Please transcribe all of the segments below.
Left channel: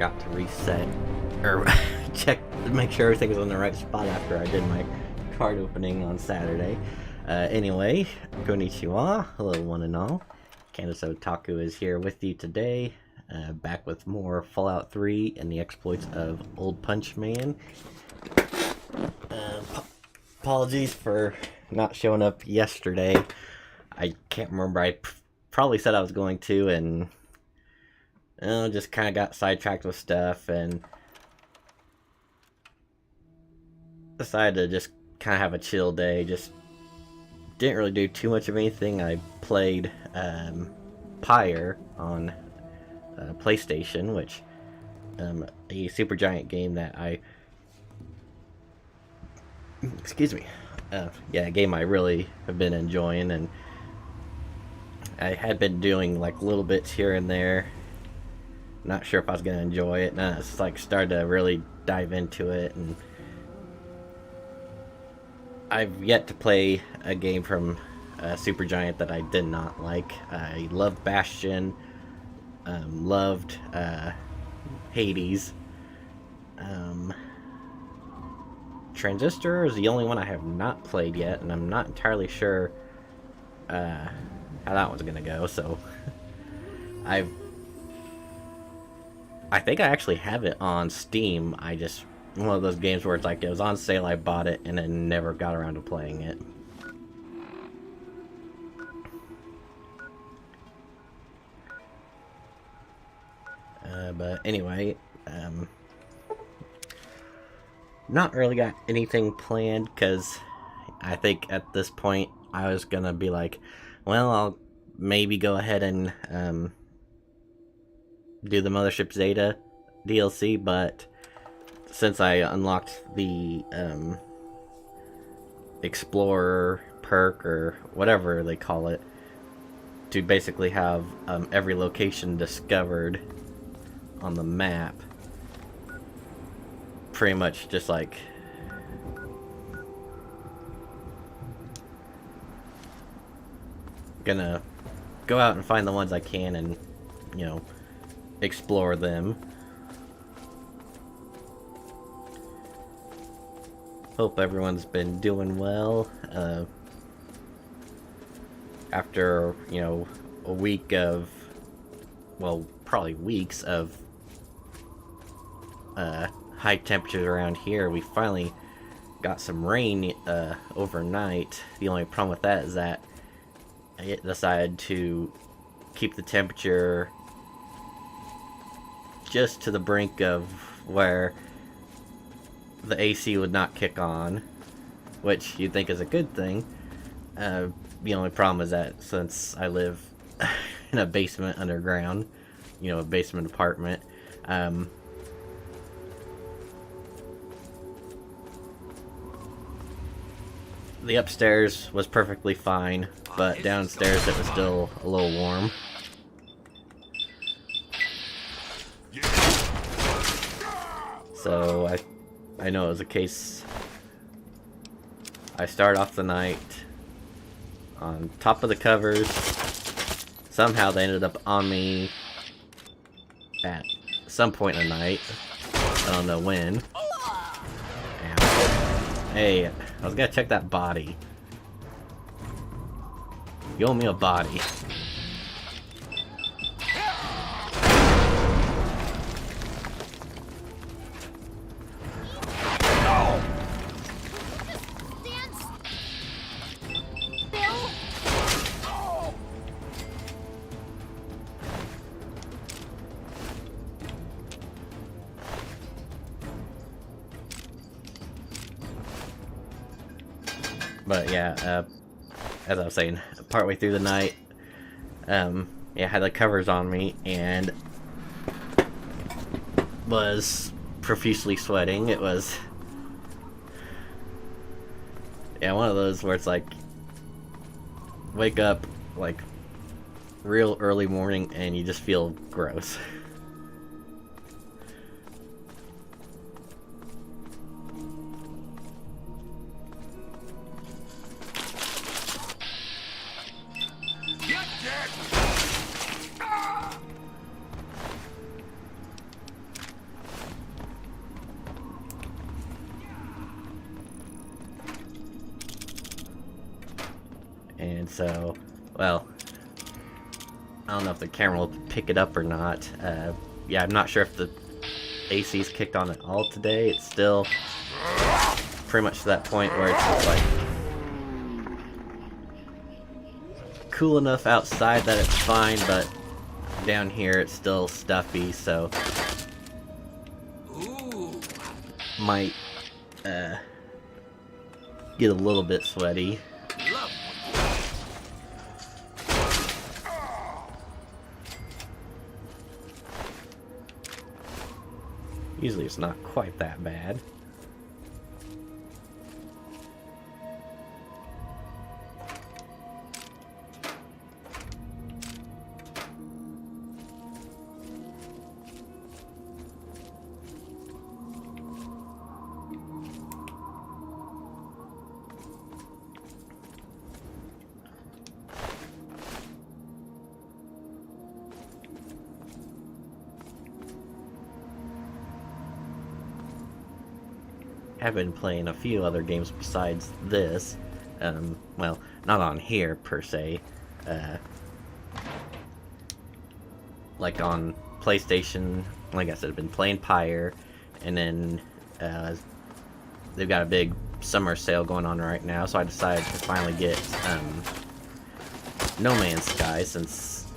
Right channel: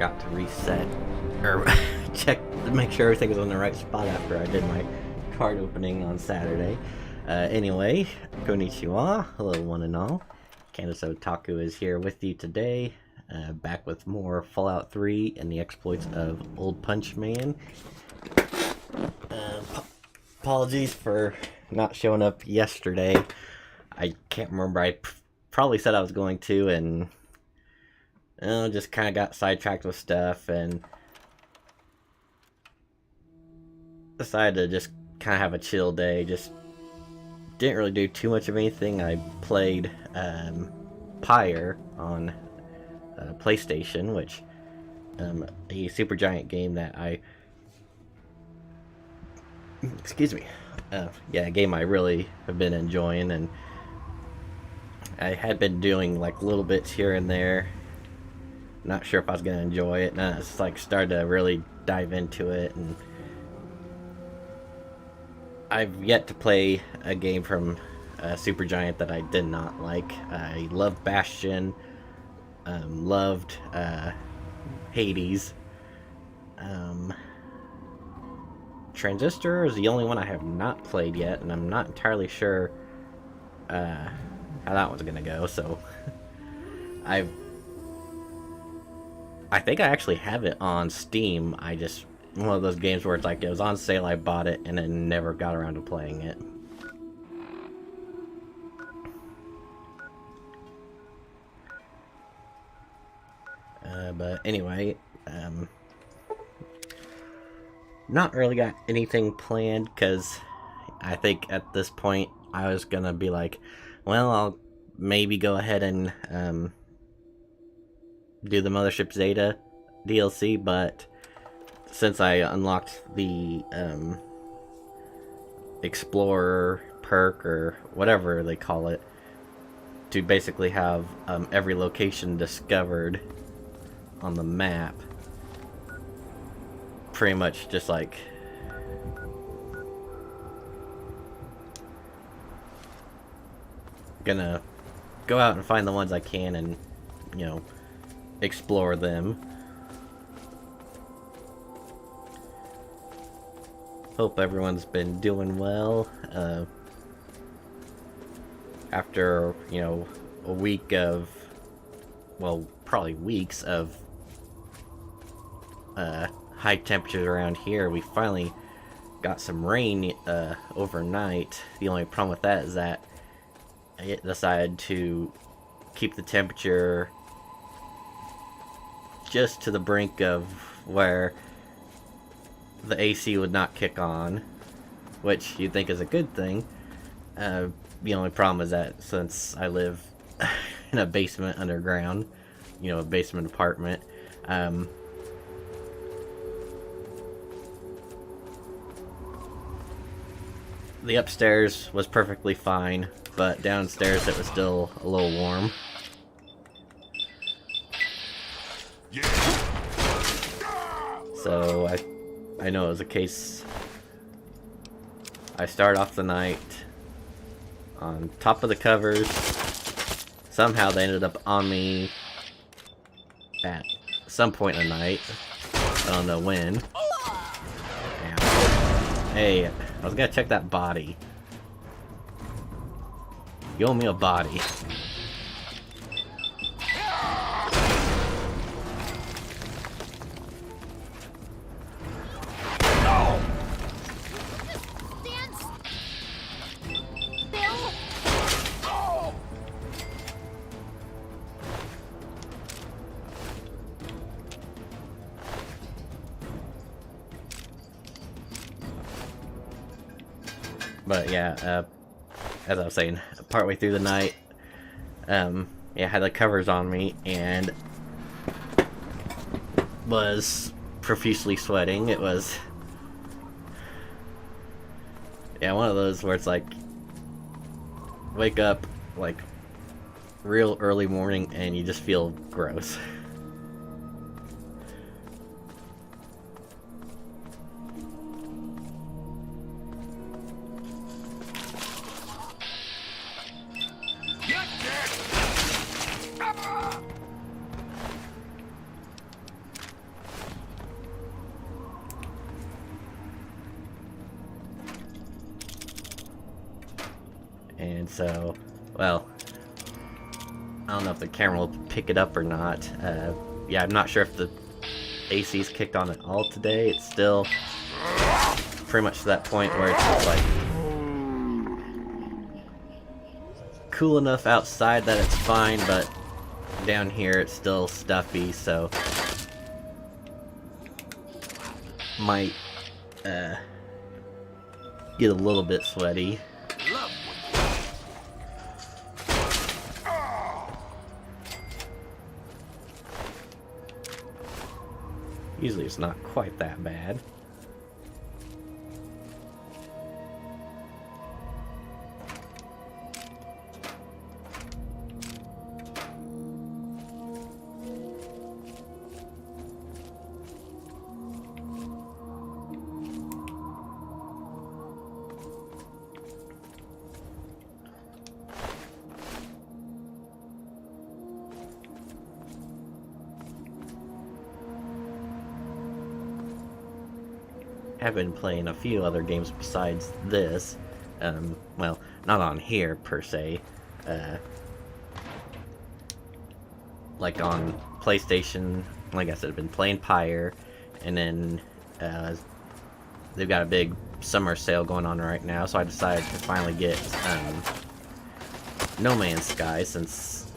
forgot to reset or check to make sure everything was on the right spot after I did my card opening on Saturday. Anyway, konnichiwa, hello one and all. Candace Otaku is here with you today, back with more Fallout 3 and the exploits of Old Punch Man. Apologies for not showing up yesterday. I can't remember, I probably said I was going to, and just kind of got sidetracked with stuff and decided to just kind of have a chill day. Just didn't really do too much of anything. I played Pyre on PlayStation, which a super giant game that a game I really have been enjoying, and I had been doing like little bits here and there. Not sure if I was gonna enjoy it, and I just like started to really dive into it. And I've yet to play a game from Supergiant that I did not like. I loved Bastion, loved Hades. Transistor is the only one I have not played yet, and I'm not entirely sure how that one's gonna go. So I think I actually have it on Steam. I just, one of those games where it's like, it was on sale, I bought it, and then never got around to playing it. But anyway, not really got anything planned, because I think at this point I was gonna be like, well, I'll maybe go ahead and do the Mothership Zeta DLC, but since I unlocked the Explorer perk, or whatever they call it, to basically have every location discovered on the map, pretty much just like gonna go out and find the ones I can and, you know, explore them. Hope everyone's been doing well. After, you know, a week of, well, probably weeks of high temperatures around here, we finally got some rain overnight. The only problem with that is that I decided to keep the temperature just to the brink of where the AC would not kick on, which you'd think is a good thing. The only problem is that since I live in a basement underground, you know, a basement apartment, the upstairs was perfectly fine, but downstairs it was still a little warm. So I know it was a case. I start off the night on top of the covers. Somehow they ended up on me at some point in the night. I don't know when. And, hey, I was gonna check that body. You owe me a body. But yeah, as I was saying, partway through the night, yeah, I had the covers on me and was profusely sweating. It was, yeah, one of those where it's like, wake up like real early morning and you just feel gross. And so, well, I don't know if the camera will pick it up or not. Yeah, I'm not sure if the AC's kicked on at all today. It's still pretty much to that point where it's just like cool enough outside that it's fine, but down here it's still stuffy, so might get a little bit sweaty. Usually it's not quite that bad. I've been playing a few other games besides this. Well, not on here per se. Like on PlayStation, like I said, I've been playing Pyre, and then they've got a big summer sale going on right now, so I decided to finally get No Man's Sky, since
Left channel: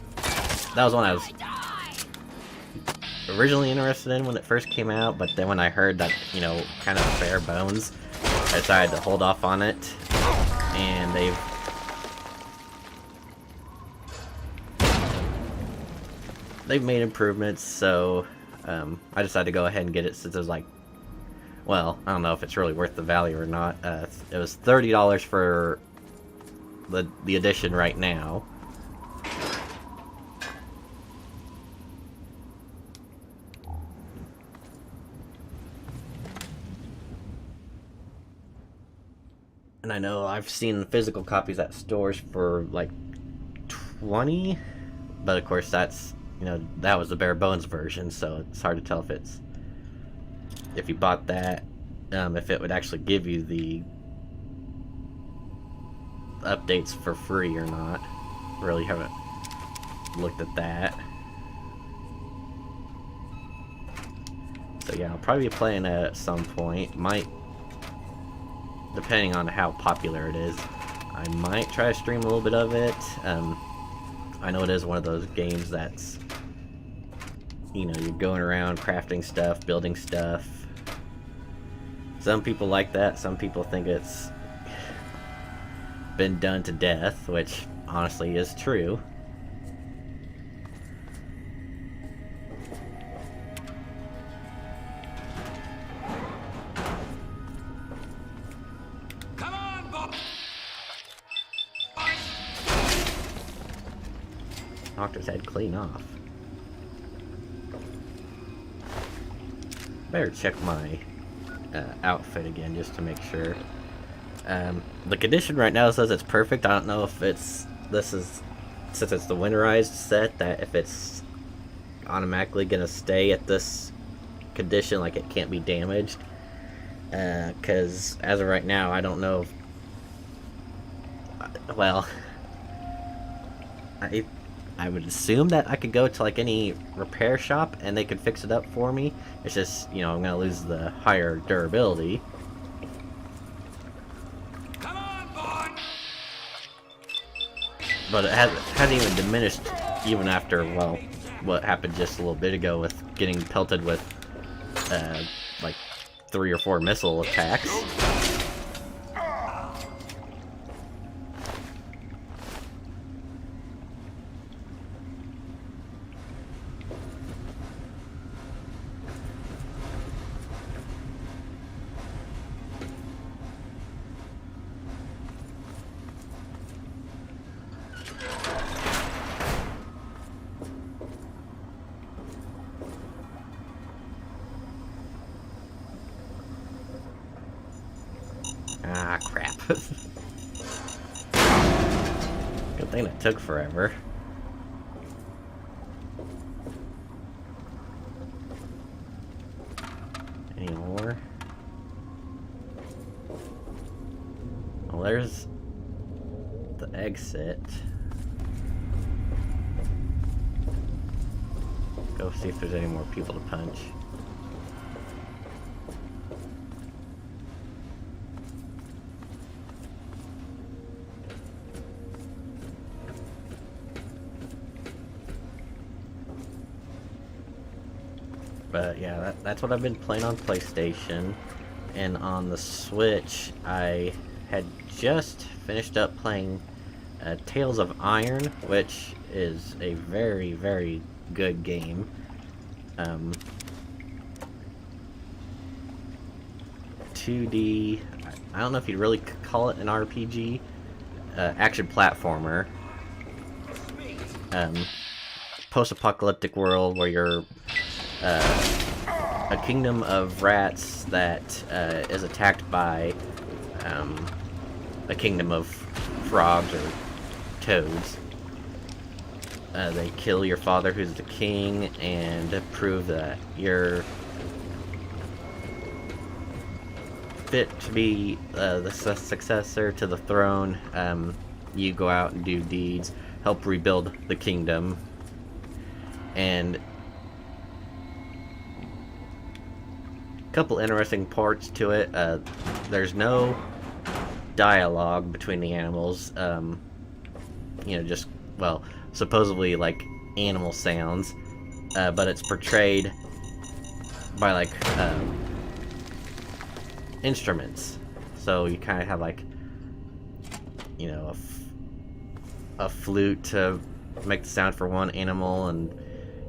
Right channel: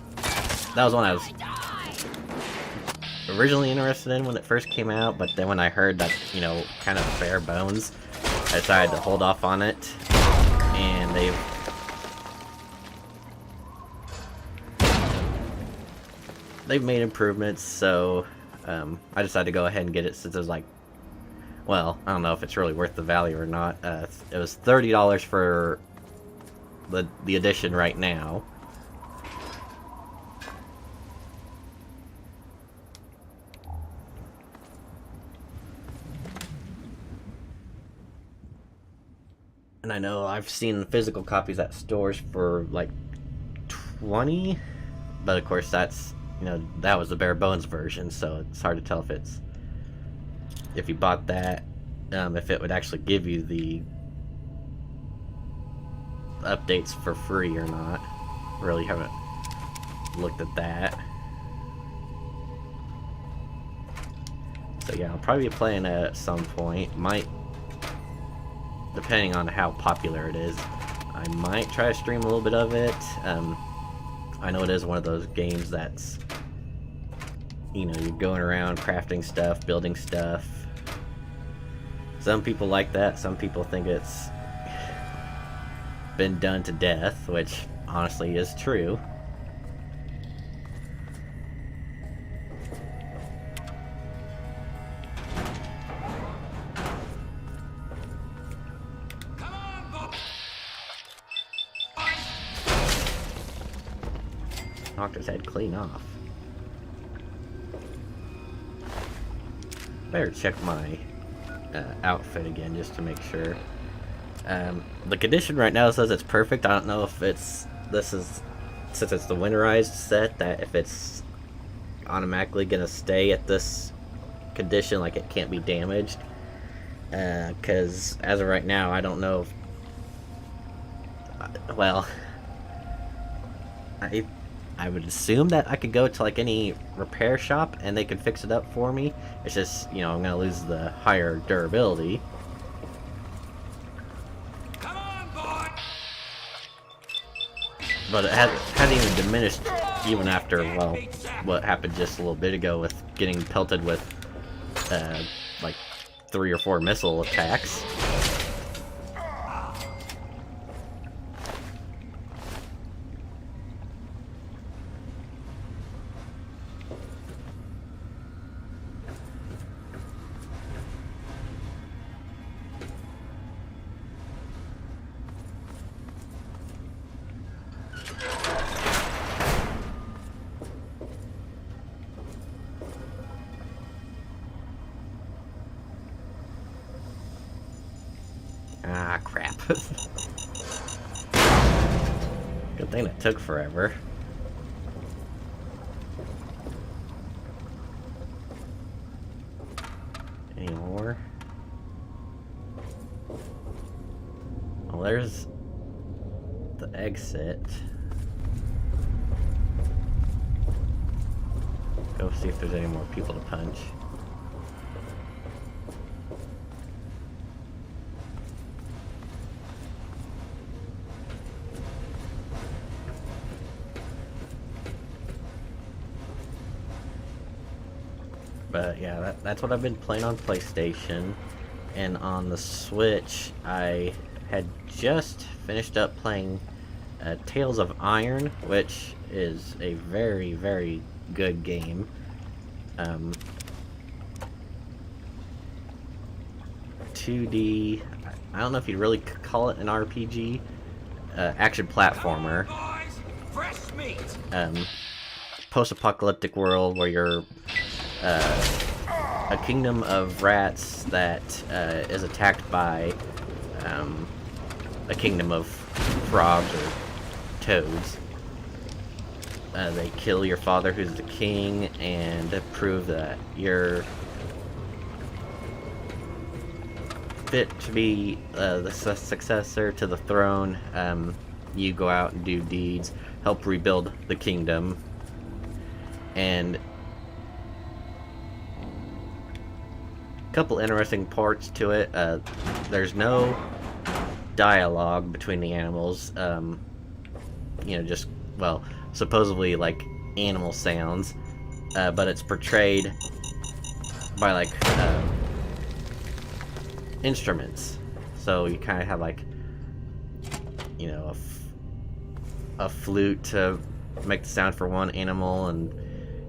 that was one I was originally interested in when it first came out, but then when I heard that, you know, kind of bare bones, I decided to hold off on it, and they've made improvements, so I decided to go ahead and get it since it was like, well, I don't know if it's really worth the value or not. It was $30 for the edition right now. And I know I've seen physical copies at stores for like 20, but of course that's, you know, that was the bare bones version, so it's hard to tell if you bought that, if it would actually give you the updates for free or not. Really haven't looked at that. So yeah, I'll probably be playing it at some point. Might, depending on how popular it is, I might try to stream a little bit of it. I know it is one of those games that's, you know, you're going around crafting stuff, building stuff. Some people like that, some people think it's been done to death, which honestly is true. Knocked his head clean off. Better check my outfit again just to make sure. The condition right now says it's perfect. I don't know if since it's the winterized set, that if it's automatically gonna stay at this condition, like it can't be damaged. Because as of right now, I don't know if, well, I would assume that I could go to like any repair shop and they could fix it up for me. It's just, you know, I'm gonna lose the higher durability. Come on, boy. But it hasn't even diminished even after, well, what happened just a little bit ago with getting pelted with like 3 or 4 missile attacks. Ah, crap. Good thing it took forever. Any more? Well, there's the exit. Go see if there's any more people to punch. But yeah, that's what I've been playing on PlayStation. And on the Switch, I had just finished up playing Tales of Iron, which is a very, very good game. 2D, I don't know if you'd really call it an RPG, action platformer. Post-apocalyptic world where you're a kingdom of rats that is attacked by a kingdom of frogs or toads. They kill your father, who's the king, and prove that you're fit to be the successor to the throne. You go out and do deeds, help rebuild the kingdom, and couple interesting parts to it. There's no dialogue between the animals. You know, just, well, supposedly like animal sounds, but it's portrayed by like instruments. So you kind of have like, you know, a flute to make the sound for one animal, and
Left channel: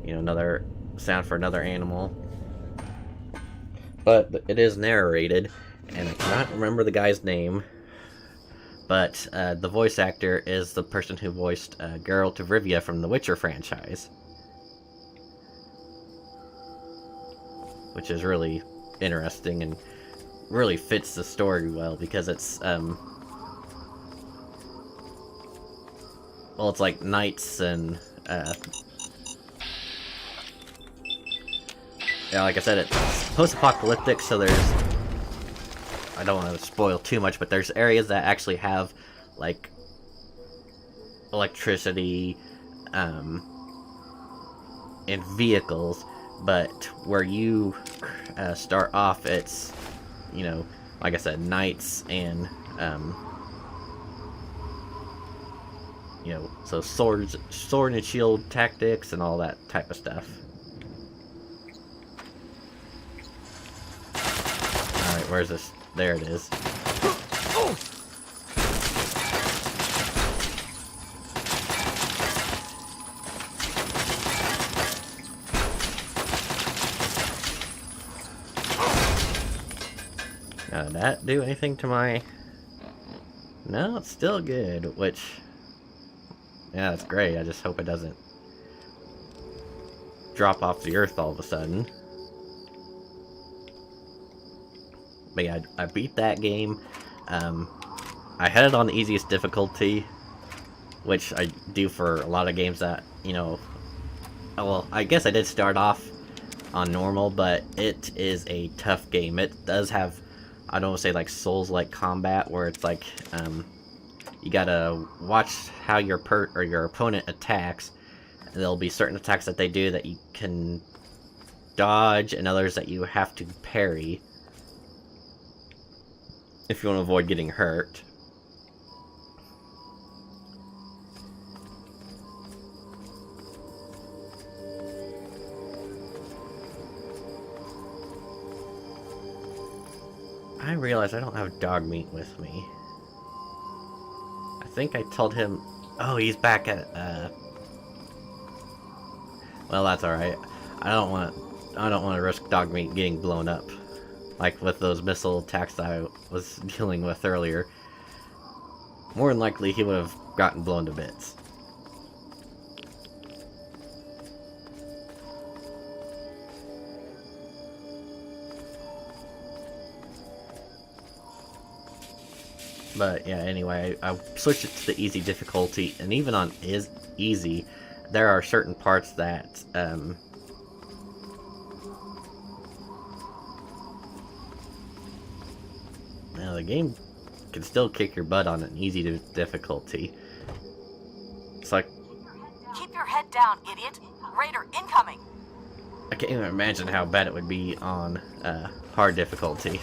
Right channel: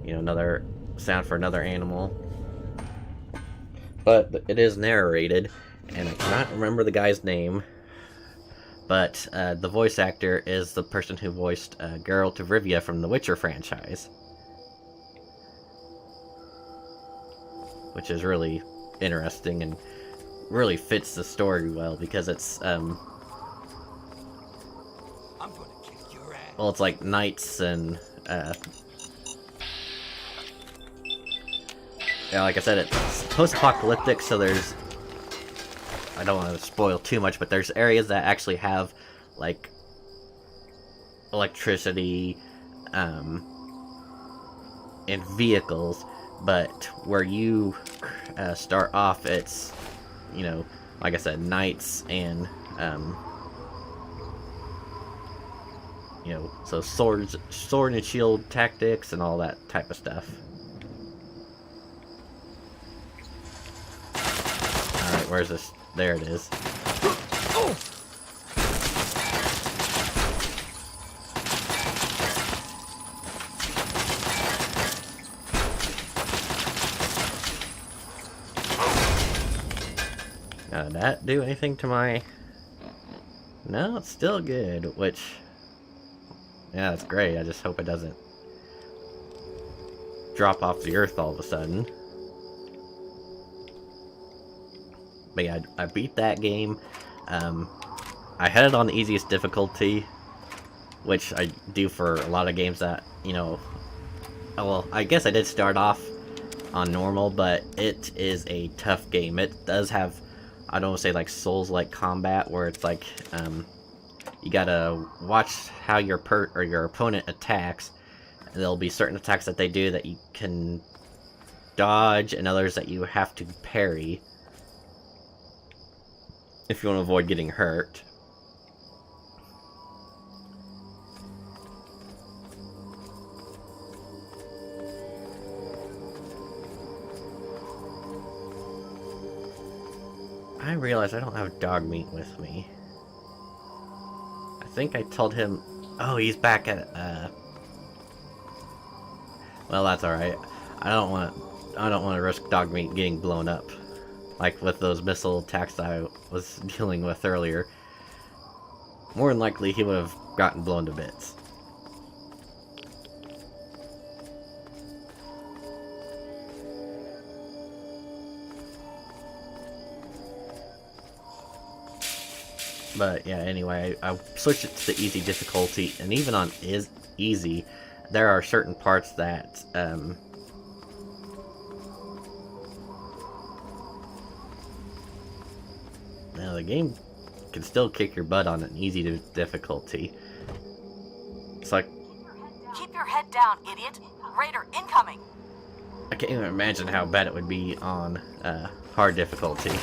you know, another sound for another animal. But it is narrated, and I cannot remember the guy's name, but the voice actor is the person who voiced Geralt of Rivia from the Witcher franchise. Which is really interesting and really fits the story well, because it's, well, it's like knights and, yeah, like I said, it's post-apocalyptic, so there's, I don't want to spoil too much, but there's areas that actually have, like, electricity, and vehicles, but where you start off, it's, you know, like I said, knights and, you know, so sword and shield tactics and all that type of stuff. Alright, where's this? There it is. Now, did that do anything to my... No, it's still good, which... Yeah, that's great. I just hope it doesn't drop off the earth all of a sudden. But yeah, I beat that game. I had it on the easiest difficulty, which I do for a lot of games that, you know... Well, I guess I did start off on normal, but it is a tough game. It does have, I don't want to say like Souls-like combat, where it's like, you gotta watch how your opponent attacks. There'll be certain attacks that they do that you can dodge, and others that you have to parry if you want to avoid getting hurt. I realize I don't have dog meat with me. I think I told him... Oh, he's back at, Well, that's alright. I don't want to risk dog meat getting blown up. Like with those missile attacks that I was dealing with earlier. More than likely, he would have gotten blown to bits. But yeah, anyway, I switched it to the easy difficulty, and even on easy, there are certain parts that, now the game can still kick your butt on an easy difficulty. It's like, Keep your head down, idiot! Raider incoming! I can't even imagine how bad it would be on hard difficulty.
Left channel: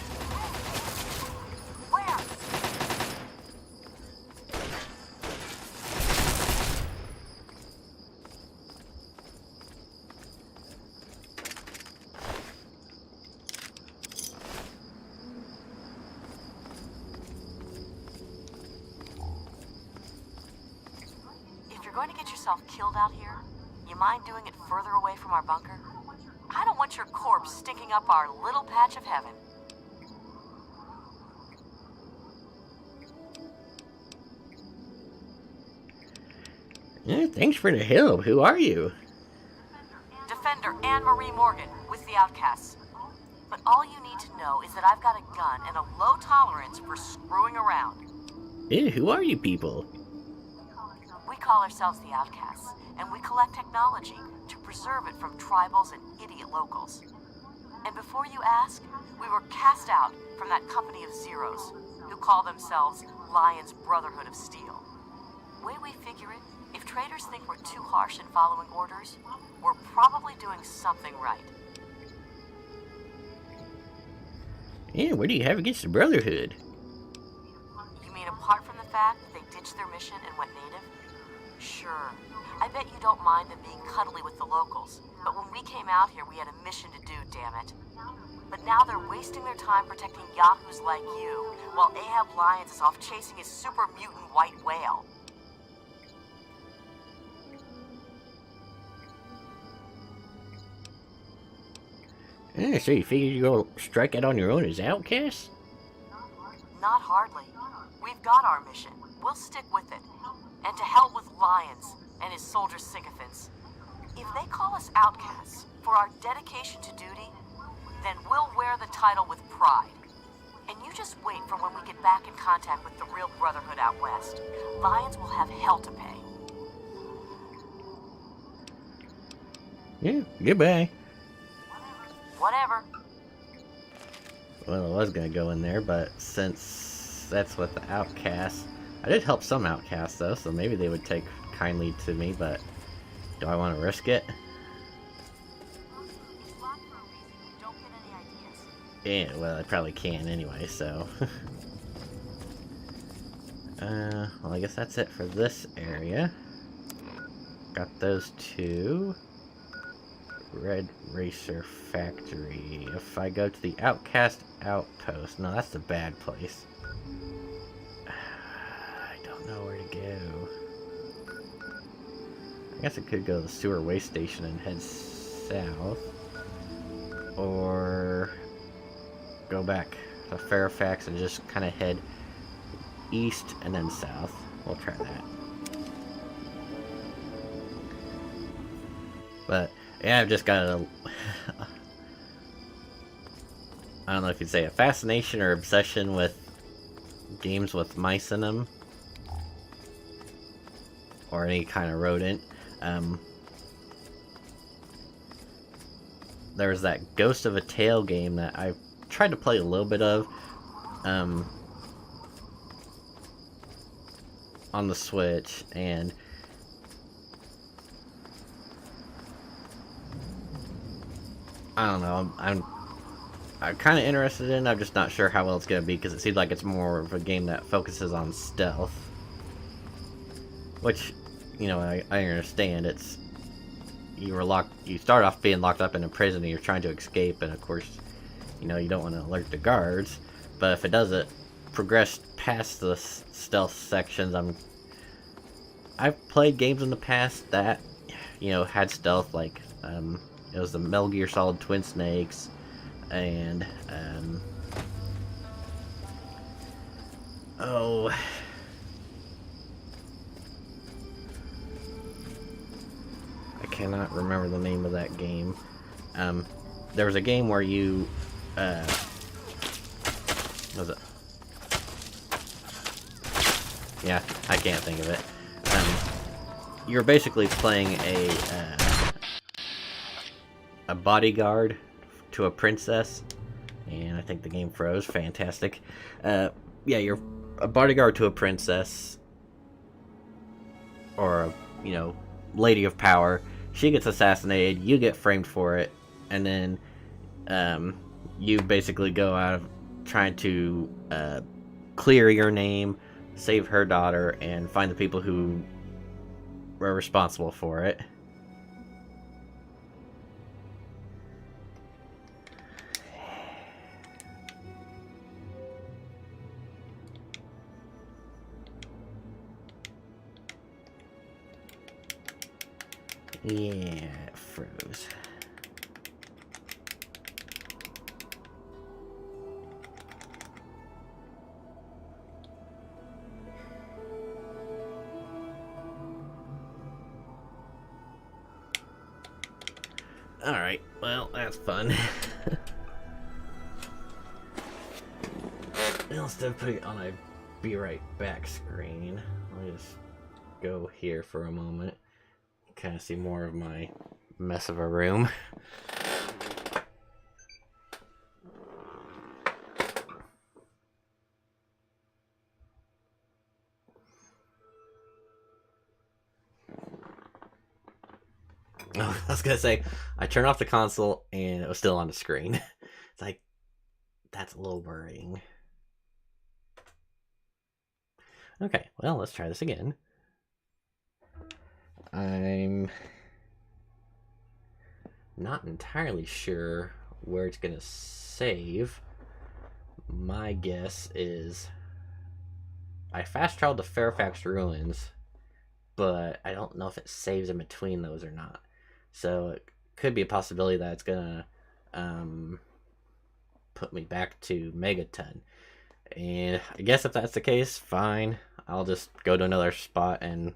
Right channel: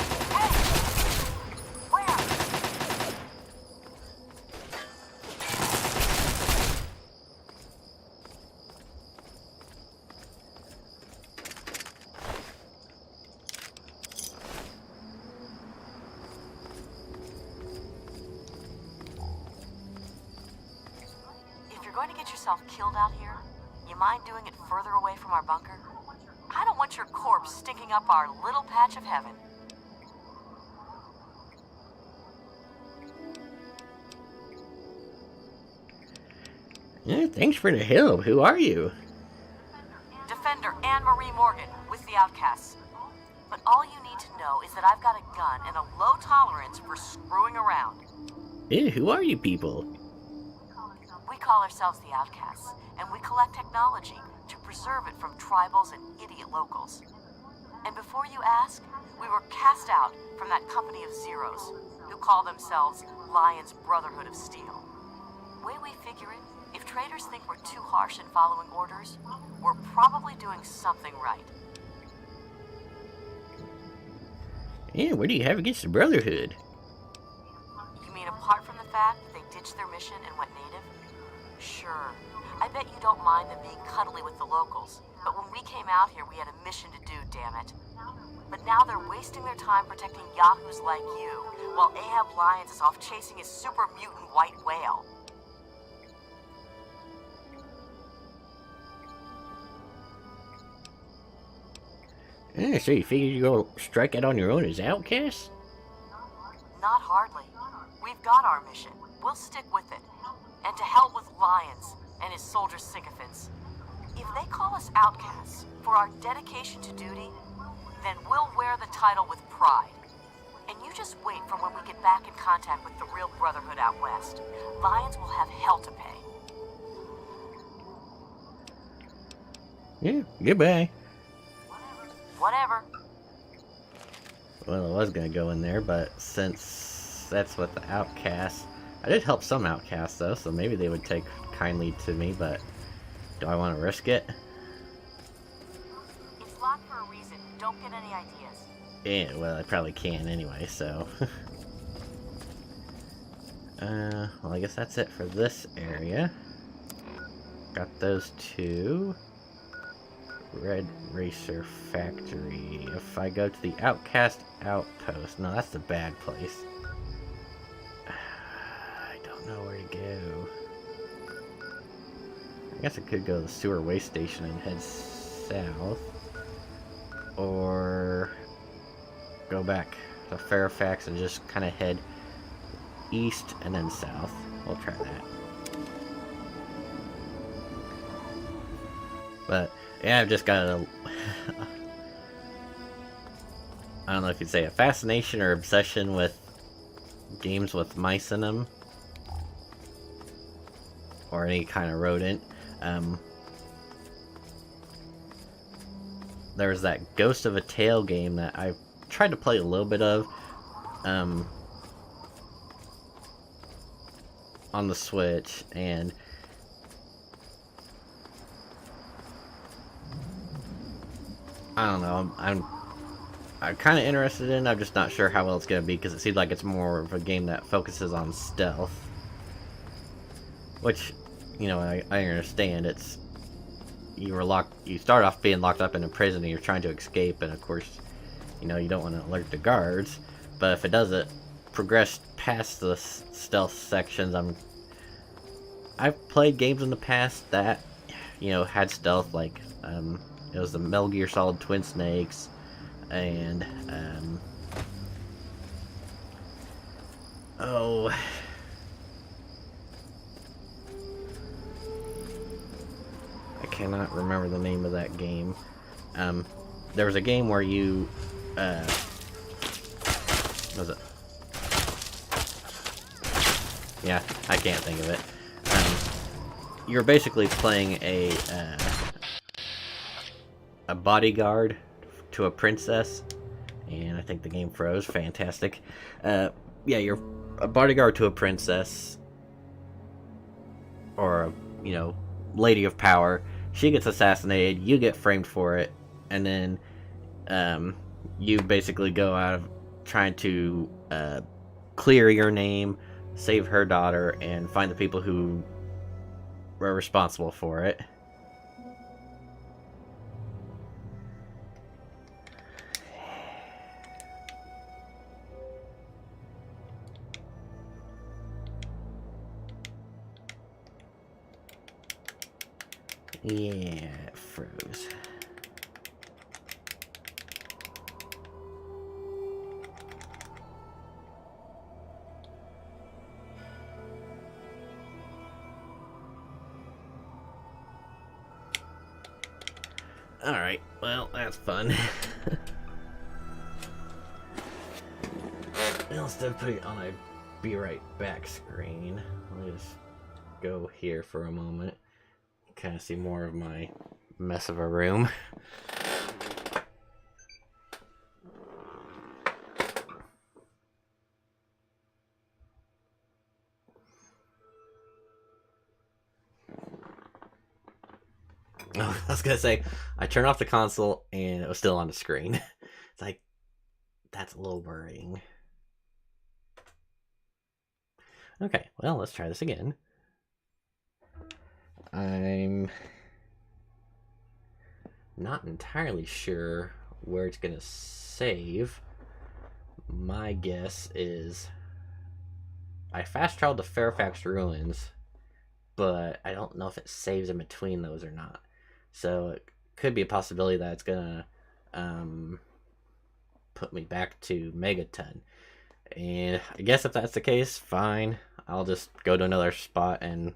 If you're going to get yourself killed out here, you mind doing it further away from our bunker? I don't want your corpse stinking up our little patch of heaven. Yeah, thanks for the help. Who are you? Defender Anne-Marie Morgan with the Outcasts. But all you need to know is that I've got a gun and a low tolerance for screwing around. Yeah, who are you people? We call ourselves the Outcasts, and we collect technology to preserve it from tribals and idiot locals. And before you ask, we were cast out from that company of zeros, who call themselves Lion's Brotherhood of Steel. Way we figure it, if traders think we're too harsh in following orders, we're probably doing something right. Yeah, what do you have against the Brotherhood? You mean apart from the fact that they ditched their mission and went native? Sure. I bet you don't mind them being cuddly with the locals, but when we came out here, we had a mission to do, damn it. But now they're wasting their time protecting yahoos like you, while Ahab Lyons is off chasing his super mutant white whale. Yeah, so you figured you'd go strike out on your own as outcasts? Not hardly. We've got our mission. We'll stick with it. And to hell with Lyons and his soldier sycophants. If they call us outcasts for our dedication to duty, then we'll wear the title with pride. And you just wait for when we get back in contact with the real Brotherhood out west. Lyons will have hell to pay. Yeah, goodbye. Whatever. Well, I was gonna go in there, but since that's with the outcasts, I did help some outcasts though, so maybe they would take kindly to me, but do I want to risk it? It's locked for a reason. Don't get any ideas. Yeah, well, I probably can anyway, so. Well, I guess that's it for this area. Got those two. Red Racer Factory. If I go to the Outcast Outpost, no, that's the bad place. I don't know where to go. I guess I could go to the sewer waste station and head south, or go back to Fairfax and just kind of head east and then south. We'll try that. But yeah, I've just got a I don't know if you'd say a fascination or obsession with games with mice in them, or any kind of rodent. There was that Ghost of a Tale game that I tried to play a little bit of on the Switch, and I don't know, I'm kind of interested in it. I'm just not sure how well it's going to be, because it seems like it's more of a game that focuses on stealth. Which, you know, I understand. It's you start off being locked up in a prison and you're trying to escape, and of course, you know, you don't want to alert the guards. But if it doesn't progress past the stealth sections, I've played games in the past that, you know, had stealth, like it was the Metal Gear Solid Twin Snakes, and oh, I cannot remember the name of that game. There was a game where you what was it? Yeah, I can't think of it. You're basically playing a bodyguard to a princess, and I think the game froze. Fantastic. Yeah, you're a bodyguard to a princess, or you know, lady of power. She gets assassinated, you get framed for it, and then you basically go out of trying to clear your name, save her daughter, and find the people who were responsible for it. Yeah, it froze. Alright, well, that's fun. Instead of putting it on a be right back screen, I'll just go here for a moment. Kind of see more of my mess of a room. Oh, I was gonna say, I turned off the console and it was still on the screen. It's like, that's a little worrying. Okay, well, let's try this again. I'm not entirely sure where it's gonna save. My guess is I fast traveled to Fairfax Ruins, but I don't know if it saves in between those or not. So it could be a possibility that it's gonna put me back to Megaton. And I guess if that's the case, fine. I'll just go to another spot and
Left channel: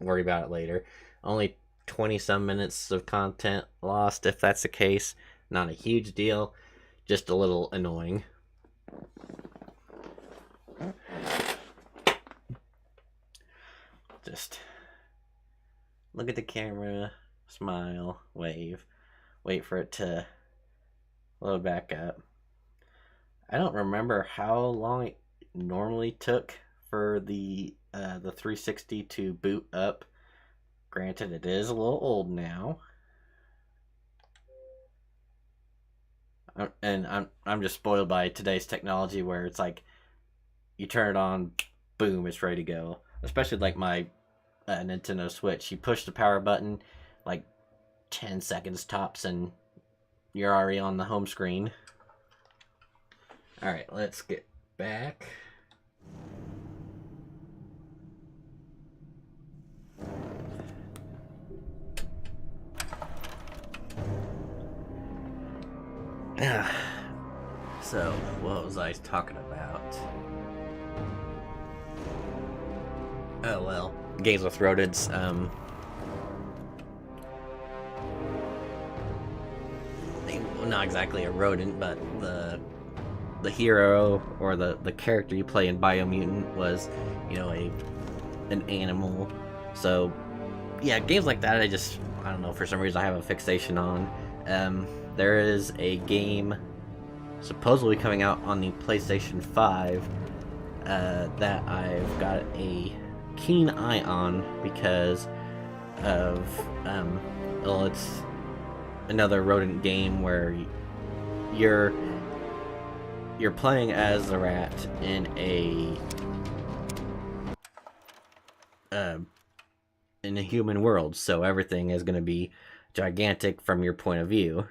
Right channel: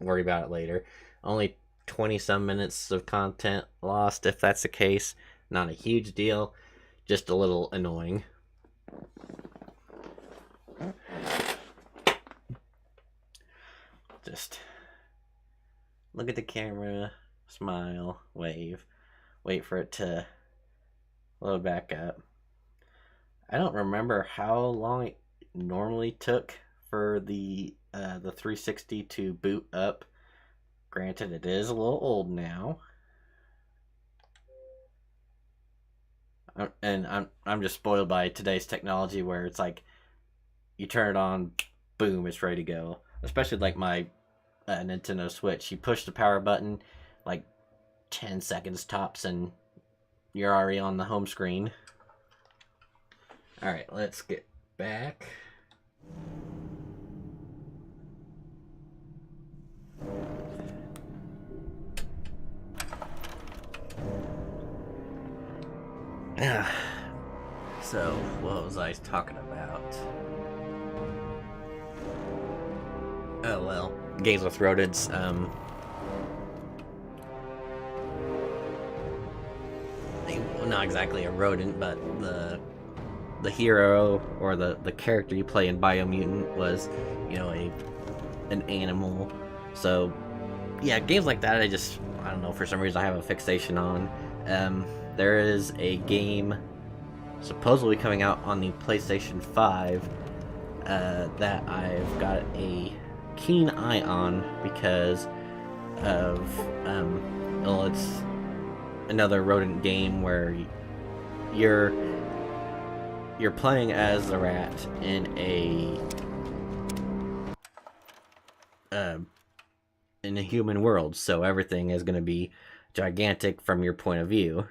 worry about it later. Only 20 some minutes of content lost if that's the case. Not a huge deal, just a little annoying. Just look at the camera, smile, wave, wait for it to load back up. I don't remember how long it normally took for the 360 to boot up. Granted, it is a little old now. I'm just spoiled by today's technology where it's like you turn it on, boom, it's ready to go. Especially like my Nintendo Switch. You push the power button like 10 seconds tops and you're already on the home screen. Alright, let's get back. So, what was I talking about? Oh, well, games with rodents, well, not exactly a rodent, but the hero or the character you play in Biomutant was, you know, an animal. So, yeah, games like that, I don't know, for some reason I have a fixation on. There is a game supposedly coming out on the PlayStation 5 that I've got a keen eye on because of, well, it's another rodent game where you're playing as the rat in a human world, so everything is going to be gigantic from your point of view,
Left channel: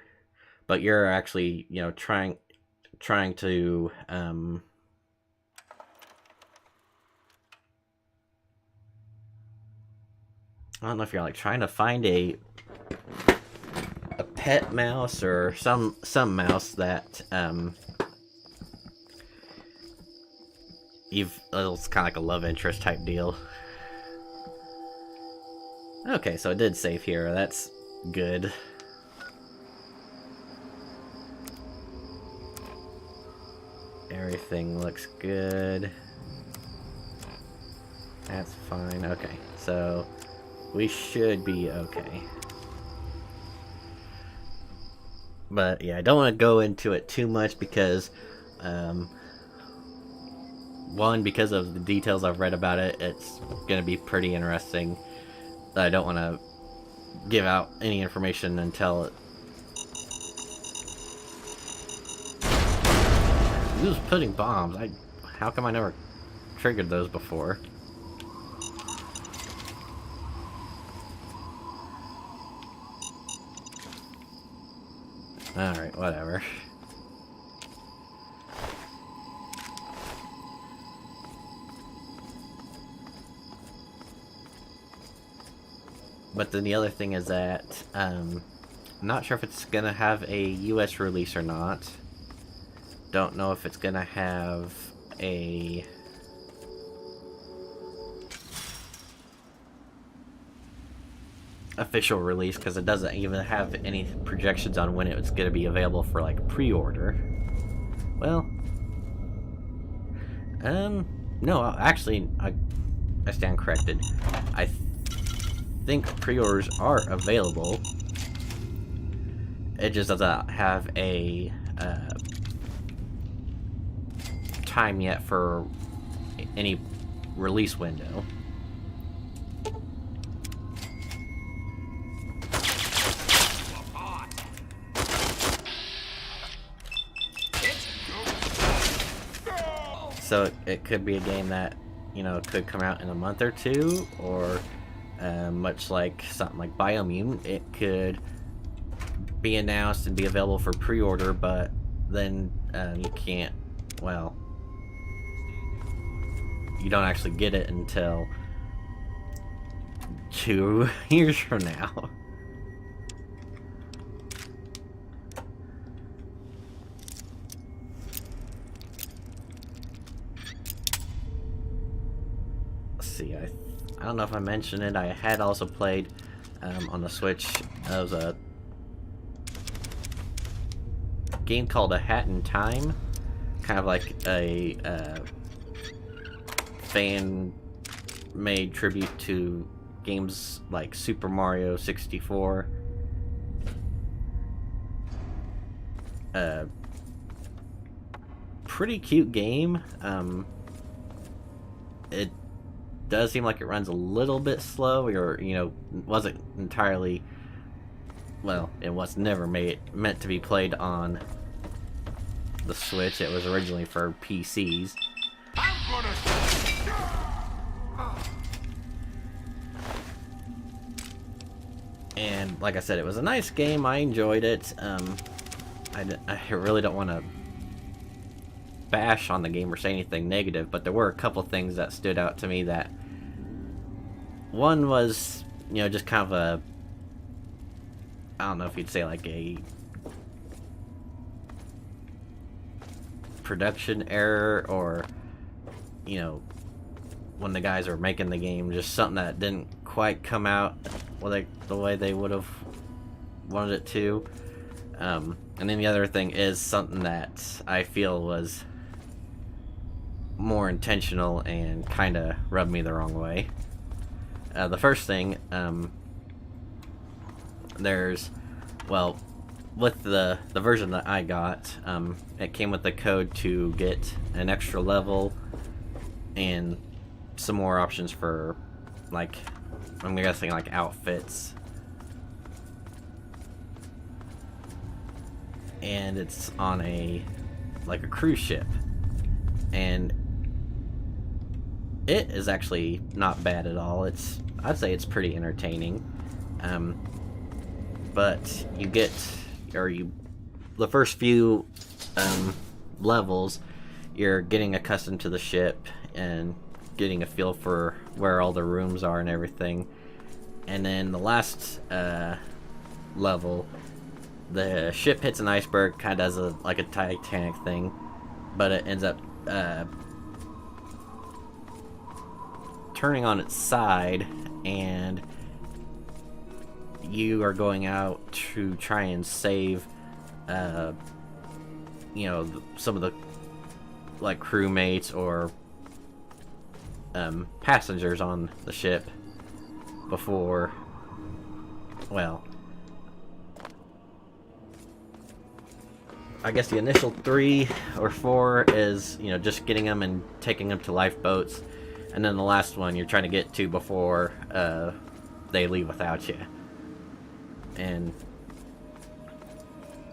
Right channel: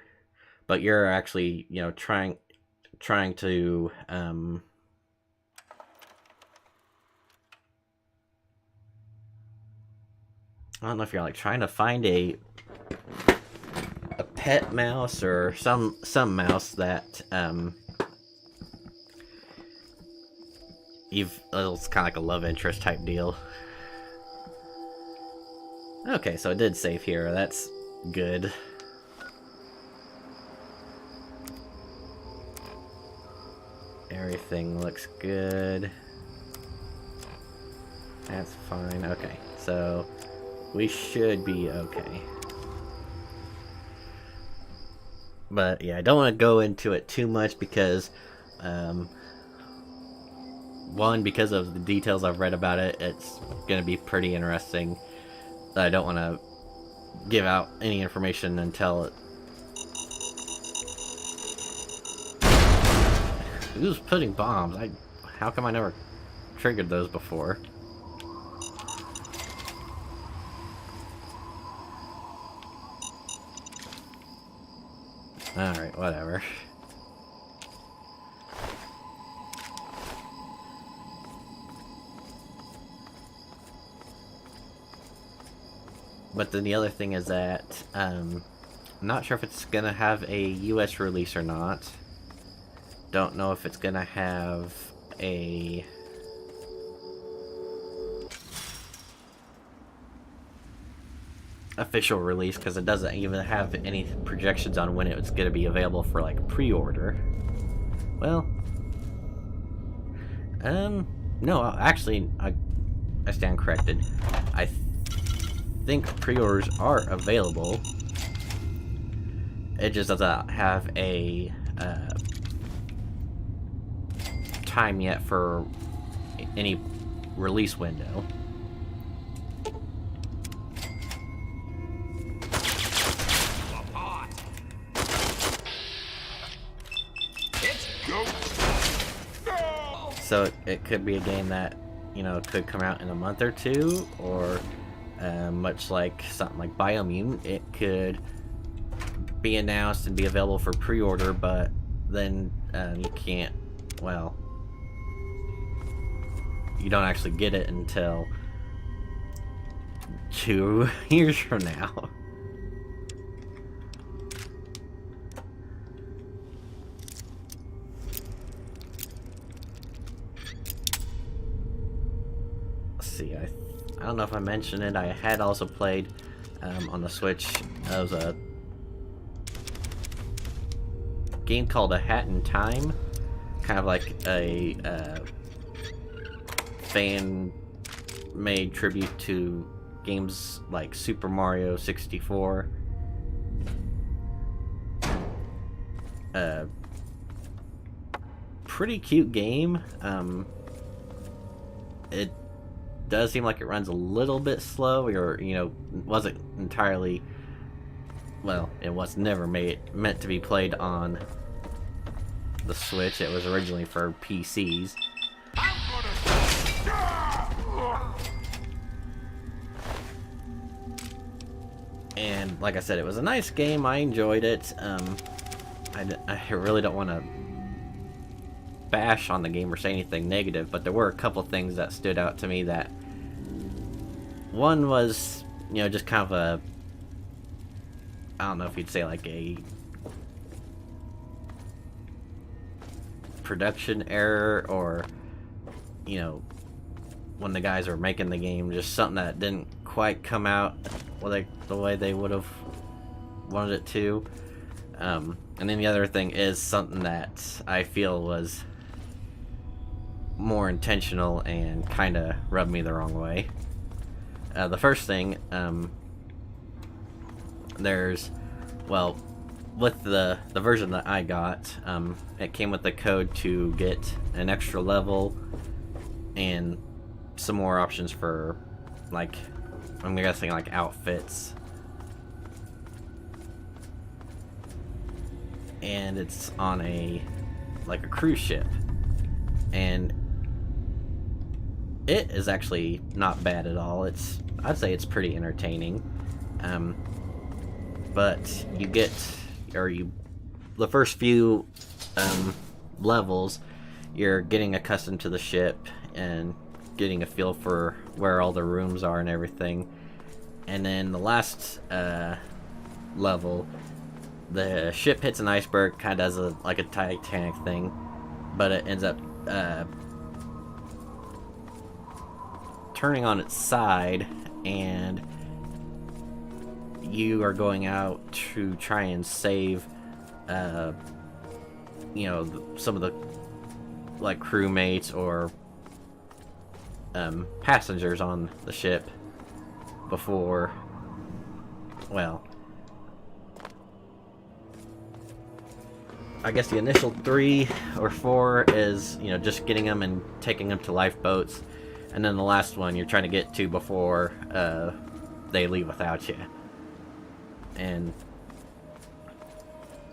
but you're actually, you know, trying to I don't know if you're like trying to find a pet mouse or some mouse that it's kind of like a love interest type deal. Okay, so it did save here. That's good. Everything looks good. That's fine. Okay, so we should be okay. But yeah, I don't want to go into it too much because, one, because of the details I've read about it, it's going to be pretty interesting. I don't want to give out any information until it... Who's putting bombs? How come I never triggered those before? Alright, whatever. But then the other thing is that, I'm not sure if it's gonna have a US release or not. Don't know if it's gonna have a... official release, because it doesn't even have any projections on when it's going to be available for like pre-order. Well, no, actually, I stand corrected. I think pre-orders are available. It just doesn't have a time yet for any release window. So it could be a game that, you know, could come out in a month or two, or much like something like Biomutant, it could be announced and be available for pre-order, but then you can't, well, you don't actually get it until 2 years from now. See, I don't know if I mentioned it, I had also played on the Switch. It was a game called A Hat in Time, kind of like a fan-made tribute to games like Super Mario 64. Pretty cute game. It does seem like it runs a little bit slow, or, you know, wasn't entirely, well, it was never meant to be played on the Switch. It was originally for PCs. And like I said, it was a nice game. I enjoyed it. I really don't want to bash on the game or say anything negative, but there were a couple things that stood out to me. That one was, you know, just kind of a, I don't know if you'd say like a production error, or, you know, when the guys were making the game, just something that didn't quite come out like the way they would have wanted it to. And then the other thing is something that I feel was more intentional and kind of rubbed me the wrong way. The first thing, there's, well, with the version that I got, it came with the code to get an extra level and some more options for, like, I'm guessing like outfits. And it's on a, like, a cruise ship, and it is actually not bad at all. I'd say it's pretty entertaining. But you get, the first few levels, you're getting accustomed to the ship and getting a feel for where all the rooms are and everything. And then the last level, the ship hits an iceberg, kind of does like a Titanic thing, but it ends up turning on its side, and you are going out to try and save, you know, some of the, like, crewmates or passengers on the ship before, well, I guess the initial 3 or 4 is, you know, just getting them and taking them to lifeboats, and then the last one you're trying to get to before they leave without you. And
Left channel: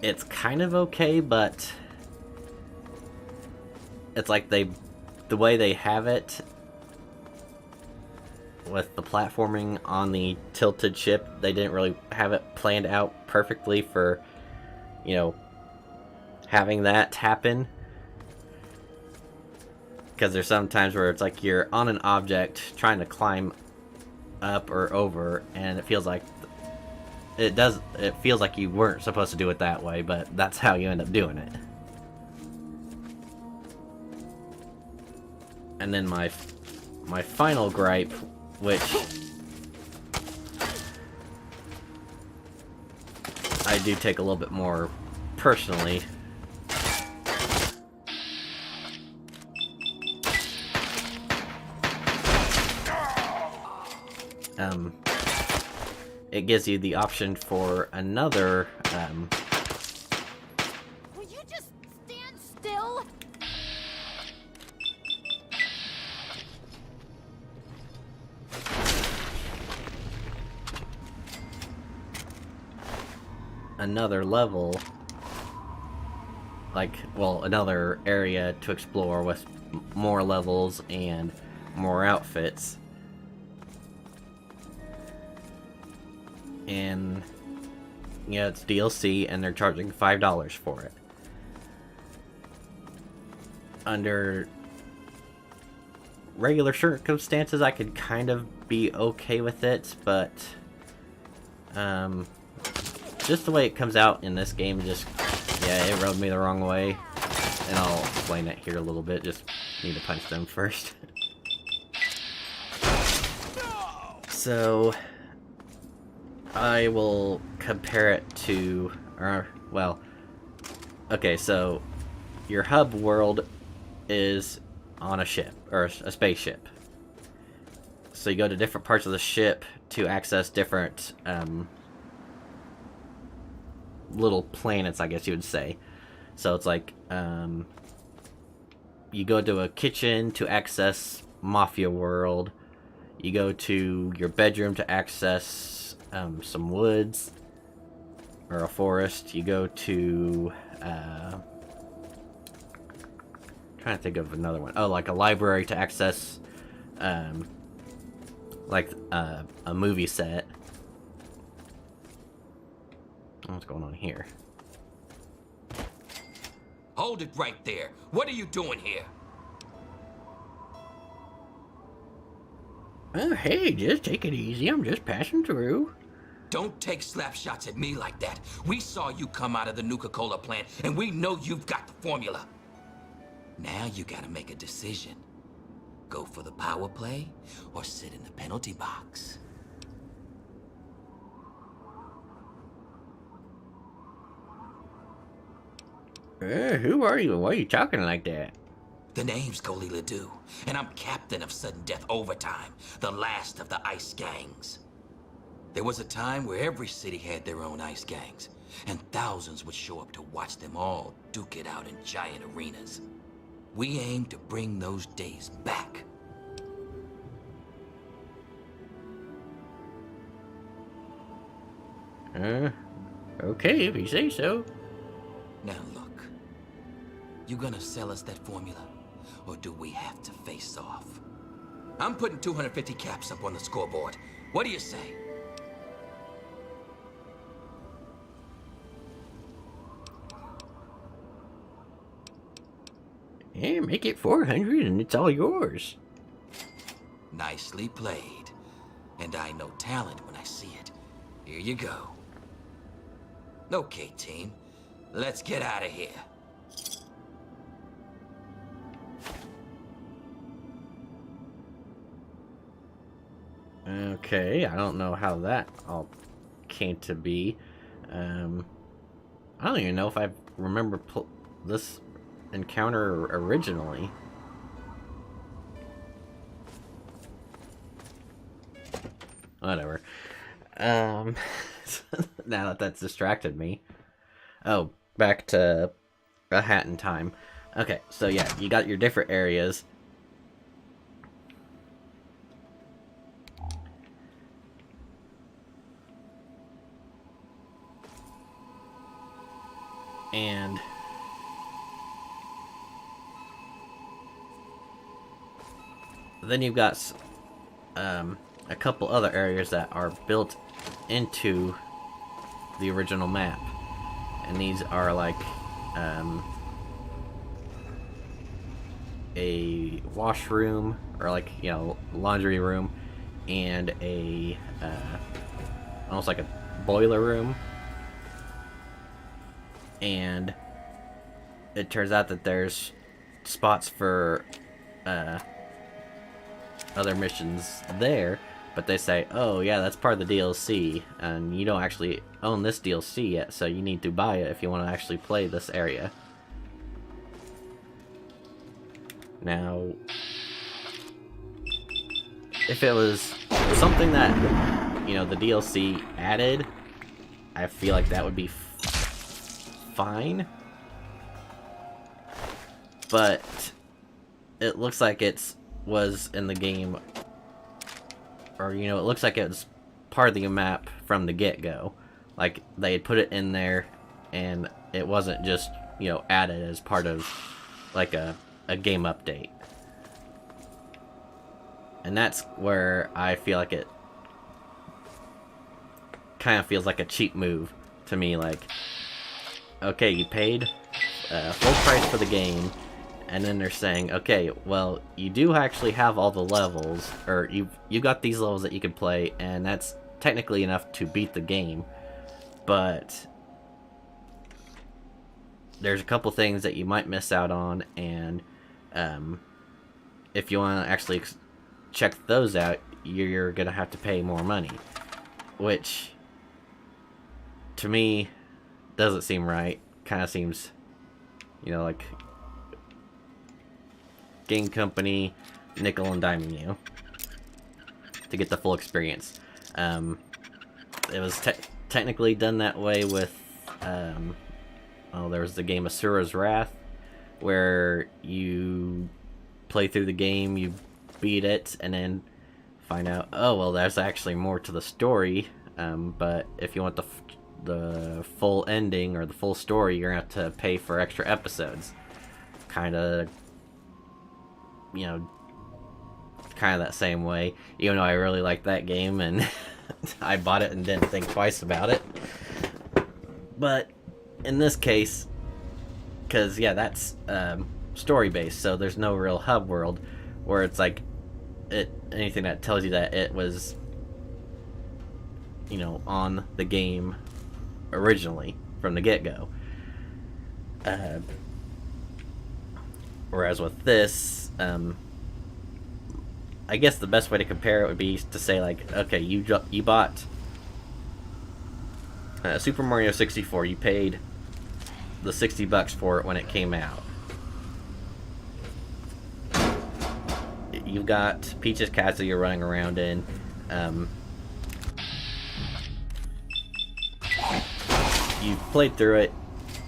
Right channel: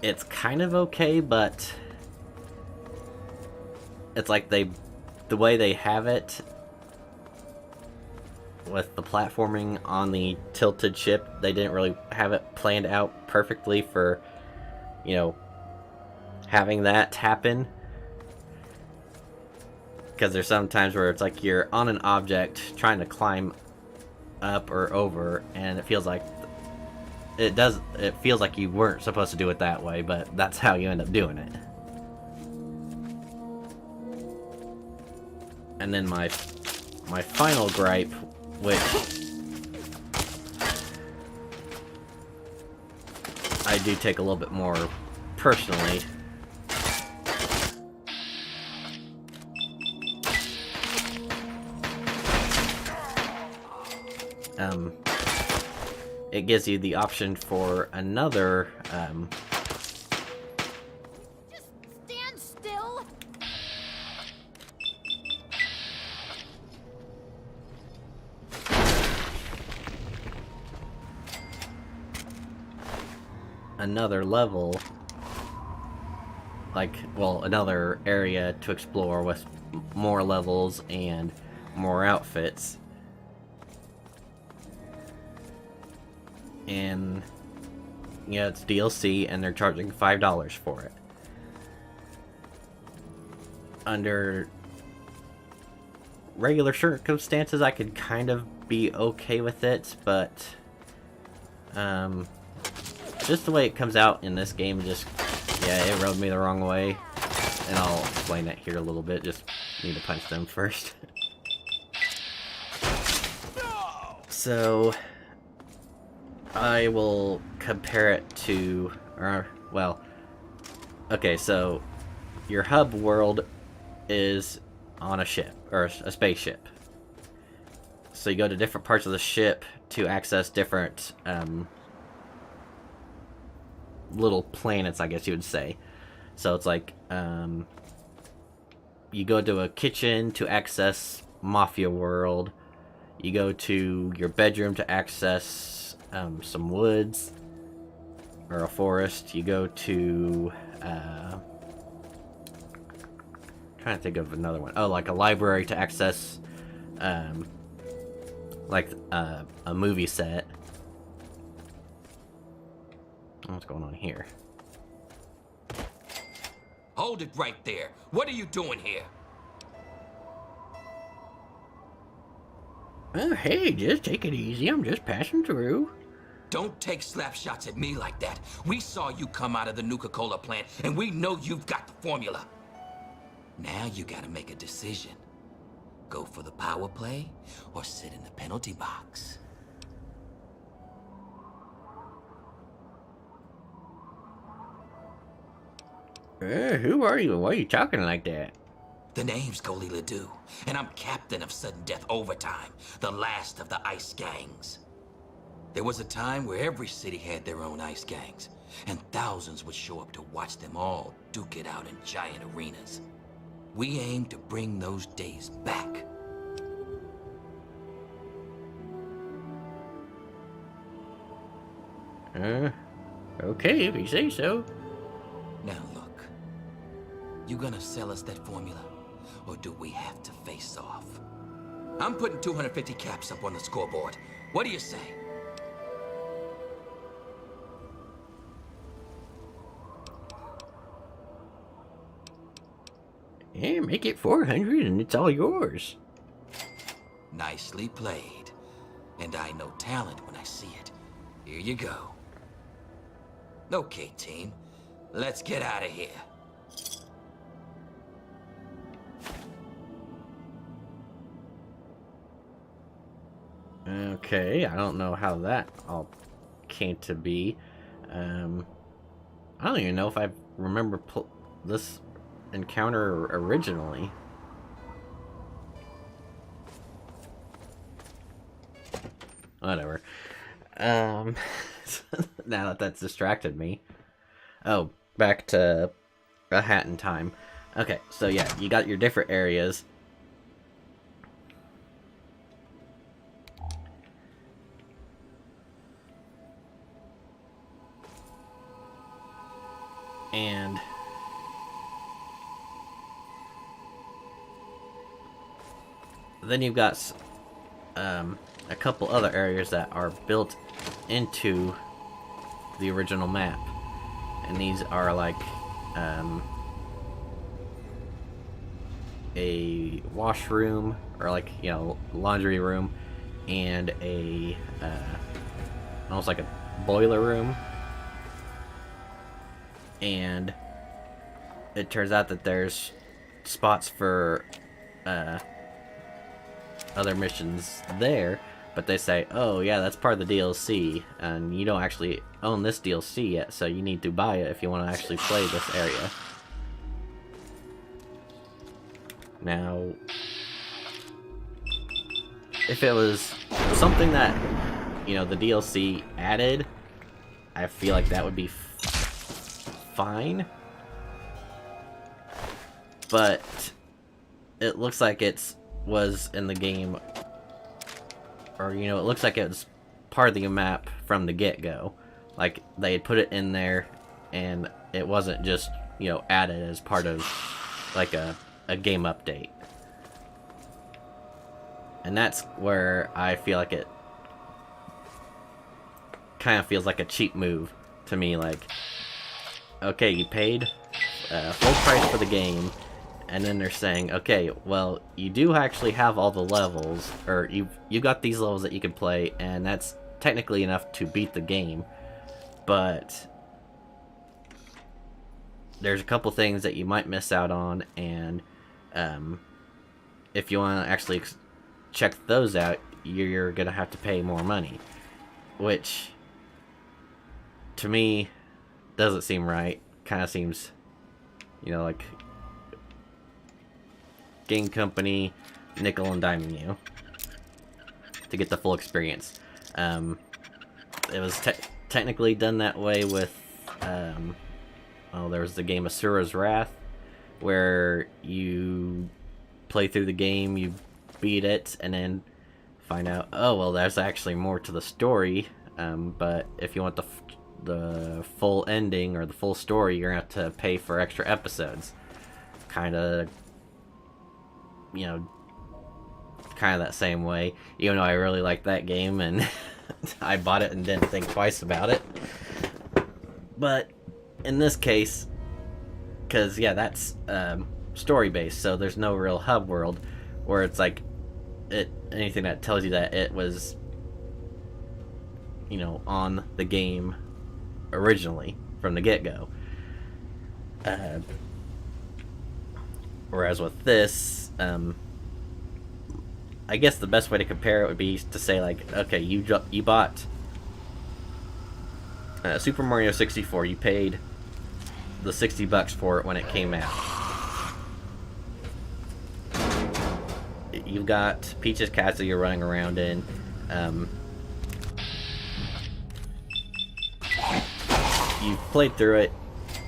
it's kind of okay, but it's like the way they have it with the platforming on the tilted ship, they didn't really have it planned out perfectly for, you know, having that happen. Because there's some times where it's like you're on an object trying to climb up or over, and it feels like it feels like you weren't supposed to do it that way, but that's how you end up doing it. And then my final gripe, which I do take a little bit more personally, it gives you the option for another, Will you just stand still? another level, like, well, another area to explore with more levels and more outfits. And yeah, it's DLC, and they're charging $5 for it. Under regular circumstances, I could kind of be okay with it, but just the way it comes out in this game, just, yeah, it rubbed me the wrong way. And I'll explain that here a little bit, just need to punch them first. So I will compare it to, well, okay, so your hub world is on a ship, or a spaceship. So you go to different parts of the ship to access different, little planets, I guess you would say. So it's like, you go to a kitchen to access Mafia World. You go to your bedroom to access some woods or a forest. You go to trying to think of another one. Oh, like a library to access like a movie set. What's going on here? Hold it right there. What are you doing here? Oh, hey, just take it easy. I'm just passing through. Don't take slap shots at me like that. We saw you come out of the Nuka-Cola plant, and we know you've got the formula. Now you gotta make a decision. Go for the power play, or sit in the penalty box. Who are you? Why are you talking like that? The name's Goli Ledoux, and I'm captain of Sudden Death Overtime, the last of the ice gangs. There was a time where every city had their own ice gangs, and thousands would show up to watch them all duke it out in giant arenas. We aim to bring those days back. Okay, if you say so. Now look, you gonna sell us that formula, or do we have to face off? I'm putting 250 caps up on the scoreboard. What do you say? Yeah, make it 400 and it's all yours. Nicely played. And I know talent when I see it. Here you go. Okay, team. Let's get out of here. Okay, I don't know how that all came to be. I don't even know if I remember this encounter originally. Whatever. Now that that's distracted me. Oh, back to a hat in time. Okay, so yeah, you got your different areas. And then you've got a couple other areas that are built into the original map, and these are like a washroom, or like, you know, laundry room, and a almost like a boiler room. And it turns out that there's spots for other missions there, but they say, oh yeah, that's part of the DLC, and you don't actually own this DLC yet, so you need to buy it if you want to actually play this area. Now, if it was something that, you know, the DLC added, I feel like that would be fine. But it looks like it was in the game, or, you know, it looks like it was part of the map from the get-go. Like, they had put it in there, and it wasn't just, you know, added as part of, like, a game update. And that's where I feel like it kind of feels like a cheap move to me. Like, okay, you paid full price for the game, and then they're saying, okay, well, you do actually have all the levels, or you got these levels that you can play, and that's technically enough to beat the game, but there's a couple things that you might miss out on, and if you want to actually check those out, you're gonna have to pay more money, which to me doesn't seem right. Kind of seems, you know, like game company nickel and diming you to get the full experience. It was technically done that way with there was the game Asura's Wrath, where you play through the game, you beat it, and then find out, oh well, there's actually more to the story, but if you want the full ending or the full story, you're gonna have to pay for extra episodes. Kind of, you know, kind of that same way, even though I really liked that game and I bought it and didn't think twice about it. But in this case, because yeah, that's story based, so there's no real hub world where it's like anything that tells you that it was, you know, on the game originally from the get-go. Whereas with this, I guess the best way to compare it would be to say, like, okay, you bought Super Mario 64. You paid the $60 for it when it came out. You've got Peach's Castle you're running around in. You've played through it.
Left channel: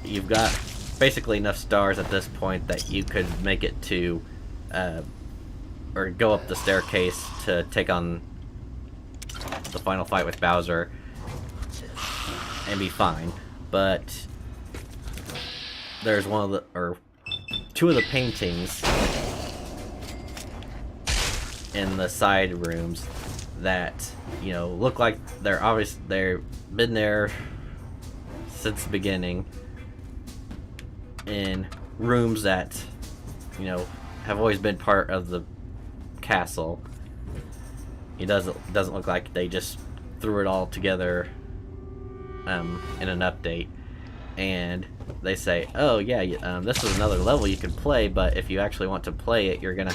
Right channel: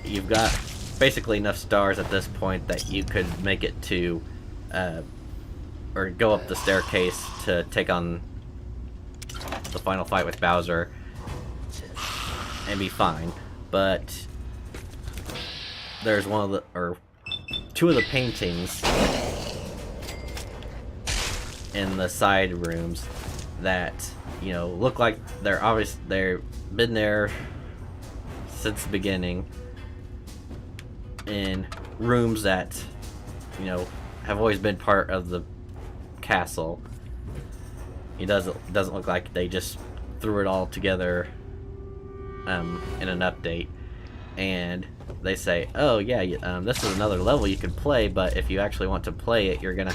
You've got basically enough stars at this point that you could make it to, or go up the staircase to take on the final fight with Bowser and be fine. But there's two of the paintings in the side rooms that, you know, look like they've been there since the beginning, in rooms that, you know, have always been part of the castle. It doesn't look like they just threw it all together in an update. And they say, oh yeah, this is another level you can play, but if you actually want to play it, you're gonna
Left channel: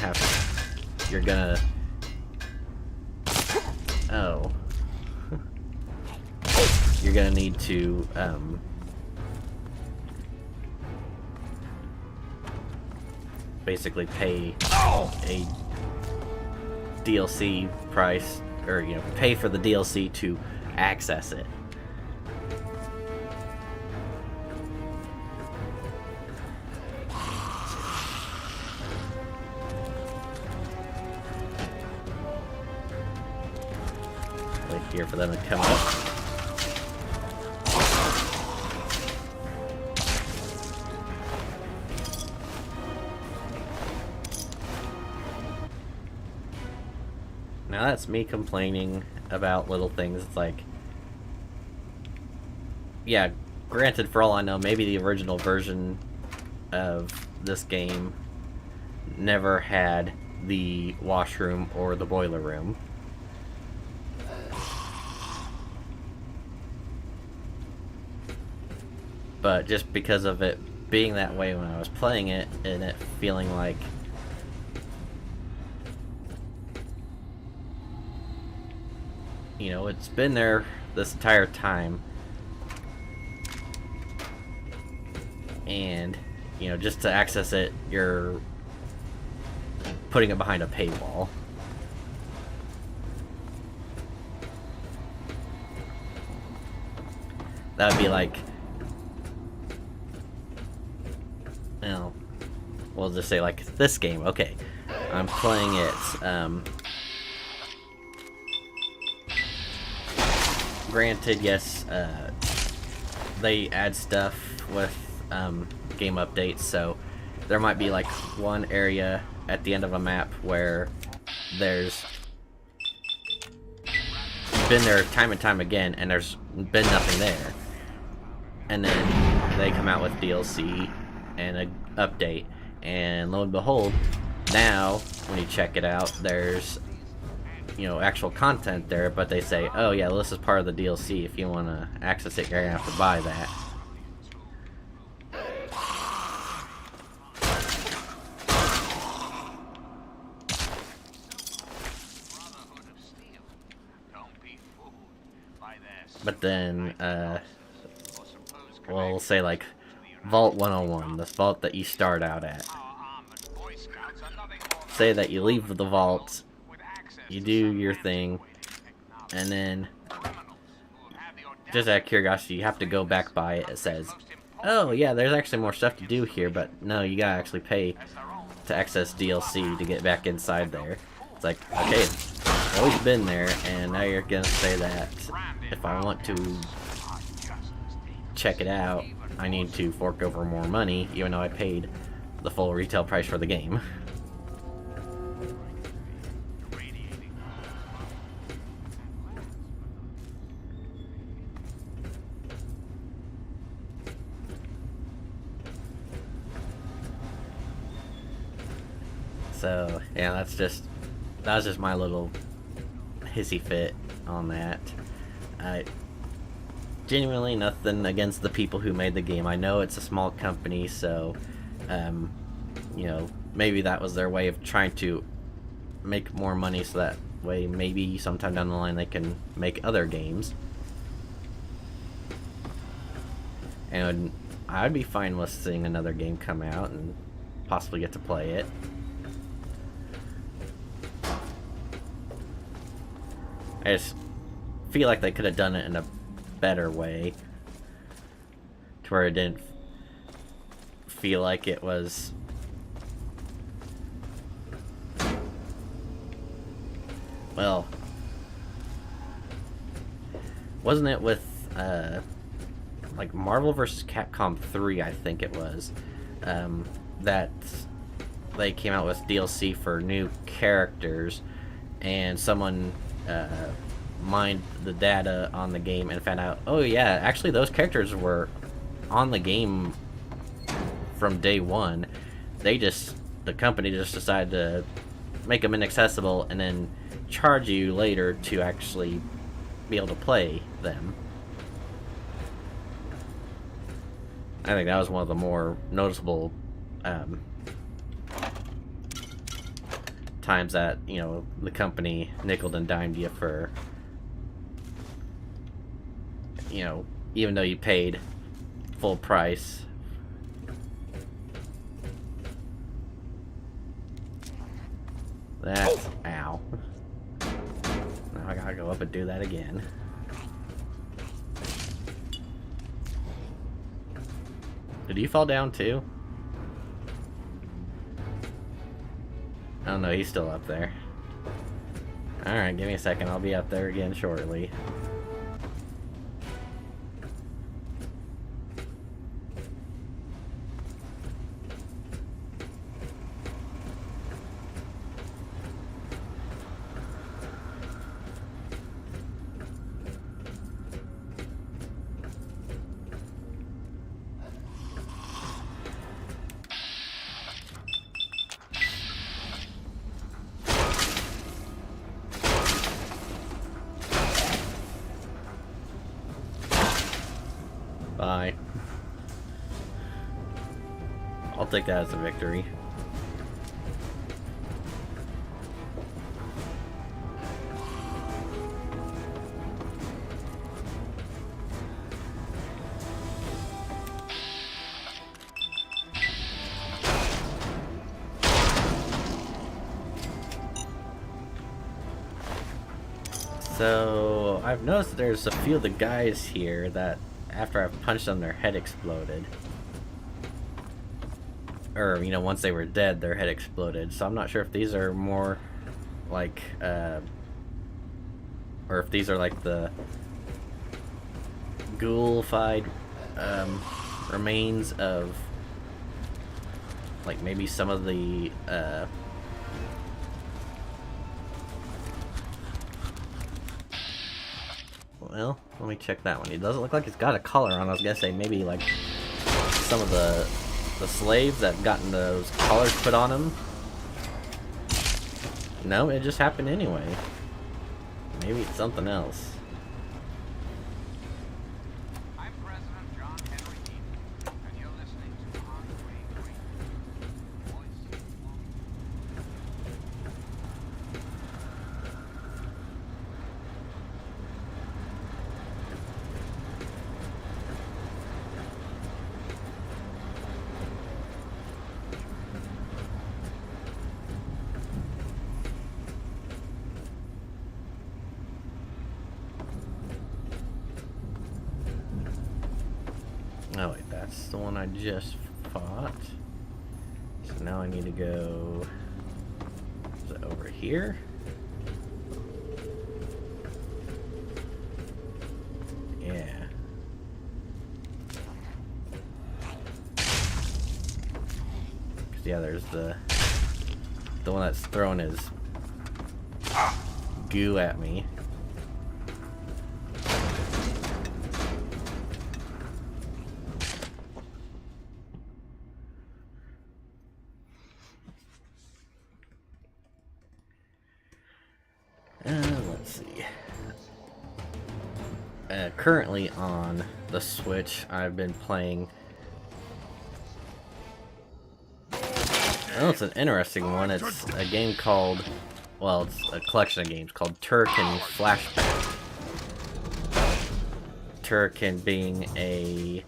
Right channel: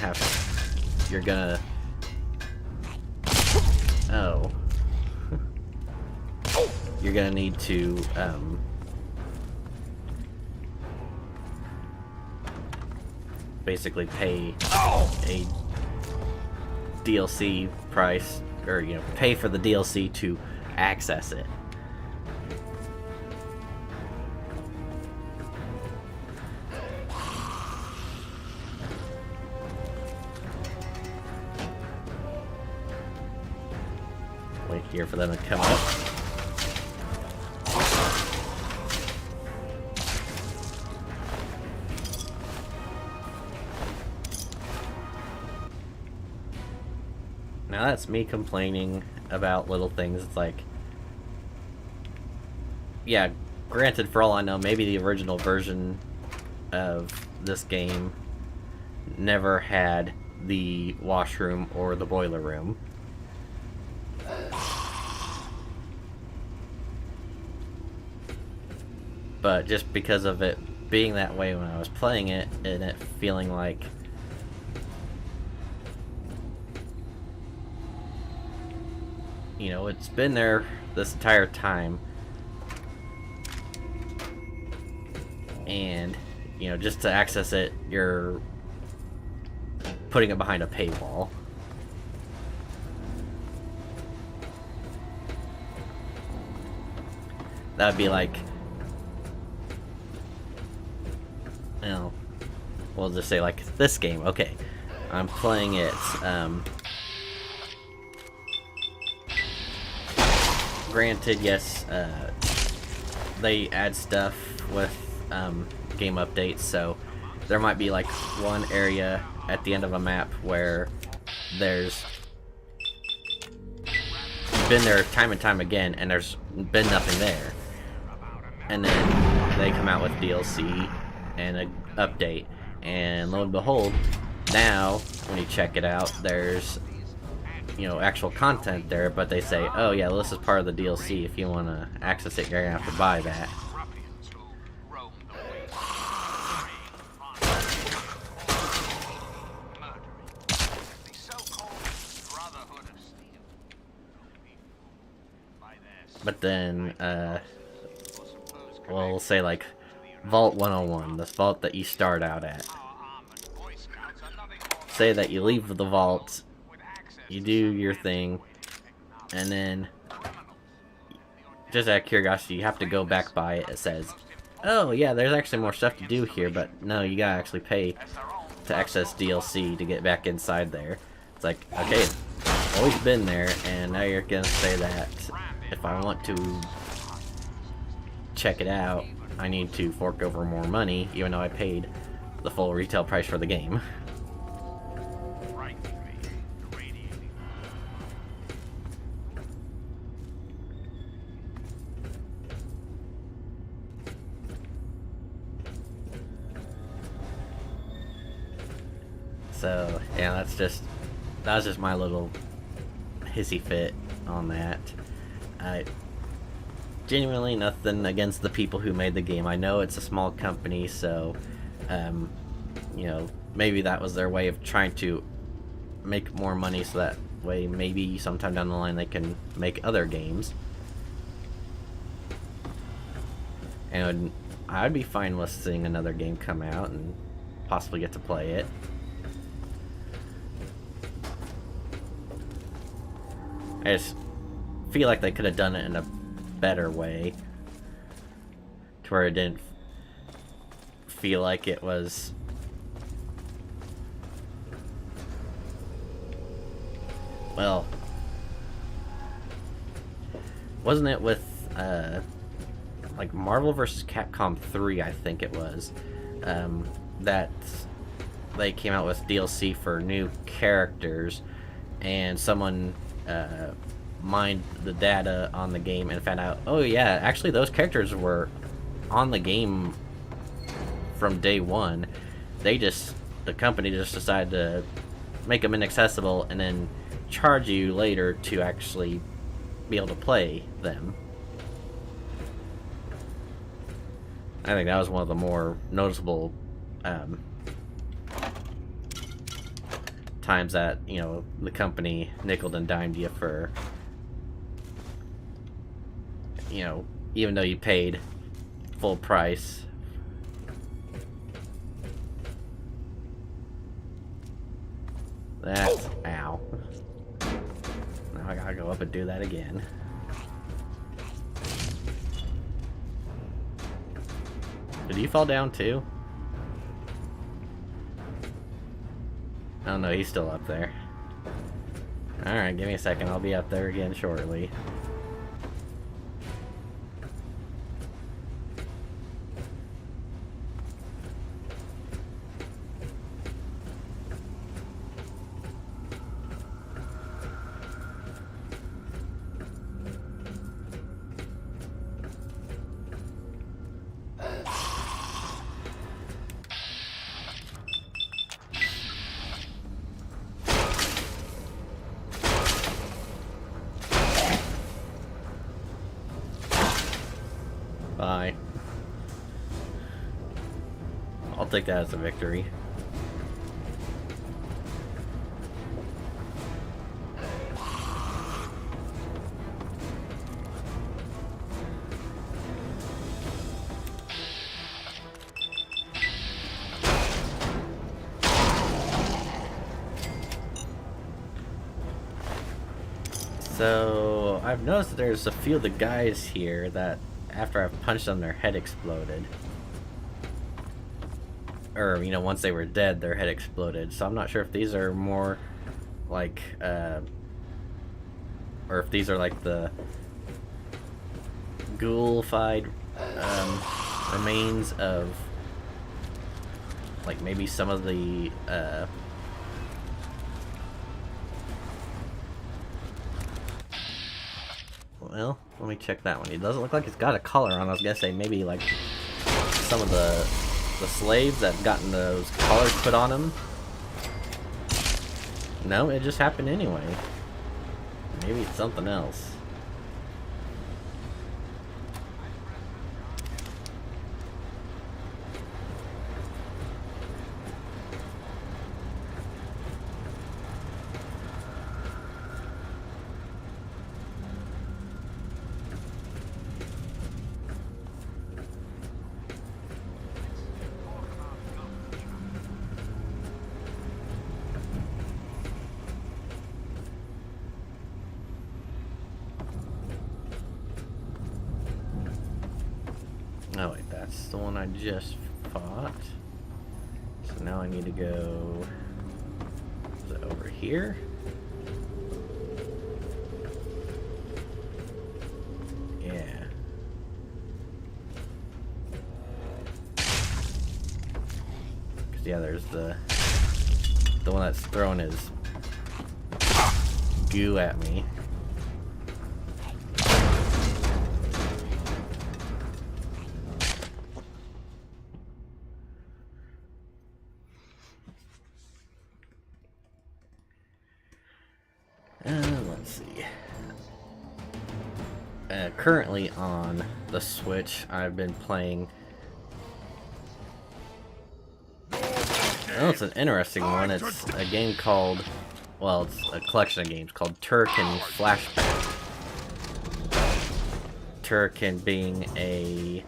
need to basically pay a DLC price, or, you know, pay for the DLC to access it. Wait here for them to come up. Now that's me complaining about little things. It's like, yeah, granted, for all I know, maybe the original version of this game never had the washroom or the boiler room. But just because of it being that way when I was playing it, and it feeling like it's been there this entire time, and just to access it, you're putting it behind a paywall. That would be like, we'll just say like this game. Okay, I'm playing it. Granted, yes, they add stuff with game updates, so there might be like one area at the end of a map where there's been there time and time again, and there's been nothing there, and then they come out with DLC and an update, and lo and behold, now when you check it out, there's actual content there, but they say, oh yeah, well, this is part of the DLC. If you want to access it, you're gonna have to buy that. But then, we'll say like Vault 101, this vault that you start out at. Say that you leave the vault, you do your thing, and then, just out of curiosity, you have to go back by it. It says, oh yeah, there's actually more stuff to do here, but no, you gotta actually pay to access DLC to get back inside there. It's like, okay, I've always been there, and now you're gonna say that if I want to check it out, I need to fork over more money, even though I paid the full retail price for the game. So yeah, that was just my little hissy fit on that. Genuinely nothing against the people who made the game. I know it's a small company, so maybe that was their way of trying to make more money, so that way maybe sometime down the line they can make other games. And I'd be fine with seeing another game come out and possibly get to play it. I just feel like they could have done it in a better way, to where it didn't feel like it was wasn't it with like Marvel vs. Capcom 3, I think it was, that they came out with DLC for new characters, and someone mined the data on the game and found out, oh yeah, actually those characters were on the game from day one. The company just decided to make them inaccessible and then charge you later to actually be able to play them. I think that was one of the more noticeable times that the company nickeled and dimed you for even though you paid full price. That's ow. Now I gotta go up and do that again. Did you fall down too? Oh no, he's still up there. Alright, give me a second, I'll be up there again shortly. Bye. I'll take that as a victory. So, I've noticed that there's a few of the guys here that, after I've punched them, their head exploded. Or, you know, once they were dead, their head exploded. So I'm not sure if these are more, like, or if these are, like, the ghoulified, remains of, like, maybe some of the, well, let me check that one. It doesn't look like it's got a collar on. I was gonna say maybe like some of the slaves that gotten those collars put on them. No, it just happened anyway. Maybe it's something else. Oh wait, that's the one I just fought. So now I need to go... Is it over here? Yeah. Cause yeah, there's the one that's throwing his goo at me. Let's see. Currently on the Switch, I've been playing... Oh, it's an interesting one. It's a game called... Well, it's a collection of games called Turrican Flashback. Turrican being a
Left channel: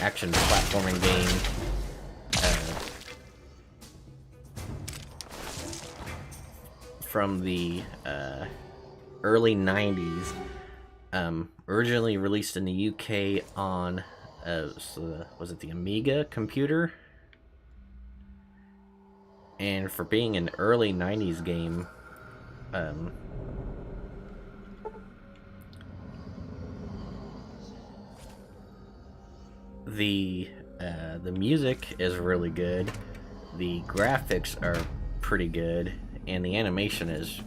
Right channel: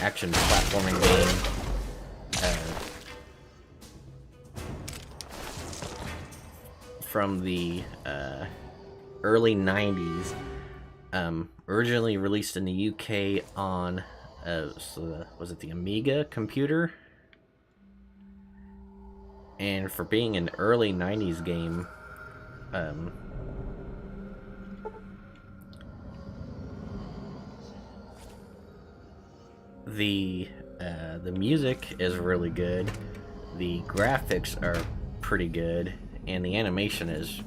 action platforming game. From the early 90s, originally released in the UK on was it the Amiga computer? And for being an early 90s game, the music is really good, the graphics are pretty good, and the animation is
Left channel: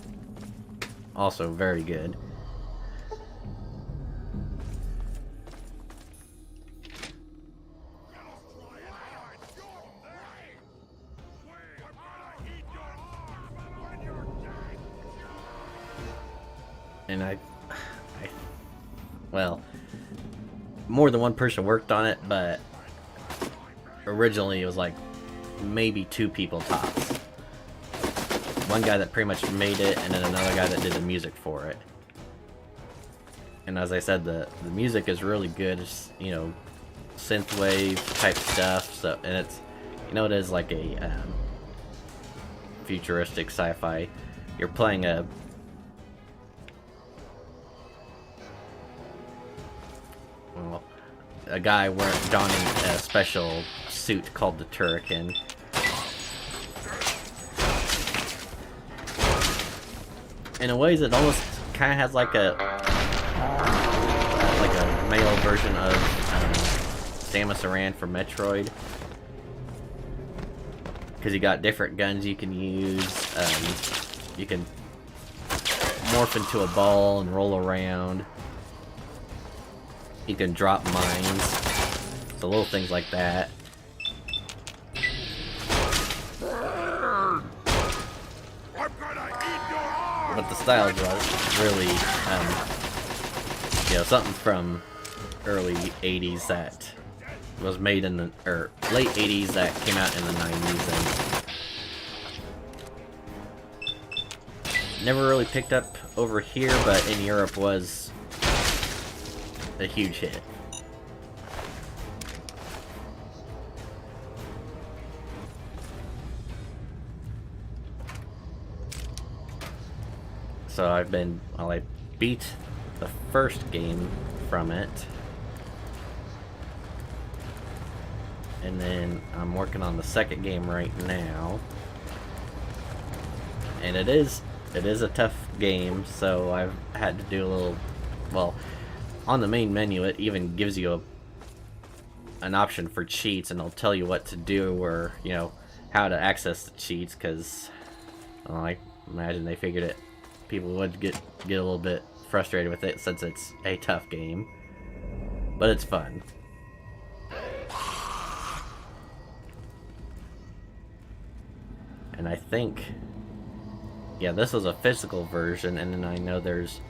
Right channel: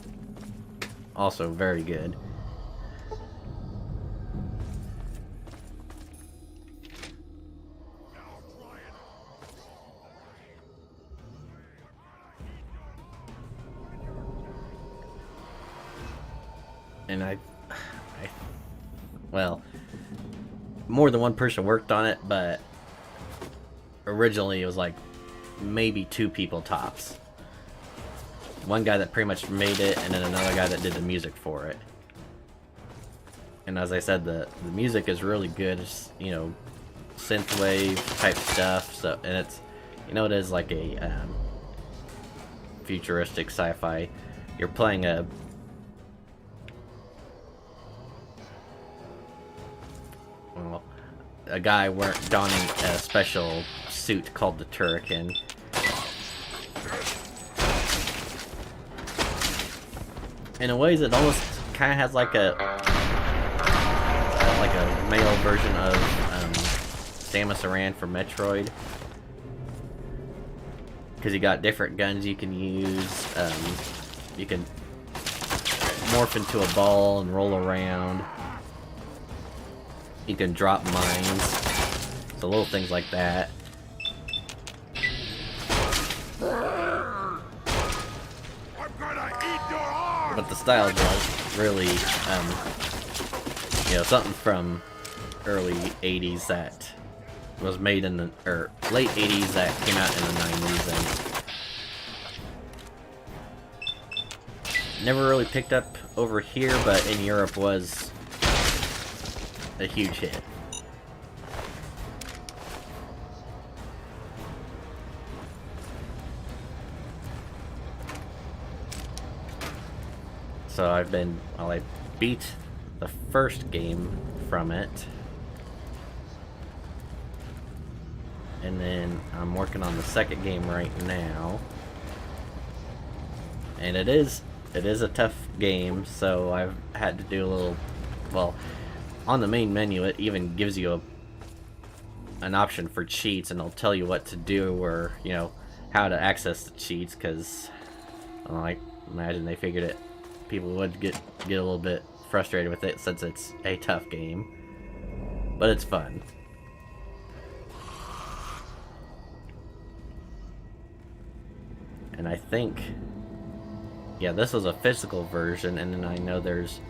also very good. And well, more than one person worked on it, but originally it was like maybe 2 people tops. One guy that pretty much made it, and then another guy that did the music for it. And as I said, the music is really good. It's, you know, synthwave type stuff. So, and it's, you know, it is like a futuristic sci-fi. You're playing a guy donning a special suit called the Turrican. In a ways, it almost kind of has like a male version of Samus Aran from Metroid, because you got different guns you can use. You can morph into a ball and roll around. You can drop mines, so little things like that. But the style is really You know, something from early 80s that was made in the, or late 80s that came out in the 90s and never really picked up over here, but in Europe was a huge hit. So I beat the first game from it. And then I'm working on the second game right now. And it is a tough game, so I've had to do a little, well, on the main menu it even gives you an option for cheats, and it'll tell you what to do, or, you know, how to access the cheats, because, well, I imagine they figured it, people would get a little bit frustrated with it since it's a tough game. But it's fun. And I think, yeah, this was a physical version, and then I know there's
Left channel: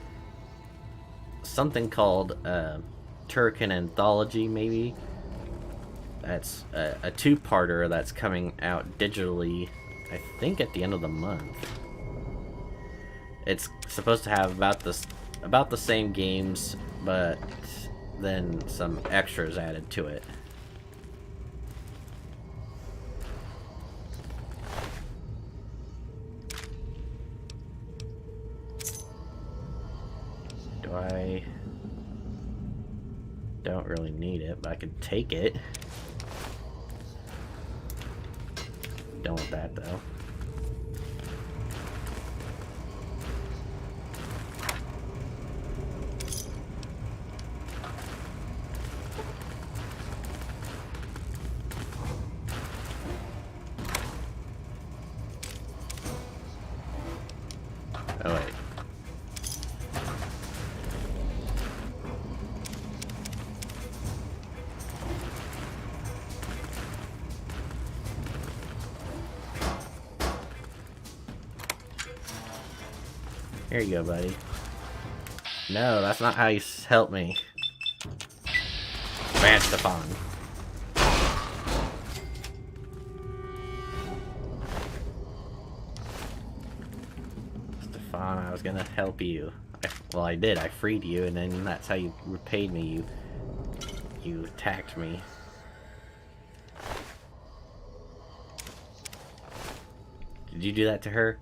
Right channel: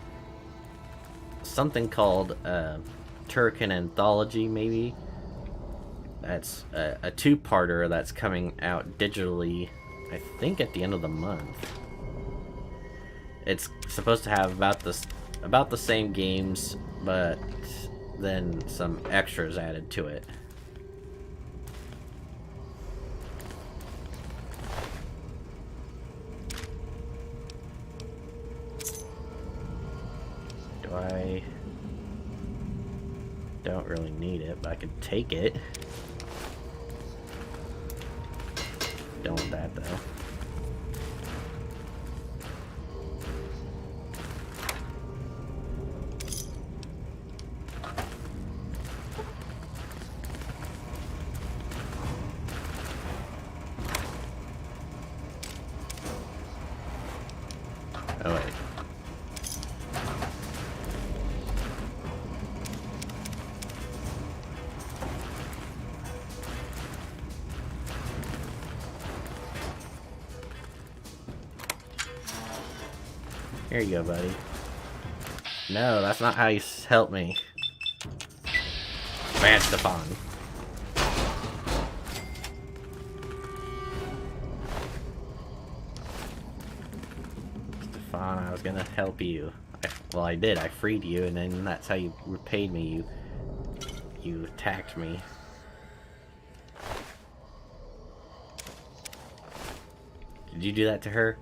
something called Turrican Anthology, maybe. That's a two-parter that's coming out digitally, I think at the end of the month. It's supposed to have about the same games, but then some extras added to it. I don't really need it, but I could take it. Don't want that though. Oh wait. Here you go, buddy. No, that's not how you help me. Bad, Stefan. Stefan, I was gonna help you. Well, I did. I freed you, and then that's how you repaid me. You attacked me. Did you do that to her?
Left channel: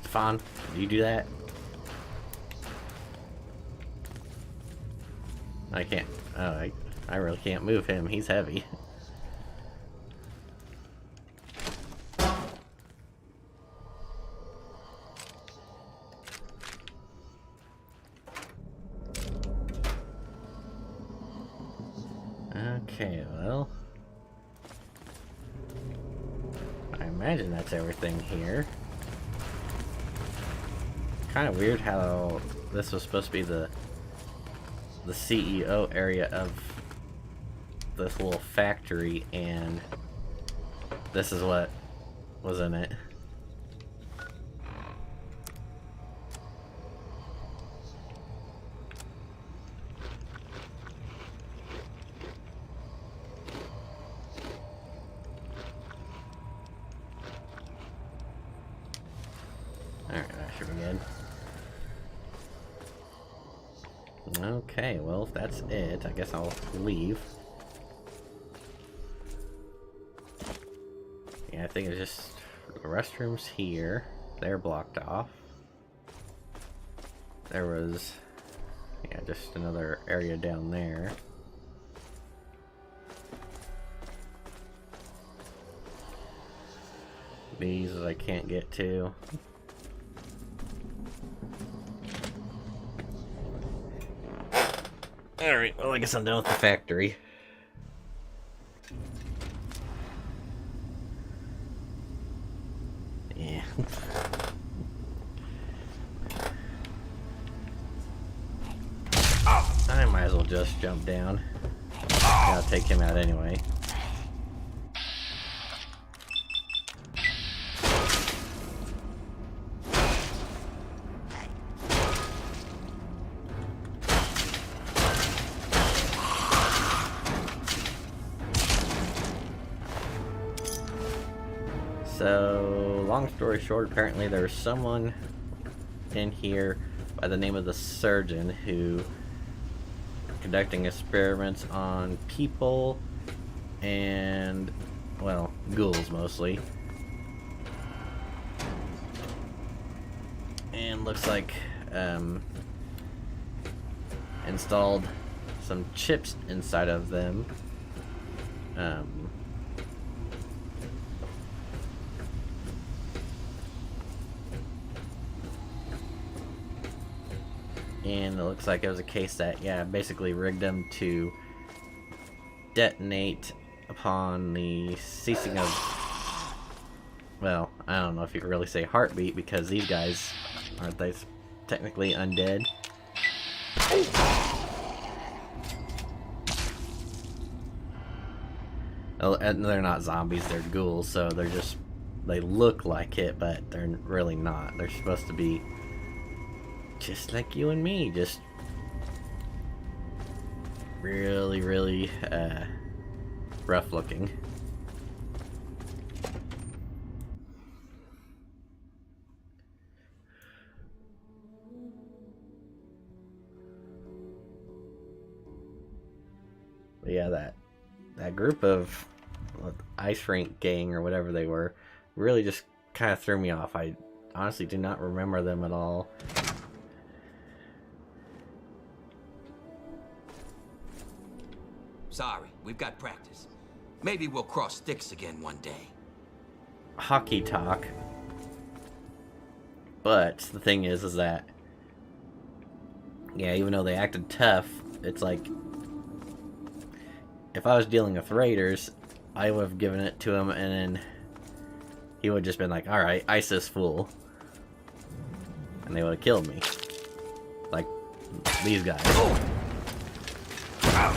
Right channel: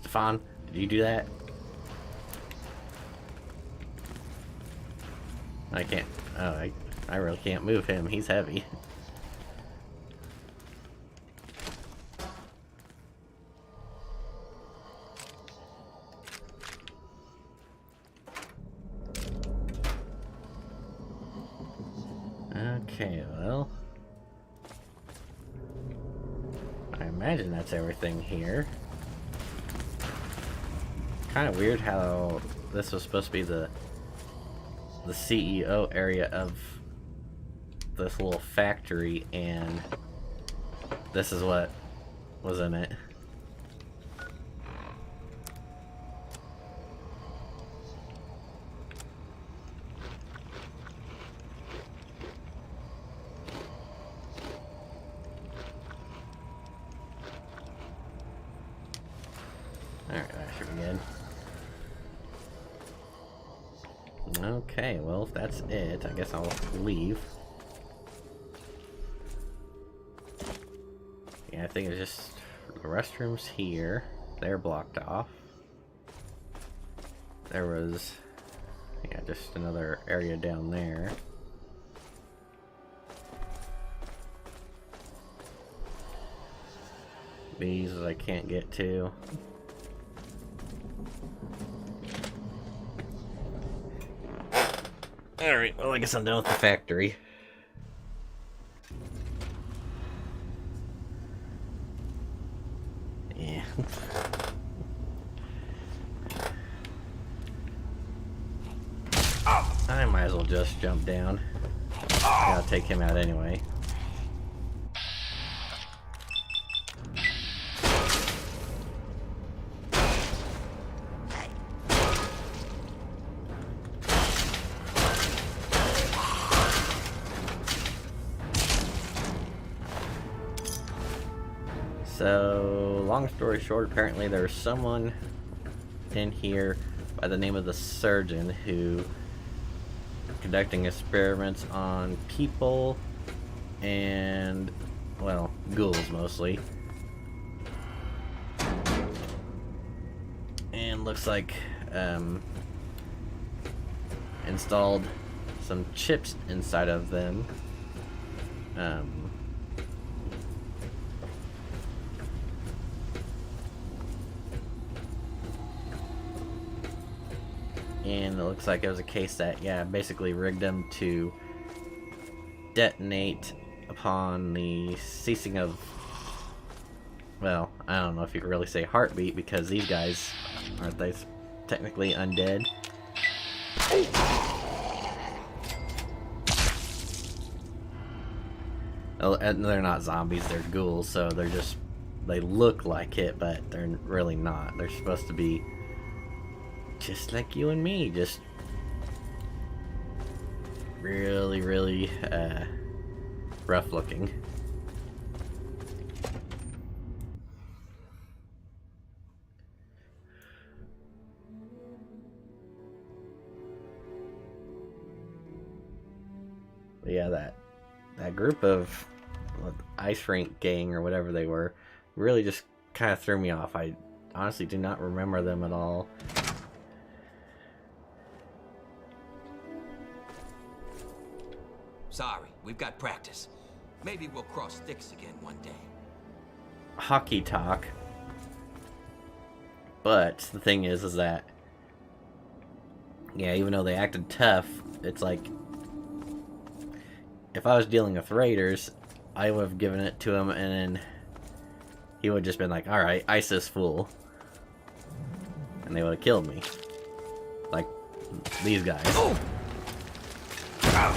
Stefan, did you do that? I can't. Oh, I really can't move him. He's heavy. Okay, well, I imagine that's everything here. Kind of weird how this was supposed to be the CEO area of this little factory, and this is what was in it. Alright, that should be good. Okay, well, if that's it, I guess I'll leave. Yeah, I think it's just the restrooms here. They're blocked off. There was, yeah, just another area down there. These I can't get to. Alright, well, I guess I'm done with the factory. Yeah. I might as well just jump down. I'll take him out anyway. So, long story short, apparently there's someone in here by the name of the surgeon who conducting experiments on people and, well, ghouls mostly. And looks like installed some chips inside of them. And it looks like it was a case that, yeah, basically rigged them to detonate upon the ceasing of, well, I don't know if you could really say heartbeat, because these guys, aren't they technically undead? And they're not zombies, they're ghouls, so they're just, they look like it, but they're really not. They're supposed to be just like you and me, just really, really rough looking. But yeah, that group of ice rink gang or whatever they were really just kind of threw me off. I honestly do not remember them at all. Sorry, we've got practice. Maybe we'll cross sticks again one day. Hockey talk. But the thing is that, yeah, even though they acted tough, it's like, if I was dealing with raiders, I would have given it to him, and then he would have just been like, alright, ice this fool. And they would have killed me. Like, these guys. Oh! Ow!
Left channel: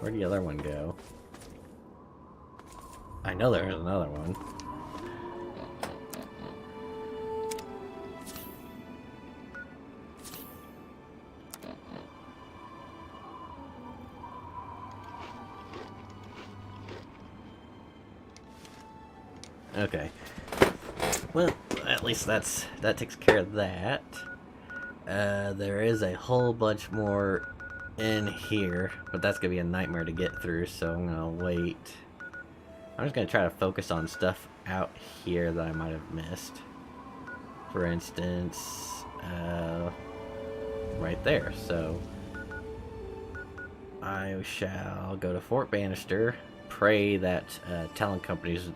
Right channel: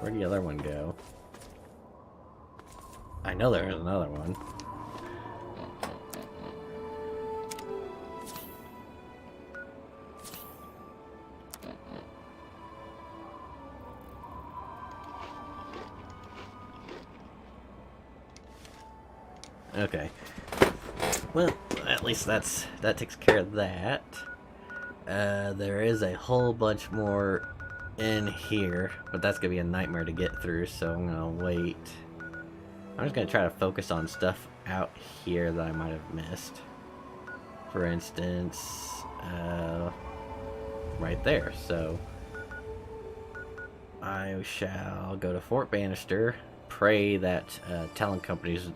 Where'd the other one go? I know there's another one. Okay. Well, at least that takes care of that. There is a whole bunch more in here, but that's gonna be a nightmare to get through, so I'm gonna wait. I'm just gonna try to focus on stuff out here that I might have missed. For instance, right there. So I shall go to Fort Bannister, pray that Talon Company's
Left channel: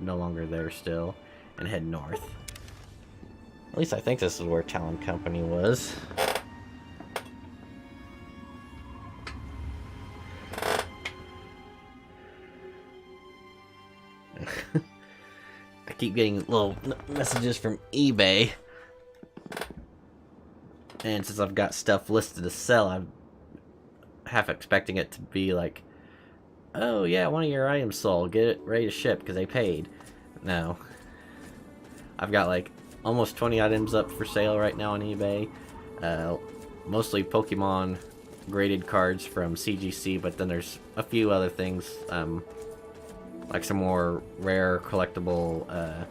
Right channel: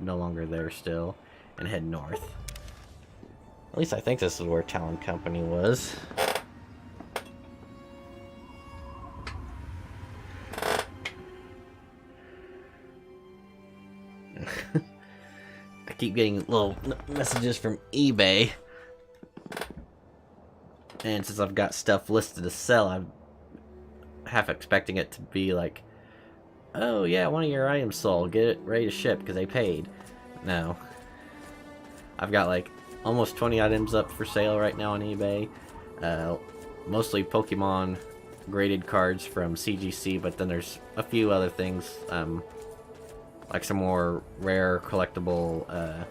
no longer there still, and head north. At least I think this is where Talon Company was. I keep getting little messages from eBay, and since I've got stuff listed to sell, I'm half expecting it to be like, oh yeah, one of your items sold, get it ready to ship because they paid. No, I've got like almost 20 items up for sale right now on eBay, mostly Pokemon graded cards from CGC, but then there's a few other things, like some more rare collectible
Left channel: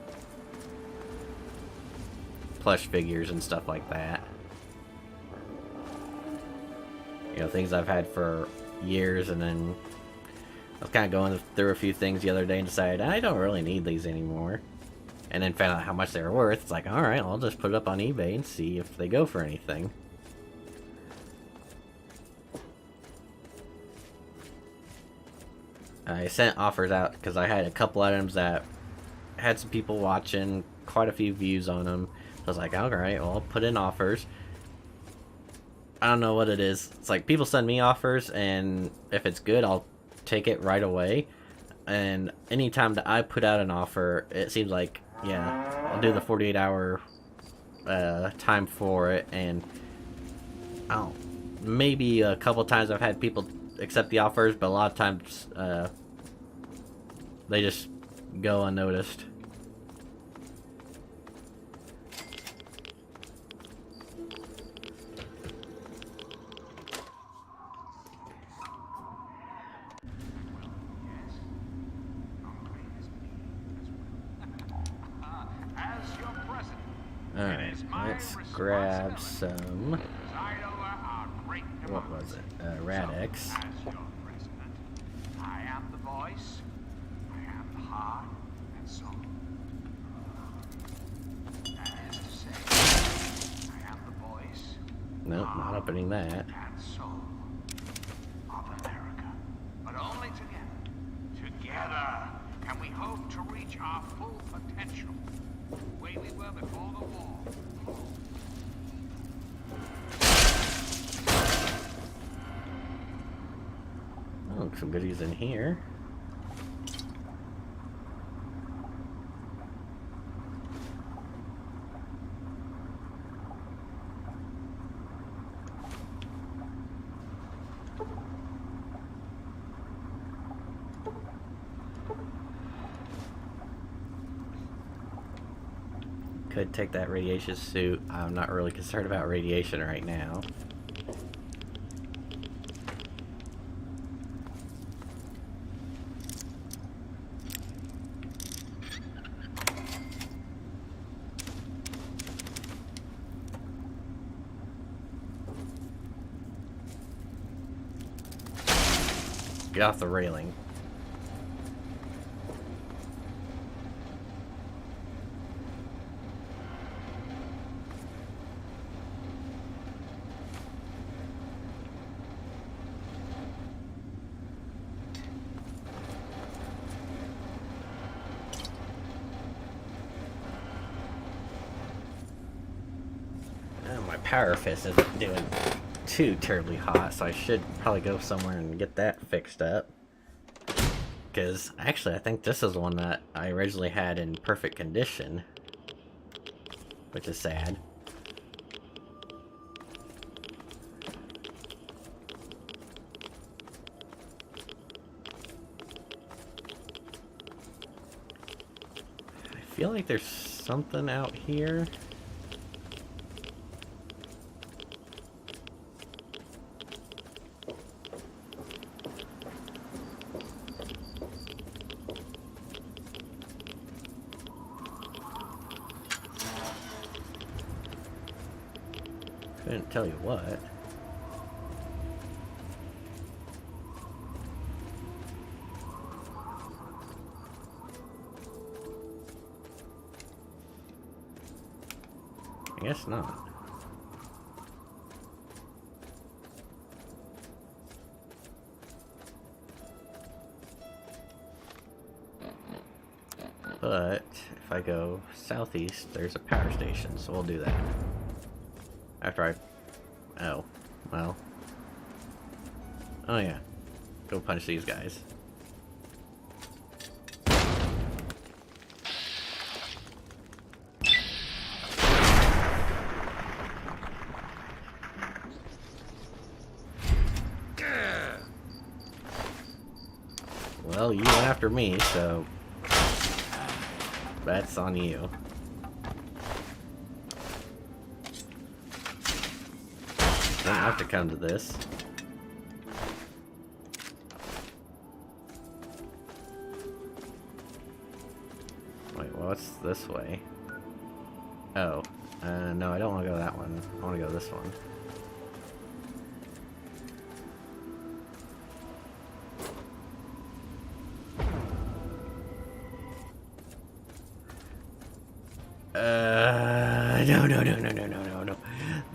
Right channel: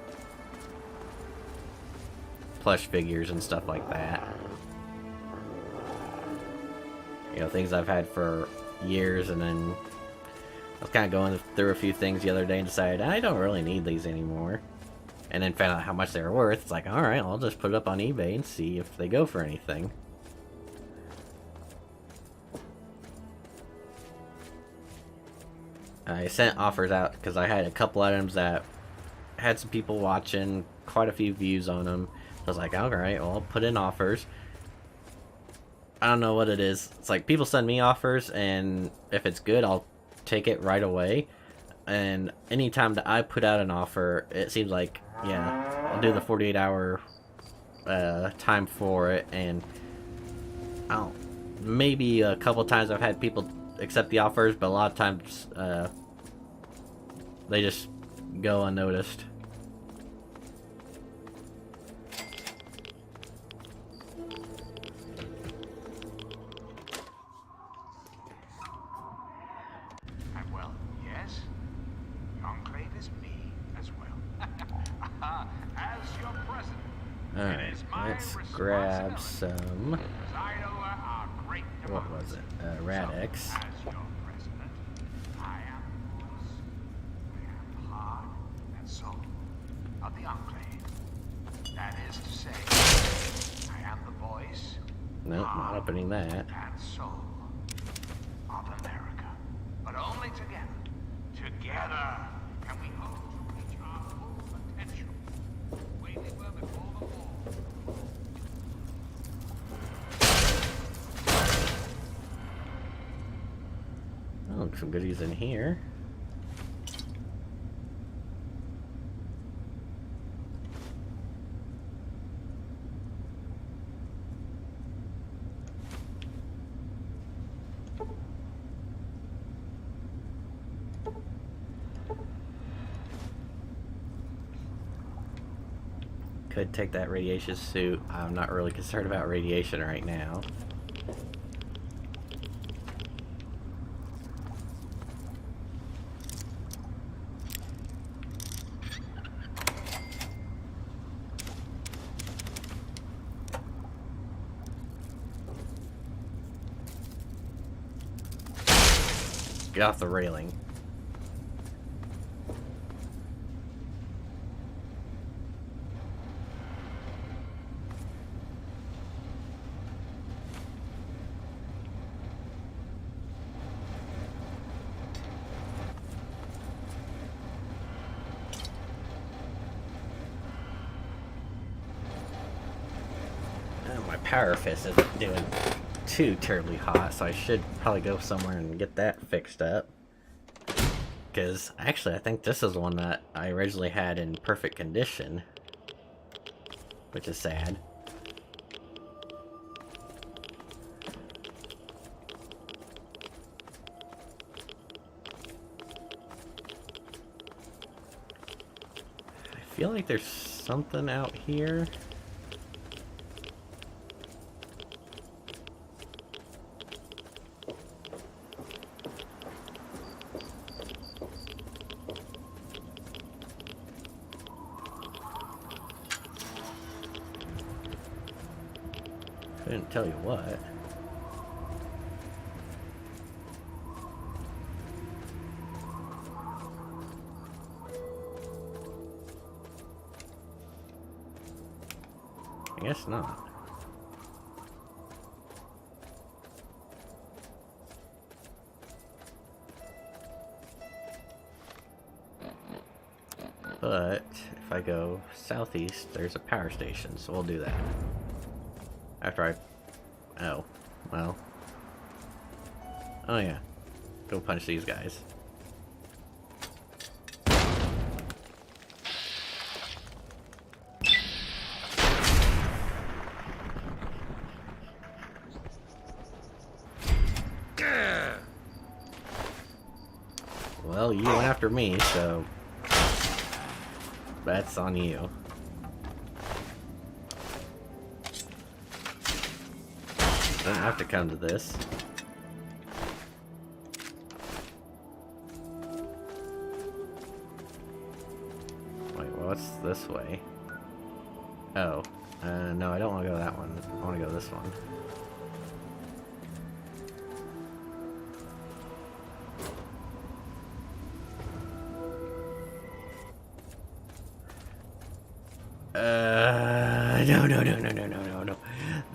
plush figures and stuff like that. You know, things I've had for years, and then I was kind of going through a few things the other day and decided I don't really need these anymore. And then found out how much they were worth. It's like, alright, I'll just put it up on eBay and see if they go for anything. I sent offers out because I had a couple items that had some people watching, quite a few views on them. So I was like, alright, well, I'll put in offers. I don't know what it is. It's like people send me offers, and if it's good, I'll take it right away. And anytime that I put out an offer, it seems like, yeah, I'll do the 48-hour time for it, and I don't, maybe a couple times I've had people accept the offers, but a lot of times they just go unnoticed. Well, yes, the Enclave is me as well. As your president, Alright, let's grab some. preside over our great What was it? Radix. As your president, I am the voice. I am the heart, soul of the Enclave. That is to say, I am the voice. Nope, not opening that. And we hope to reach our full potential. Wait well before Oh, some goodies in here. Could take that radiation suit. I'm not really concerned about radiation right now. Get off the railing. Oh, my power fist isn't doing too terribly hot, so I should probably go somewhere and get that fixed up. Because actually, I think this is the one that I originally had in perfect condition, which is sad. I feel like there's something out here. Couldn't tell you what. I guess not. But if I go southeast, there's a power station, so we'll do that. After I... Oh. Well. Oh yeah. Go punch these guys. Well, you went after me, so... that's on you. Don't have to come to this. Wait, well, what's this way? Oh. No, I don't want to go that one. I want to go this one. No.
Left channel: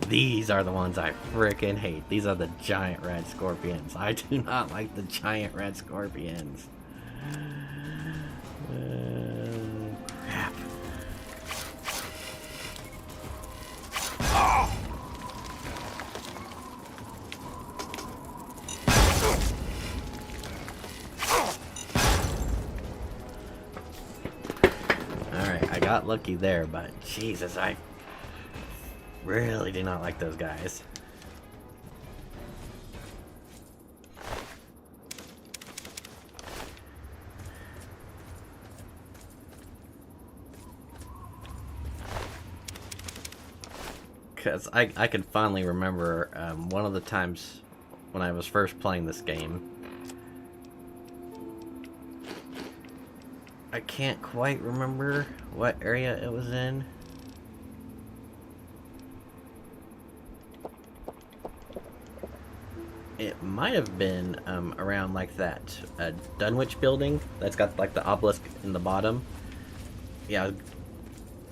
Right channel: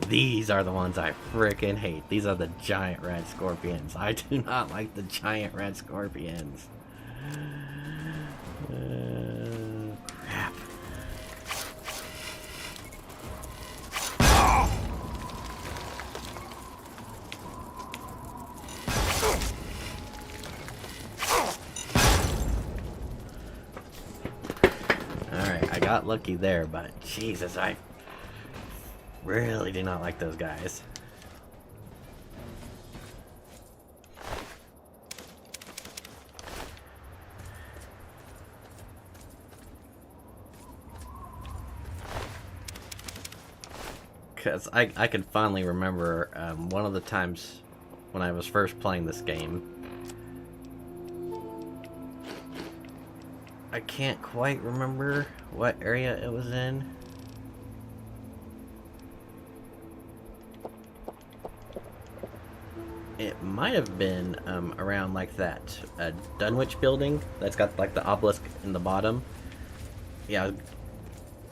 These are the ones I frickin' hate. These are the giant red scorpions. I do not like the giant red scorpions. Crap. Alright, I got lucky there, but Jesus, I really do not like those guys. Because I can finally remember one of the times when I was first playing this game. I can't quite remember what area it was in. It might have been around like that Dunwich building that's got like the obelisk in the bottom. Yeah,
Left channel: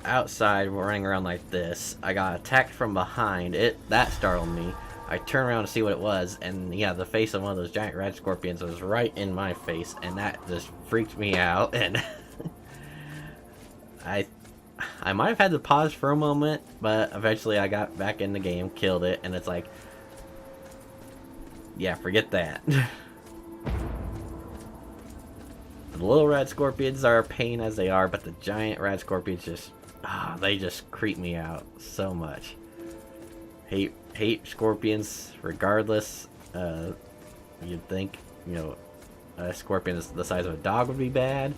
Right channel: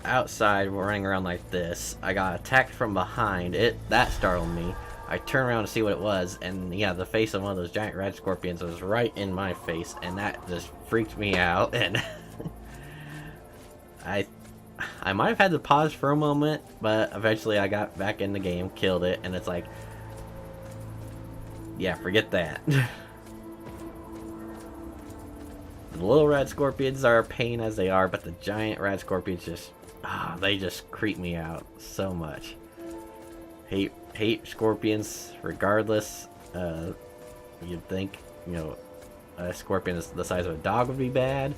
outside running around like this. I got attacked from behind. That startled me. I turned around to see what it was, and yeah, the face of one of those giant red scorpions was right in my face, and that just freaked me out. And I might have had to pause for a moment, but eventually I got back in the game, killed it, and it's like, yeah, forget that. The little red scorpions are a pain as they are, but the giant red scorpions just, they just creep me out so much. Hate scorpions regardless. You'd think, you know, a scorpion the size of a dog would be bad,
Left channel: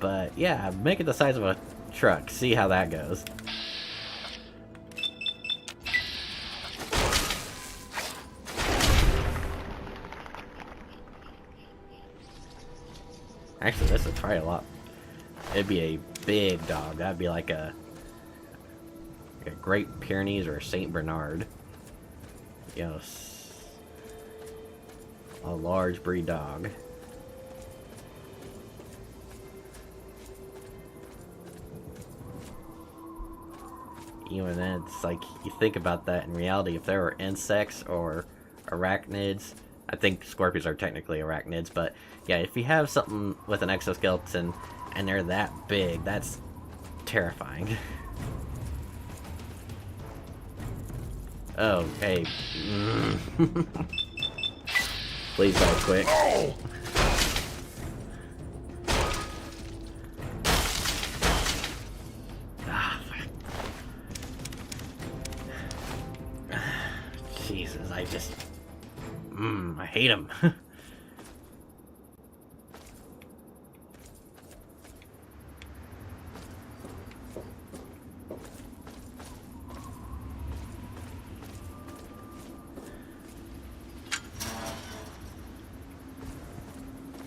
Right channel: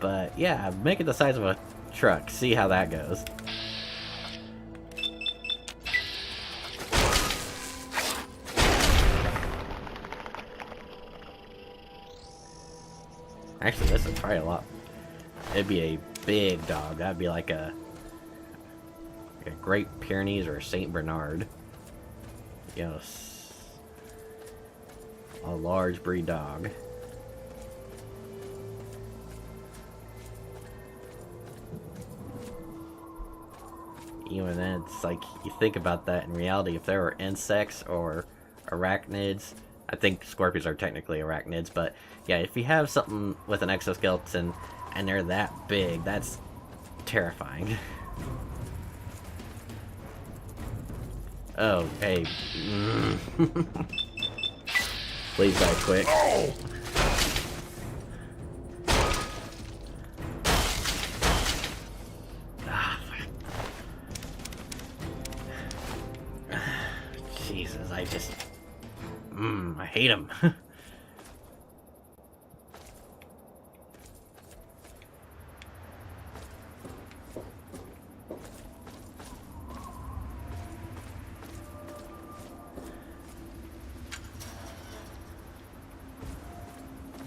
but yeah, make it the size of a truck. See how that goes. Actually, this is probably a lot. It'd be a big dog. That'd be like a Great Pyrenees or a Saint Bernard. You know, a large breed dog. Even then, it's like, you think about that in reality, if there were insects or arachnids, I think scorpions are technically arachnids, but yeah, if you have something with an exoskeleton and they're that big, that's terrifying. Oh, hey. Please die quick. Jesus, I just... I hate him.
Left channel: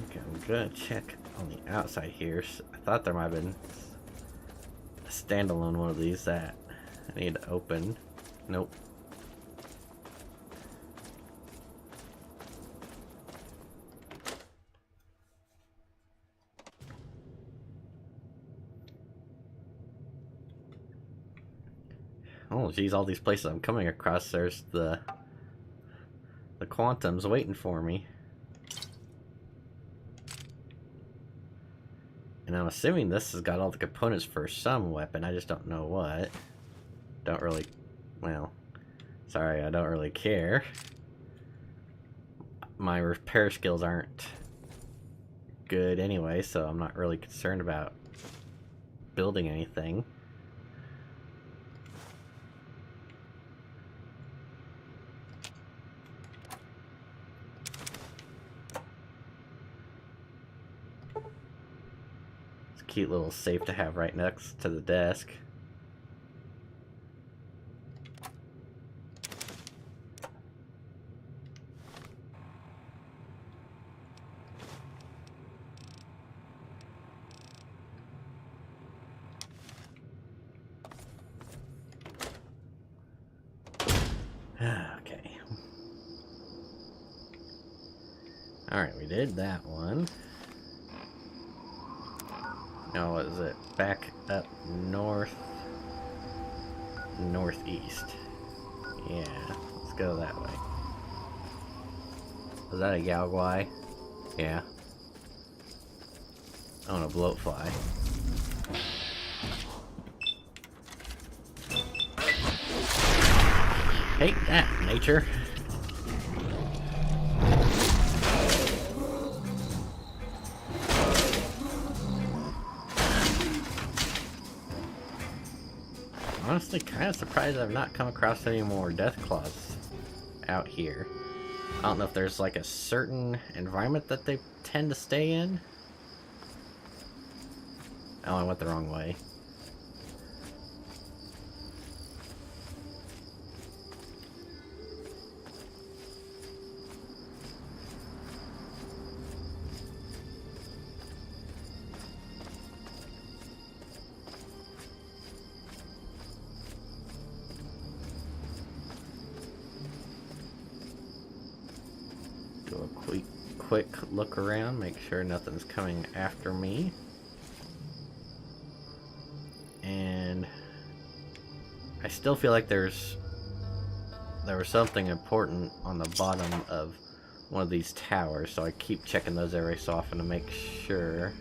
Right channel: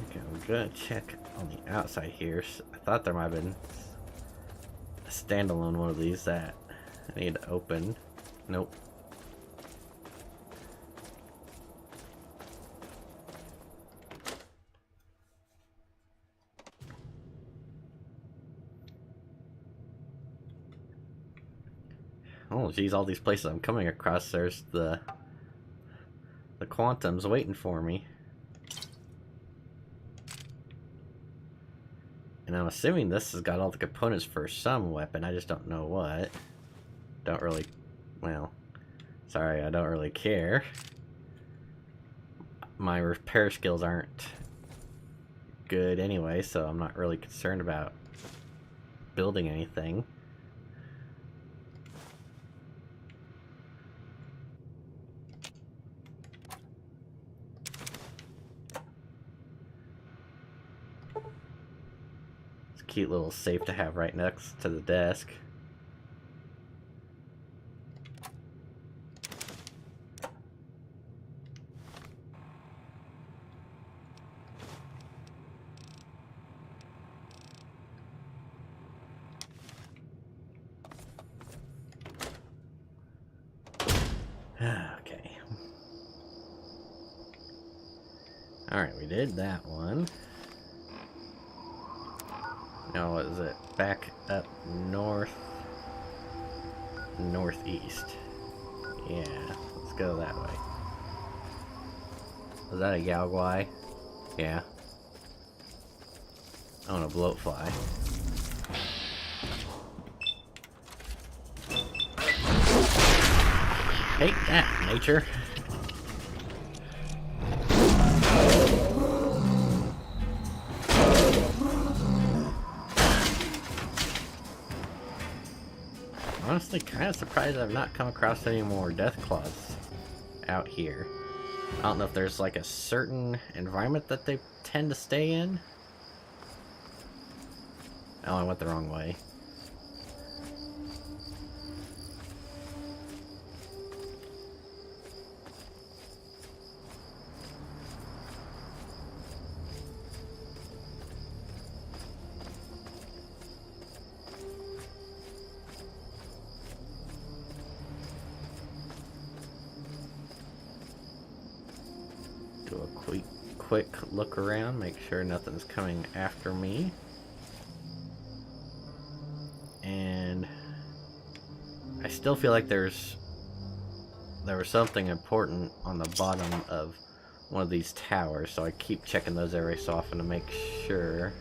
Okay, I'm gonna check on the outside here. I thought there might have been a standalone one of these that I need to open. Nope. Oh, geez, all these places I'm coming across, there's the quantums waiting for me. And I'm assuming this has got all the components for some weapon, I just don't know what. Don't really, well, sorry, I don't really care. My repair skills aren't good anyway, so I'm not really concerned about building anything. Cute little safe to have right next to the desk. Okay. Alright, we did that one. Now, what is it? Back up northeast. Yeah, let's go that way. Is that a Galguai? Yeah. I want a bloatfly. Hate that, nature. Honestly, kind of surprised I've not come across any more death claws out here. I don't know if there's like a certain environment that they tend to stay in. Oh, I went the wrong way. quick look around, make sure nothing's coming after me. And I still feel like there was something important on the bottom of one of these towers, so I keep checking those every so often to make sure.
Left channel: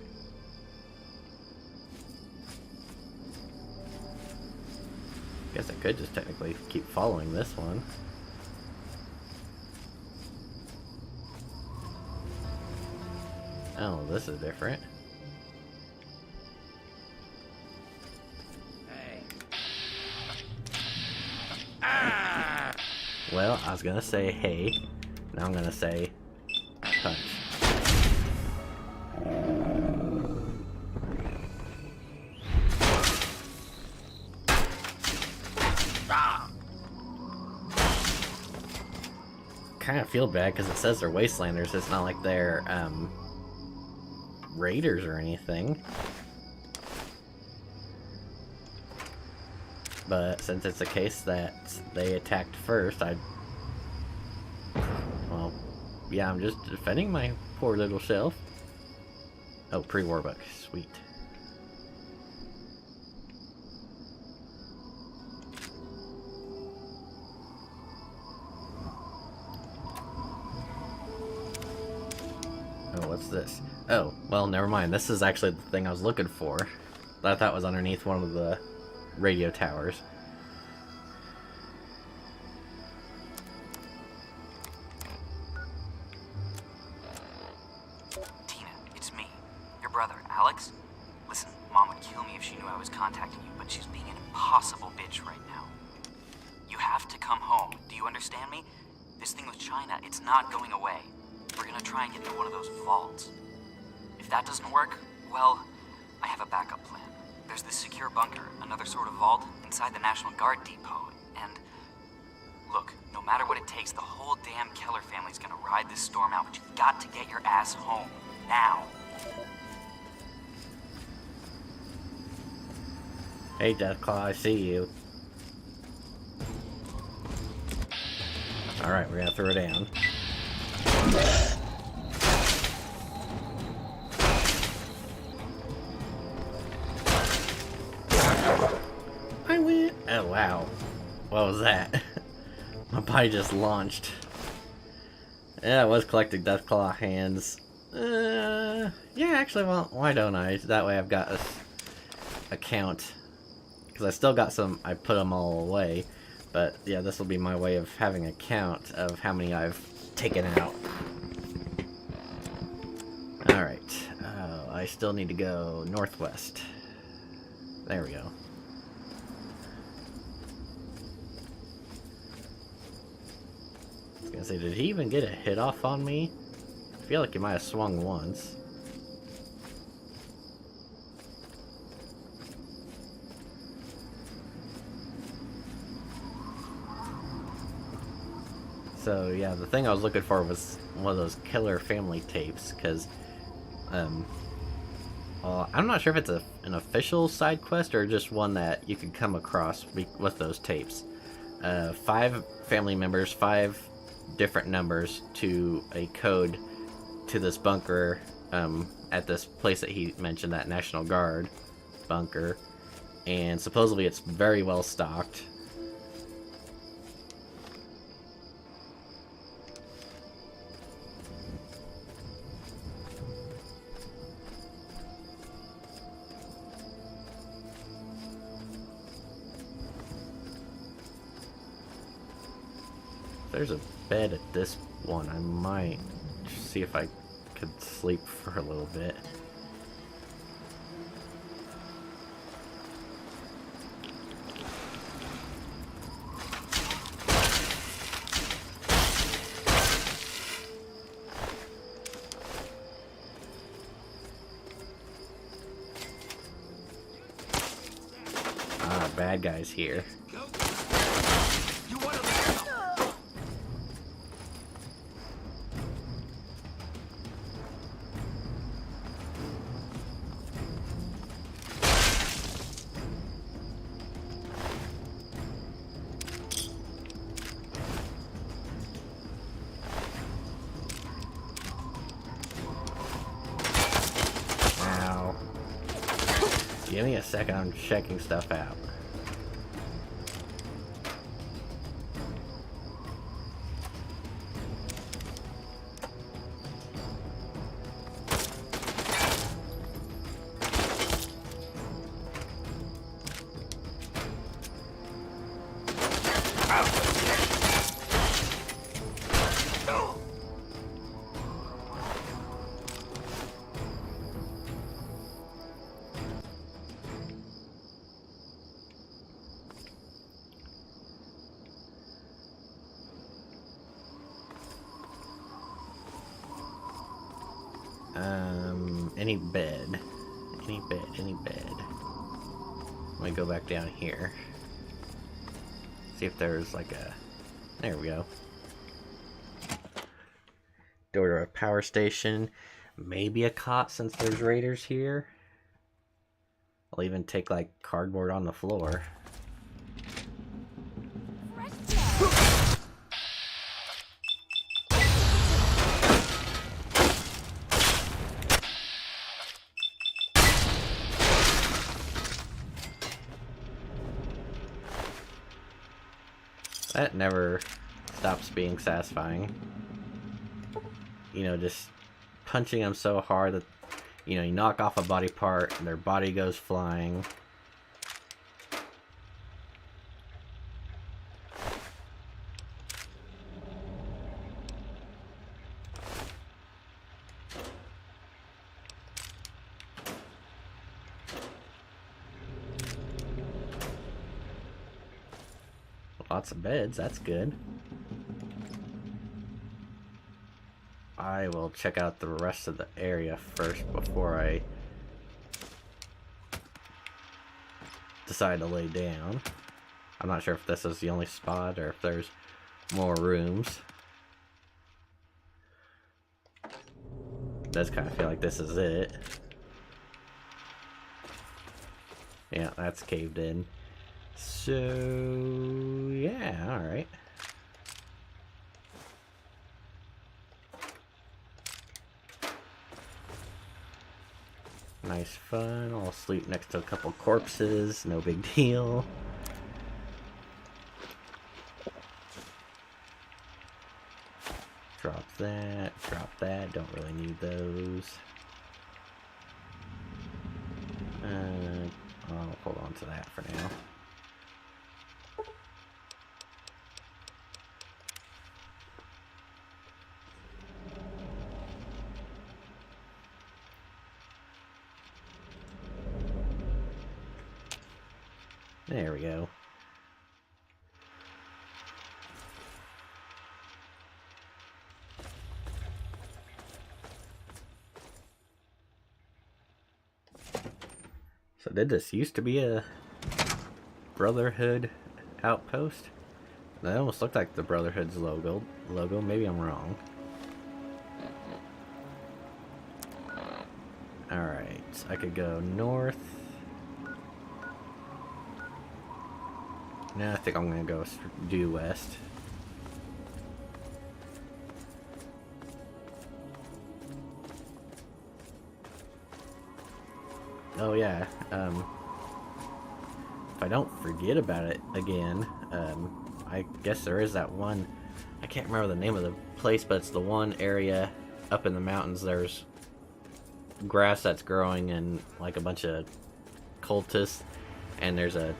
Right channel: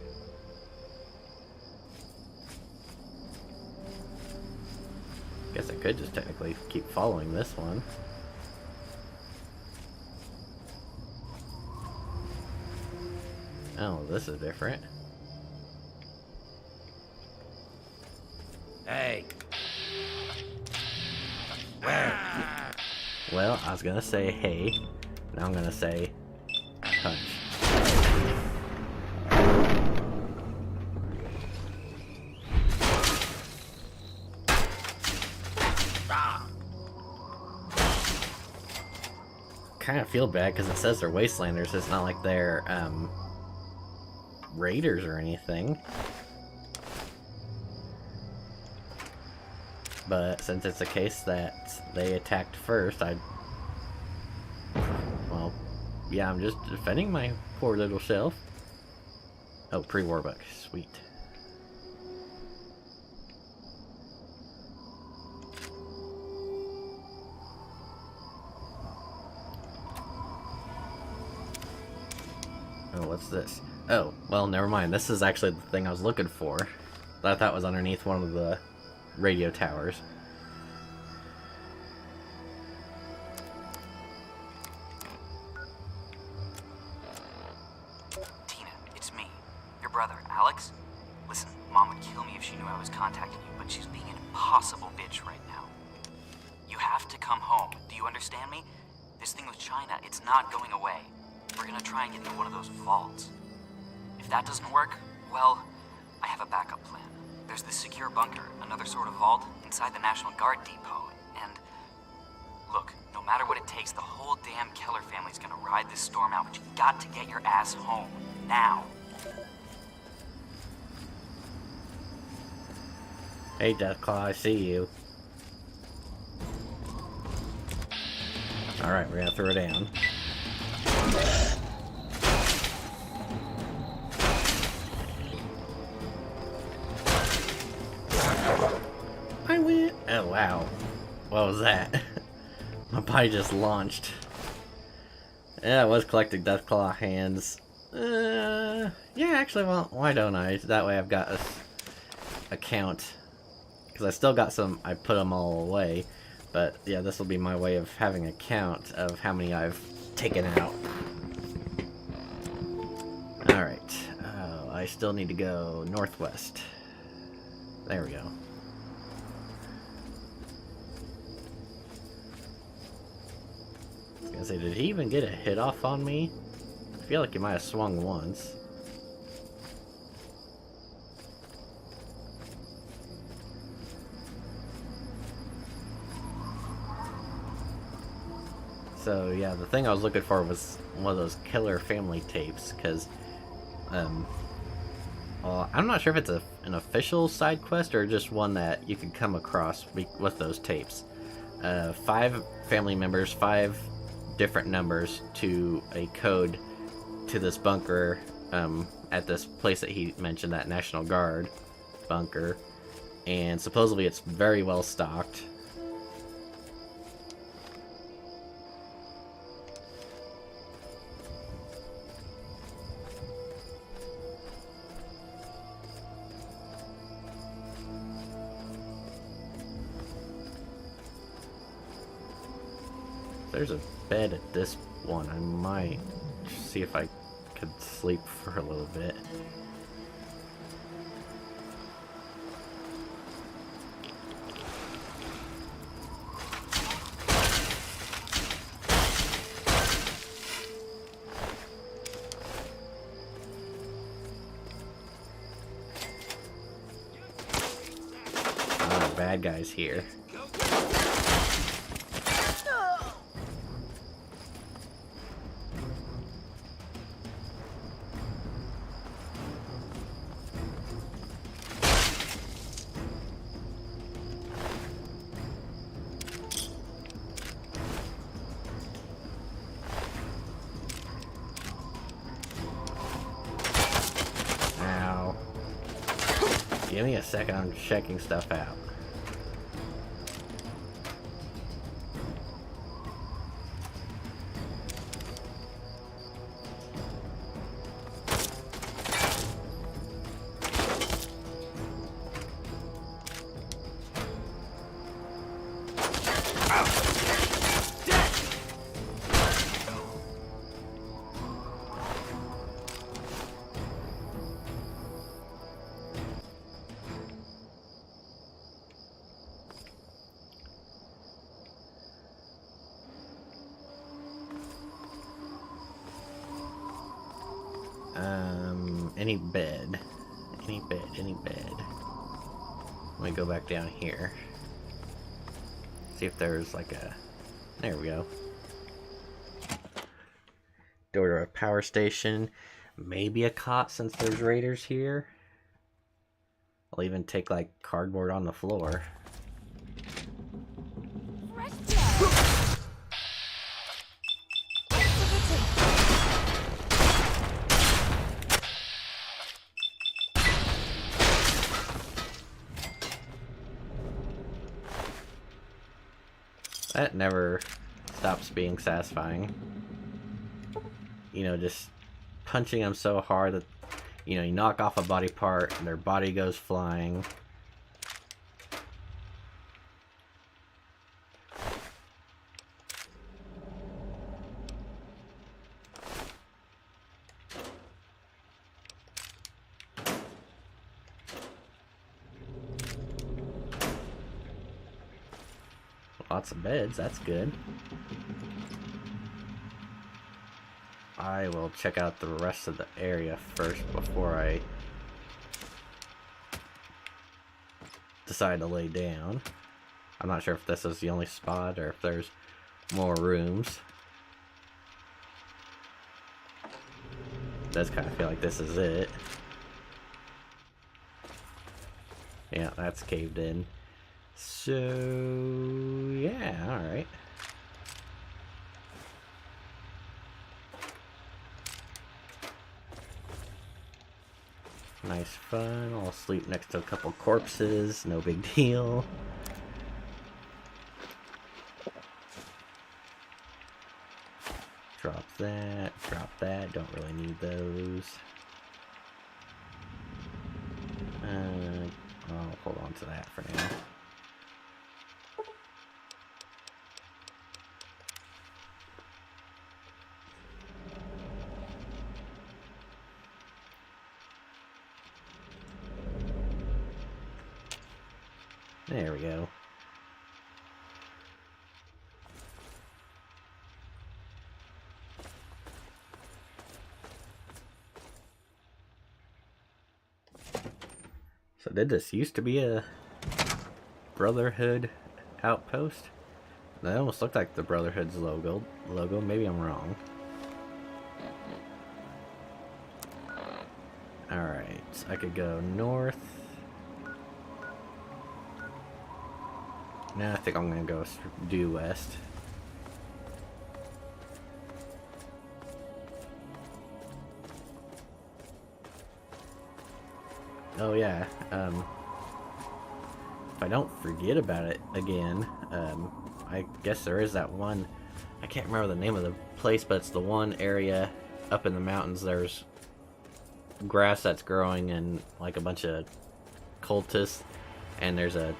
Guess I could just technically keep following this one. Oh, this is different. Hey. Well, I was gonna say hey, now I'm gonna say punch. Kind of feel bad because it says they're wastelanders. It's not like they're raiders or anything. But since it's a case that they attacked first, well, yeah, I'm just defending my poor little self. Oh, pre-war book, sweet. Oh, what's this? Oh, well, never mind. This is actually the thing I was looking for. That I thought was underneath one of the radio towers. Tina, it's me, your brother, Alex. Listen, Mom would kill me if she knew I was contacting you, but she's being an impossible bitch right now. You have to come home. Do you understand me? This thing with China, it's not going away. We're gonna try and get into one of those vaults. If that doesn't work, well, I have a backup plan. There's this secure bunker, another sort of vault, inside the National Guard depot, and... Look, no matter what it takes, the whole damn Keller family's gonna ride this storm out, but you've got to get your ass home. Now. Hey, Deathclaw, I see you. Alright, we're gonna throw it down. I win! Oh, wow. What was that? My body just launched. Yeah, I was collecting Deathclaw hands. Yeah, actually, well, why don't I? That way I've got a count. Because I still got some, I put them all away. But yeah, this will be my way of having a count of how many I've taken out. Alright, I still need to go northwest. There we go. I was gonna say, did he even get a hit off on me? I feel like he might have swung once. So yeah, the thing I was looking for was one of those killer family tapes, because I'm not sure if it's an official side quest or just one that you could come across with those tapes. 5 family members, 5 different numbers to a code to this bunker at this place that he mentioned, that National Guard bunker, and supposedly it's very well stocked. There's a bed at this one. I might see if I could sleep for a little bit. Ah, bad guys here. Give me a second, I'm checking stuff out. Any bed. Any bed. Let me go back down here. See if there's like a... There we go. Door to a power station. Maybe a cot since there's raiders here. I'll even take like cardboard on the floor. That never stops being satisfying. You know, just punching them so hard that, you know, you knock off a body part and their body goes flying. Lots of beds, that's good. I will check out the rest of the area first before I decide to lay down. I'm not sure if this is the only spot or if there's more rooms. It does kind of feel like this is it. Yeah, that's caved in. So, yeah, alright. Nice fun. I'll sleep next to a couple corpses. No big deal. Drop that. Drop that. Don't really need those. I'll hold on to that for now. There we go. So did this used to be a Brotherhood outpost? That almost looked like the Brotherhood's logo. Maybe I'm wrong. Alright, I could go north. No, I think I'm gonna go due west. Oh yeah, if I don't forget about it again, I guess there is that one, I can't remember the name of the place, but it's the one area up in the mountains. There's grass that's growing and like a bunch of cultists, and there's a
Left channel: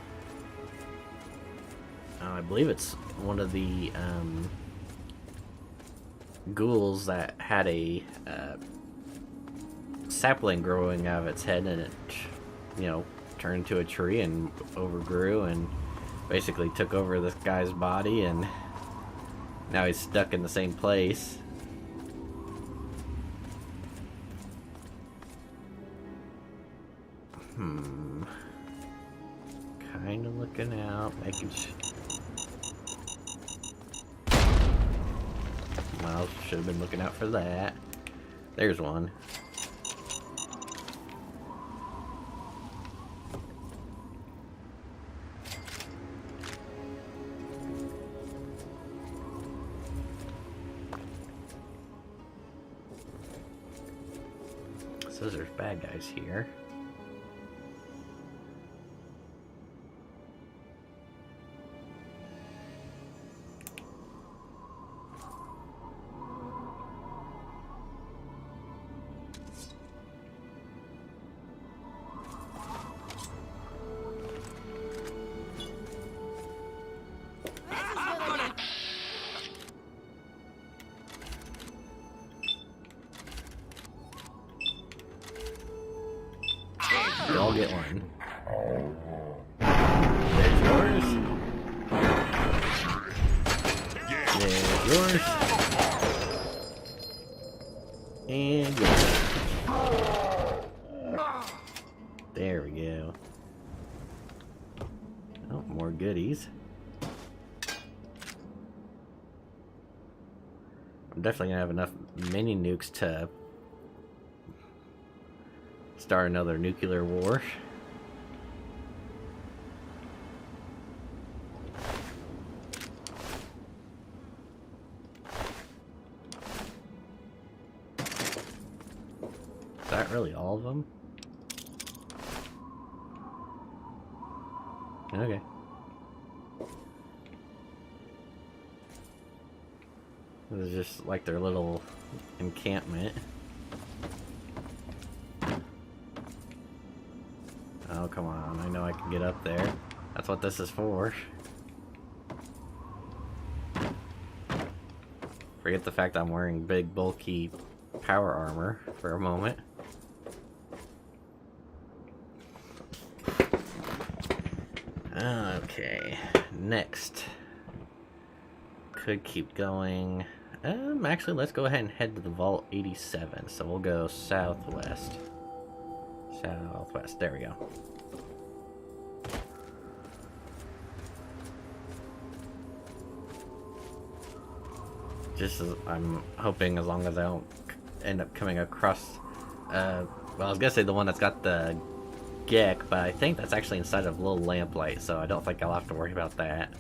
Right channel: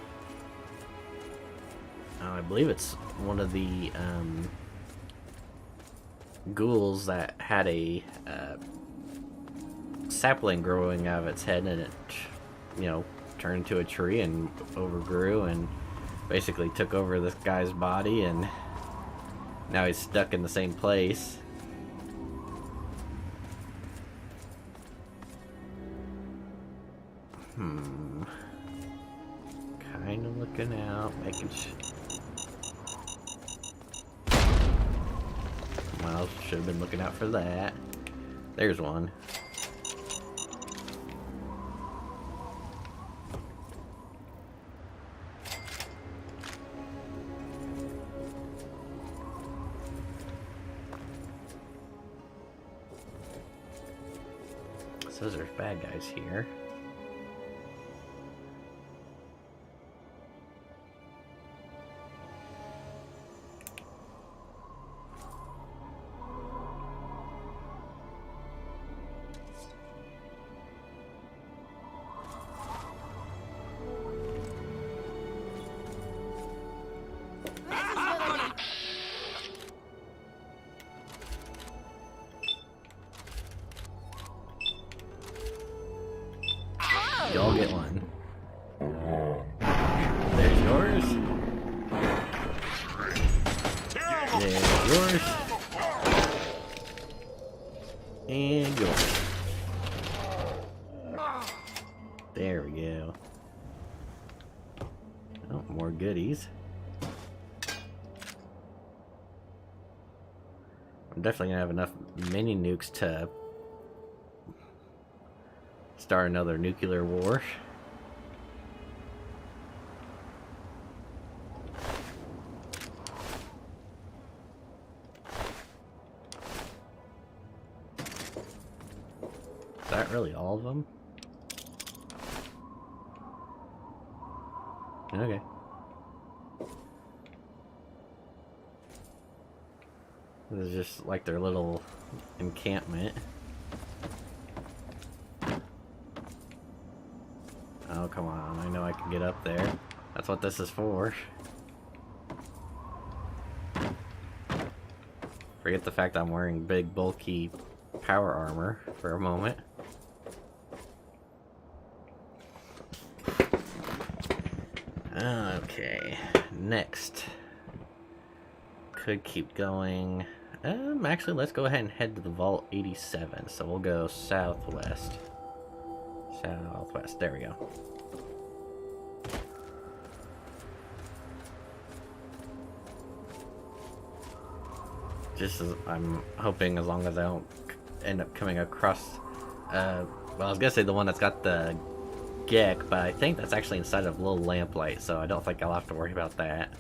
I believe it's one of the ghouls that had a sapling growing out of its head, and it, you know, turned into a tree and overgrew and basically took over this guy's body, and now he's stuck in the same place. Kind of looking out, making sure. Well, should have been looking out for that. There's one. So there's bad guys here. Y'all get one. There's yours. There's yours. And yours. There we go. Oh, more goodies. I'm definitely gonna have enough mini nukes to start another nuclear war. Is that really all of them? Okay. This is just like their little encampment. Oh, come on. I know I can get up there. That's what this is for. Forget the fact I'm wearing big, bulky power armor for a moment. Okay, next. Could keep going. Actually, let's go ahead and head to the Vault 87. So we'll go southwest. Southwest, there we go. Just as I'm hoping, as long as I don't end up coming across, well, I was gonna say the one that's got the Gek, but I think that's actually inside of a little lamplight, so I don't think I'll have to worry about that.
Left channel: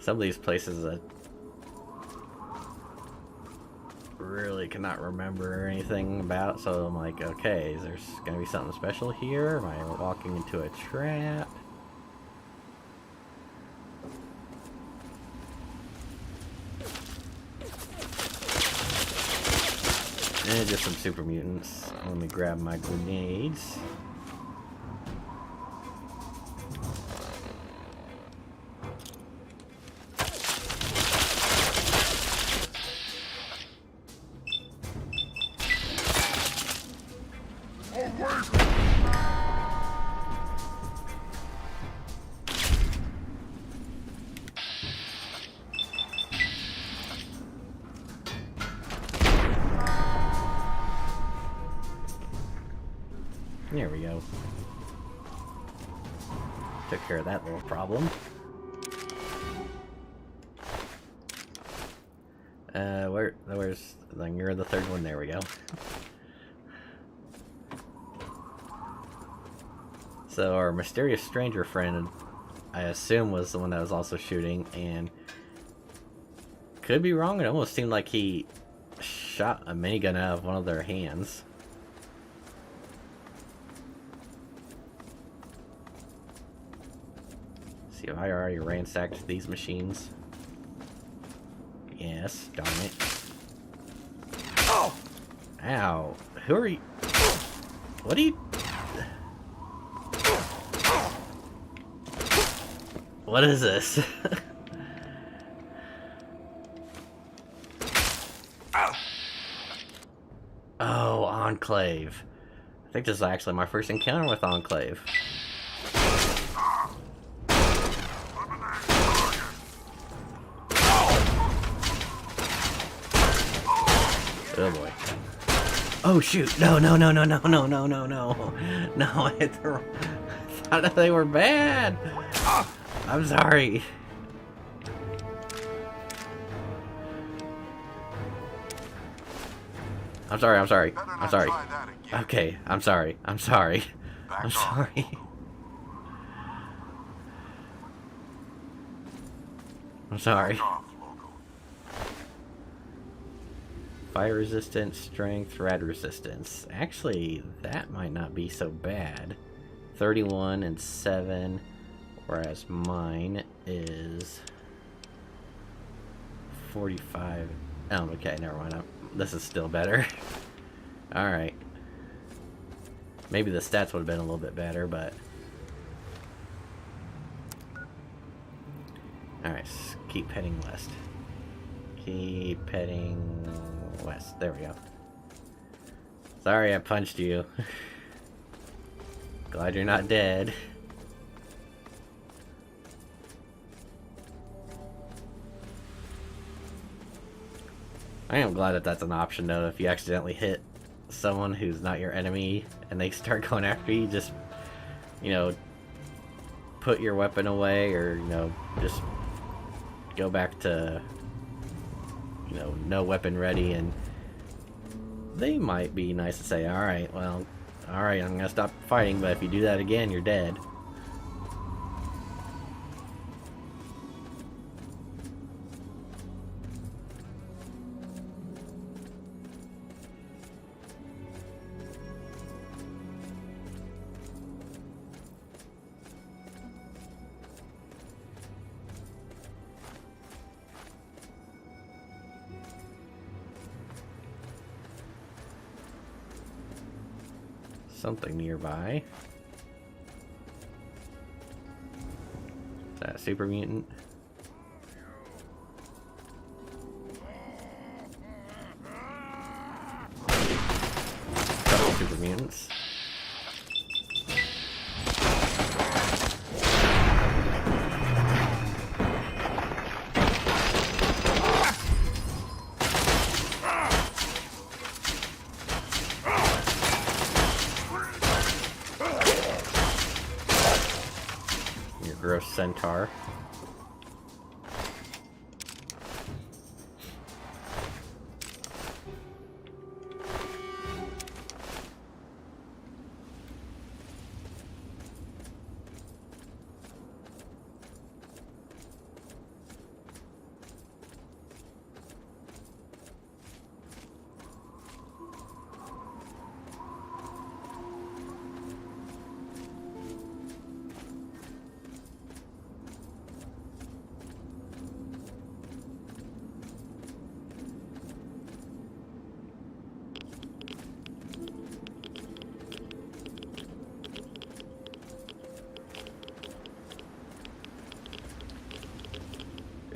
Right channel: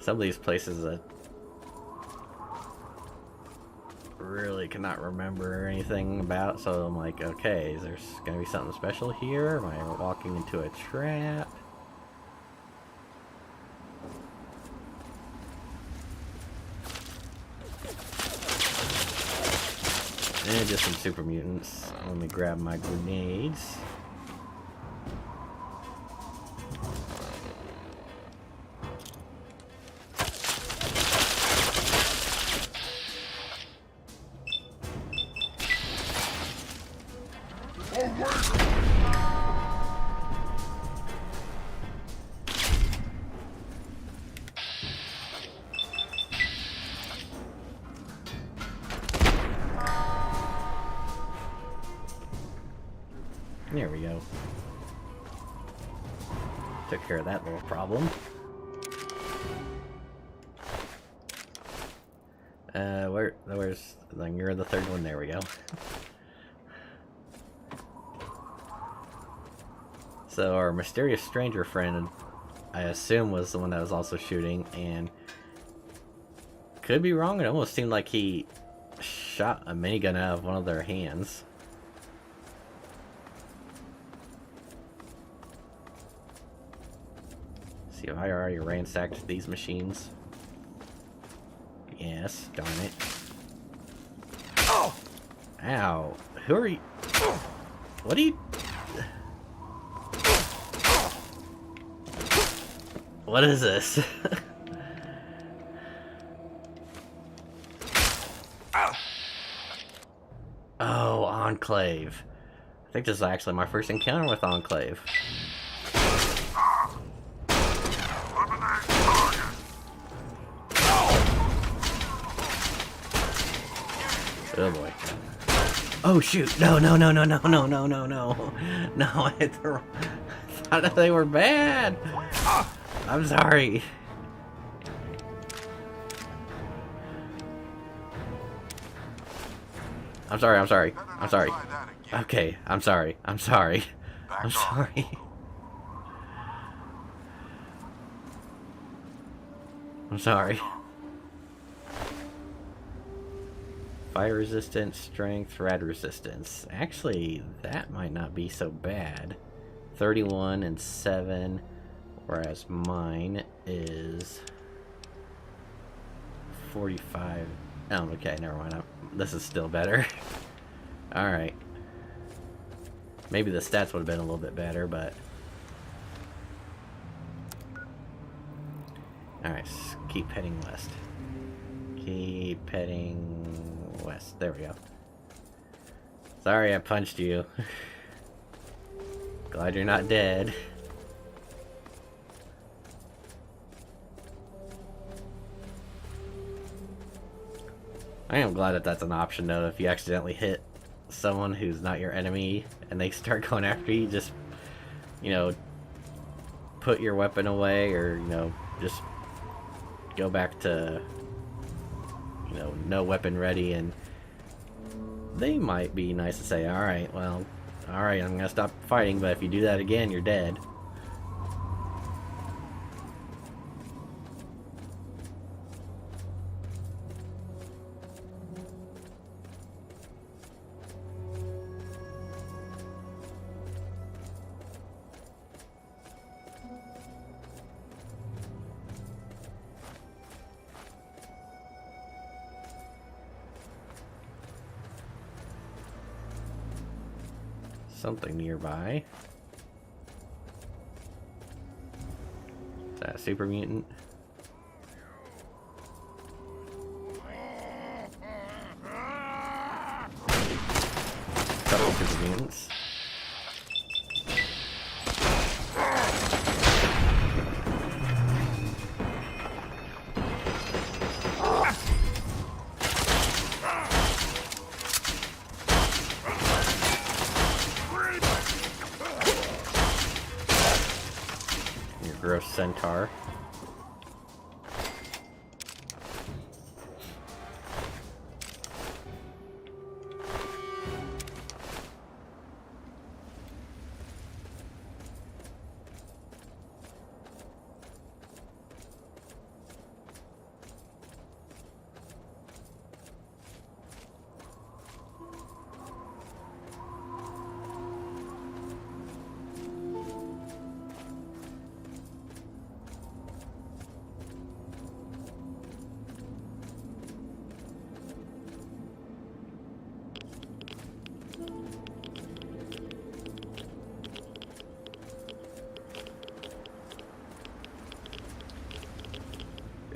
Some of these places that really cannot remember anything about, so I'm like, okay, is there gonna be something special here? Am I walking into a trap? And just some super mutants. Let me grab my grenades. There we go. Took care of that little problem. Where's, then you're the third one, there we go. So our mysterious stranger friend, I assume, was the one that was also shooting, and could be wrong, it almost seemed like he shot a minigun out of one of their hands. See if I already ransacked these machines. Yes, darn it. Oh! Ow. Who are you? What are you? What is this? Oh, Enclave. I think this is actually my first encounter with Enclave. Oh boy. Oh shoot! No, no, no, no, no, no, no, no, no. No, I thought they were bad. I'm sorry. I'm sorry, I'm sorry. I'm sorry. Okay, I'm sorry. I'm sorry. I'm sorry. I'm sorry. Fire resistance, strength, rad resistance. Actually, that might not be so bad. 31 and 7, whereas mine is 45. Oh, okay, never mind. This is still better. Alright. Maybe the stats would have been a little bit better, but... Alright, keep heading west. Keep heading west. There we go. Sorry I punched you. Glad you're not dead. I am glad that that's an option though. If you accidentally hit someone who's not your enemy and they start going after you, just, you know, put your weapon away, or, you know, just go back to, you know, no weapon ready, and they might be nice to say, alright, well, alright, I'm gonna stop fighting, but if you do that again, you're dead. Something nearby. Is that a super mutant? Couple super mutants. Gross centaur.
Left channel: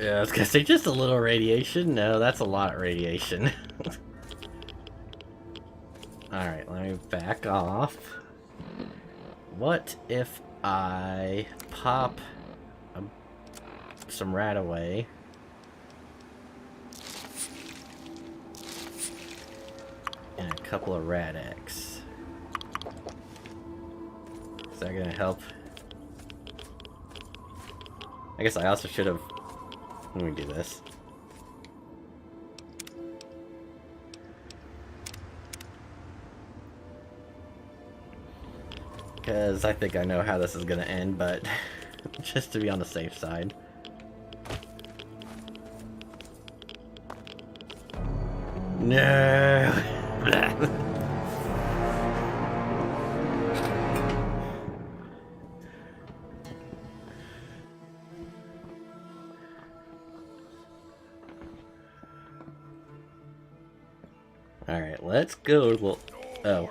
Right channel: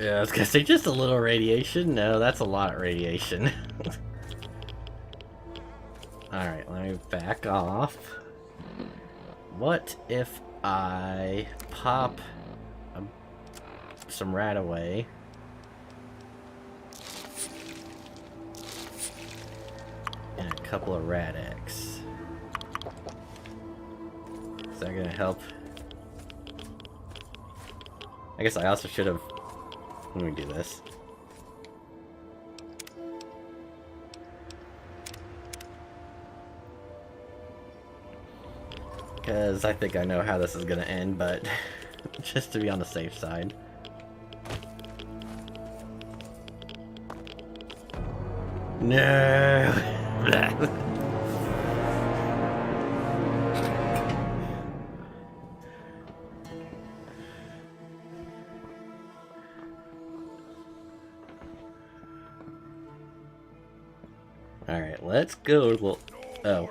Yeah, I was gonna say just a little radiation. No, that's a lot of radiation. Alright, let me back off. What if I pop some rat away? And a couple of rat eggs. Is that gonna help? I guess I also should have... Let me do this. Because I think I know how this is going to end, but just to be on the safe side. No! Alright, let's go. Well, oh.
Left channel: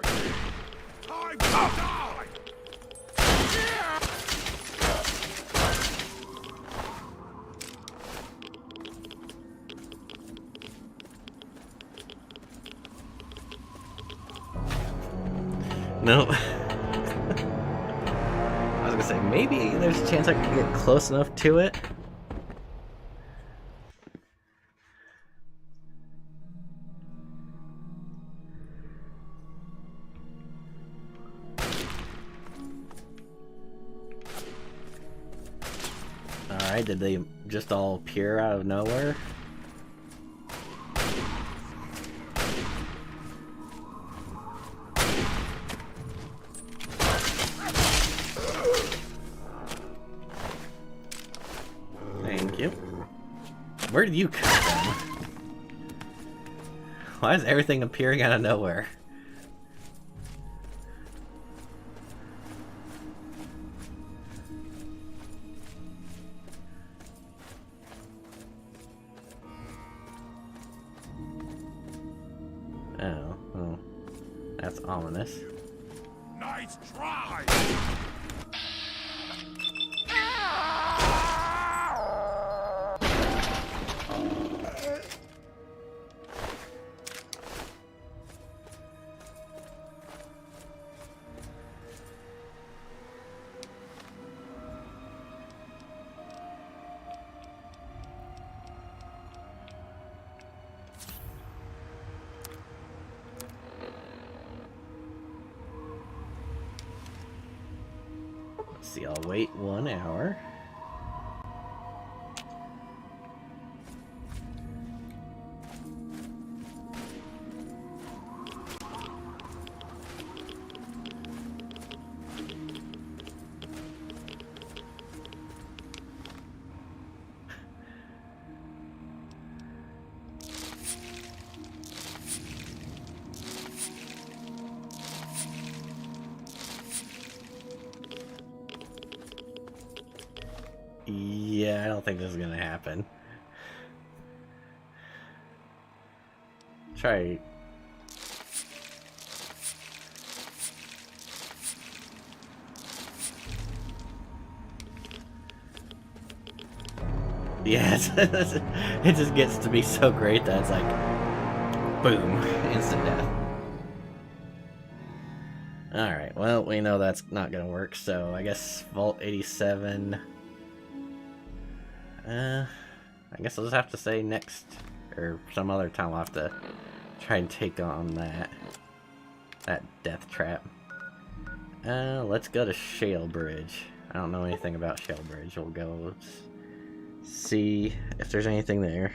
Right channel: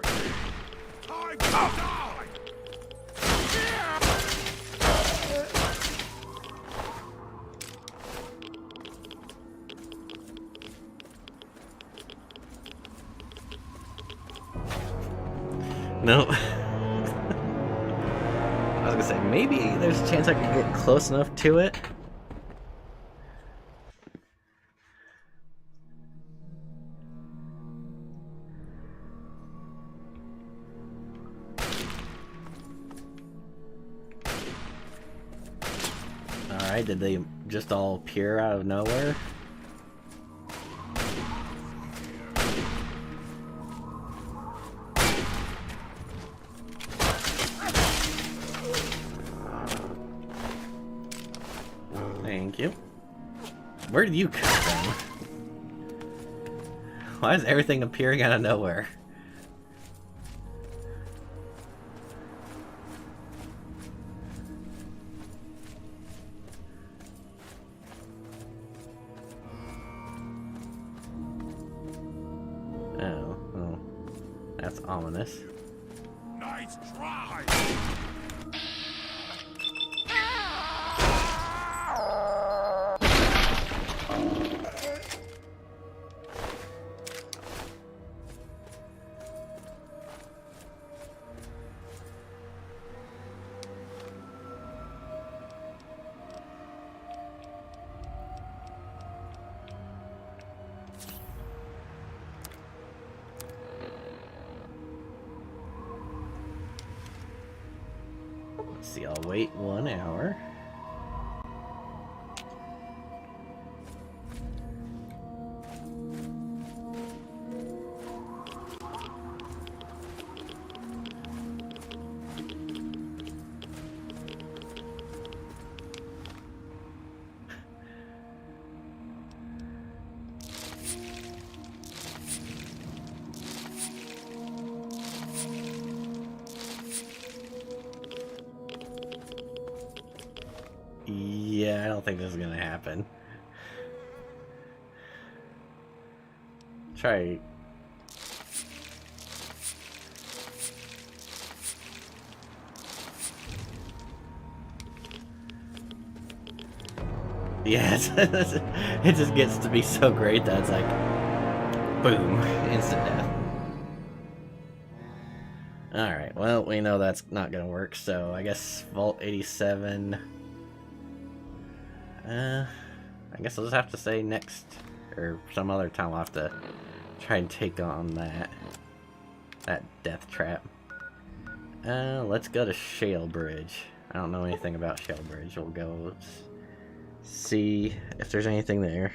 No. I was gonna say, maybe there's a chance I could get close enough to it. Alright, did they just all appear out of nowhere? Thank you. Where did you come from? Why is everything appearing out of nowhere? Oh, well, that's ominous. Now Nice try! Let's see, I'll wait 1 hour. Yeah, I don't think this is gonna happen. Try. Yes, it just gets to be so great that it's like, boom, instant death. Alright, well, we know that's not gonna work, so I guess Vault 87... I guess I'll just have to say next, or some other time I'll have to try and take on that death trap. Let's go to Shale Bridge. I don't know anything about Shale Bridge. We'll go see if there's anything there.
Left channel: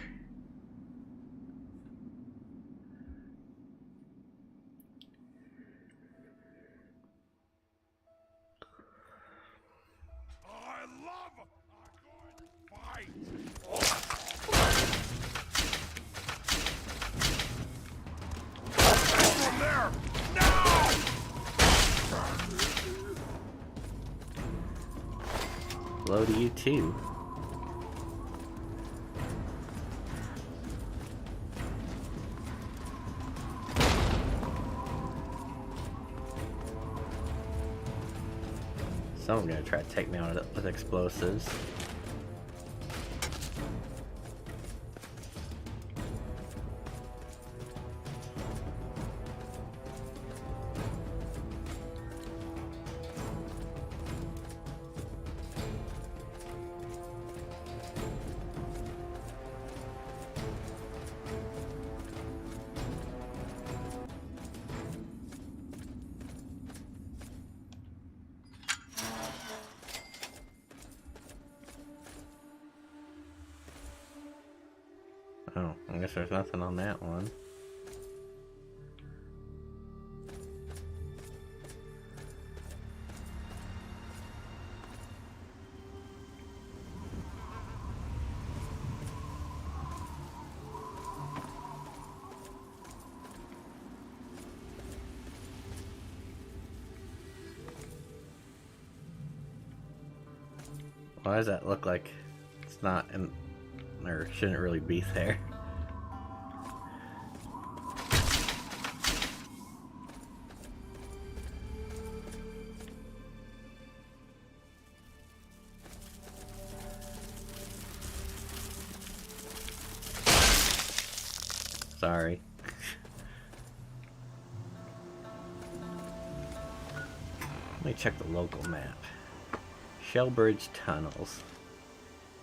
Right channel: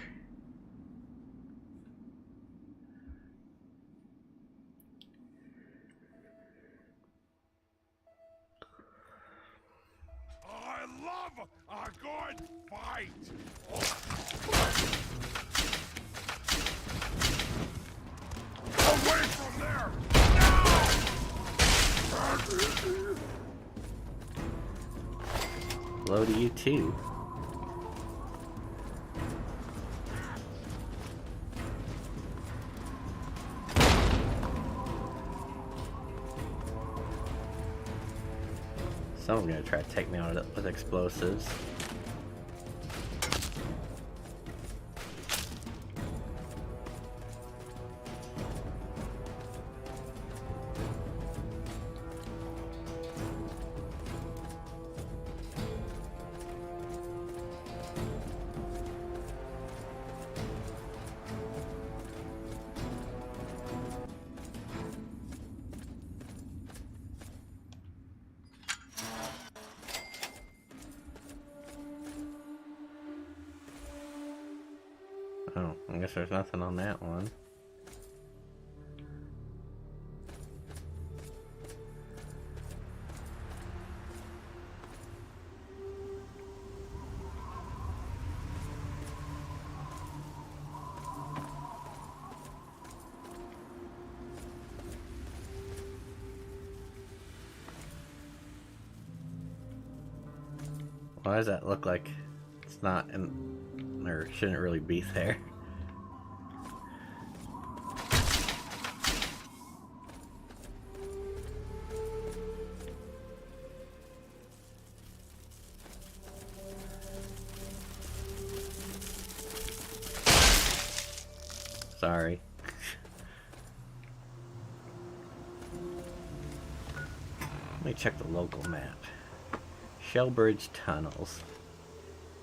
I love a good fight! Away from there! Now! Hello to you too. Someone's gonna try to take me out with explosives. Oh, I guess there's nothing on that one. Why does that look like it's not in, or shouldn't really be there? Sorry. Let me check the local map. Shellbridge Tunnels.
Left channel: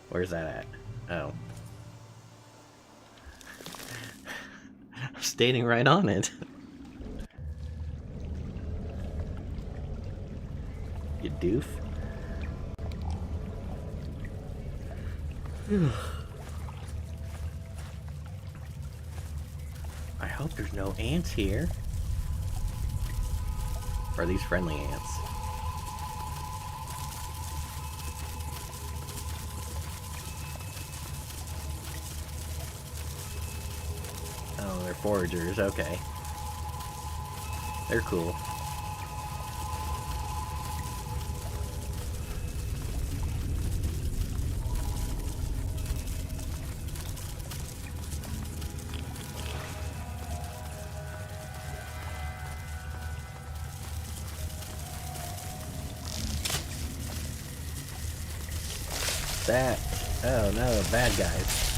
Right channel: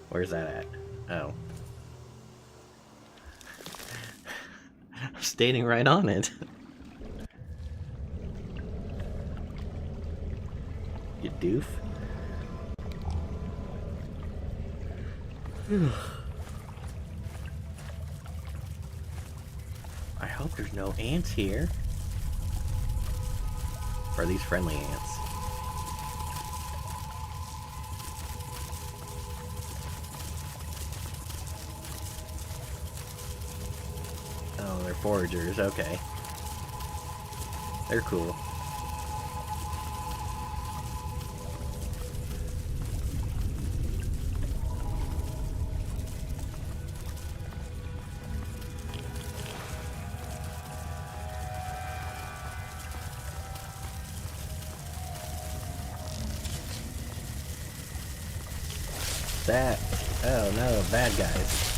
Where's that at? Oh. I'm standing right on it. You doof. I hope there's no ants here. Or are these friendly ants? Oh, they're foragers, okay. They're cool. that? Oh no, bad guys.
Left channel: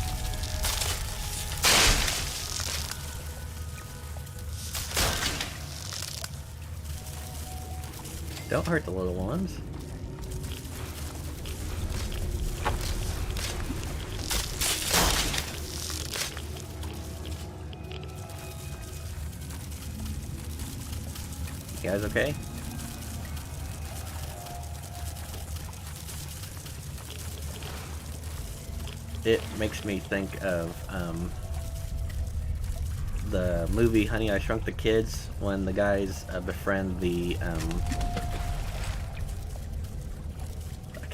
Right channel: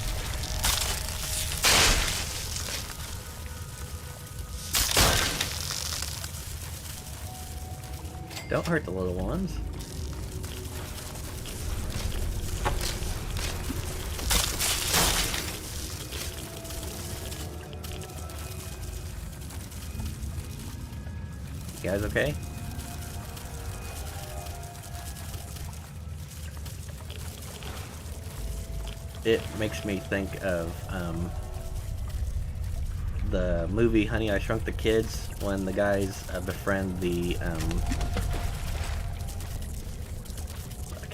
Don't hurt the little ones. You guys okay? It makes me think of the movie Honey, I Shrunk the Kids, when the guys befriend the I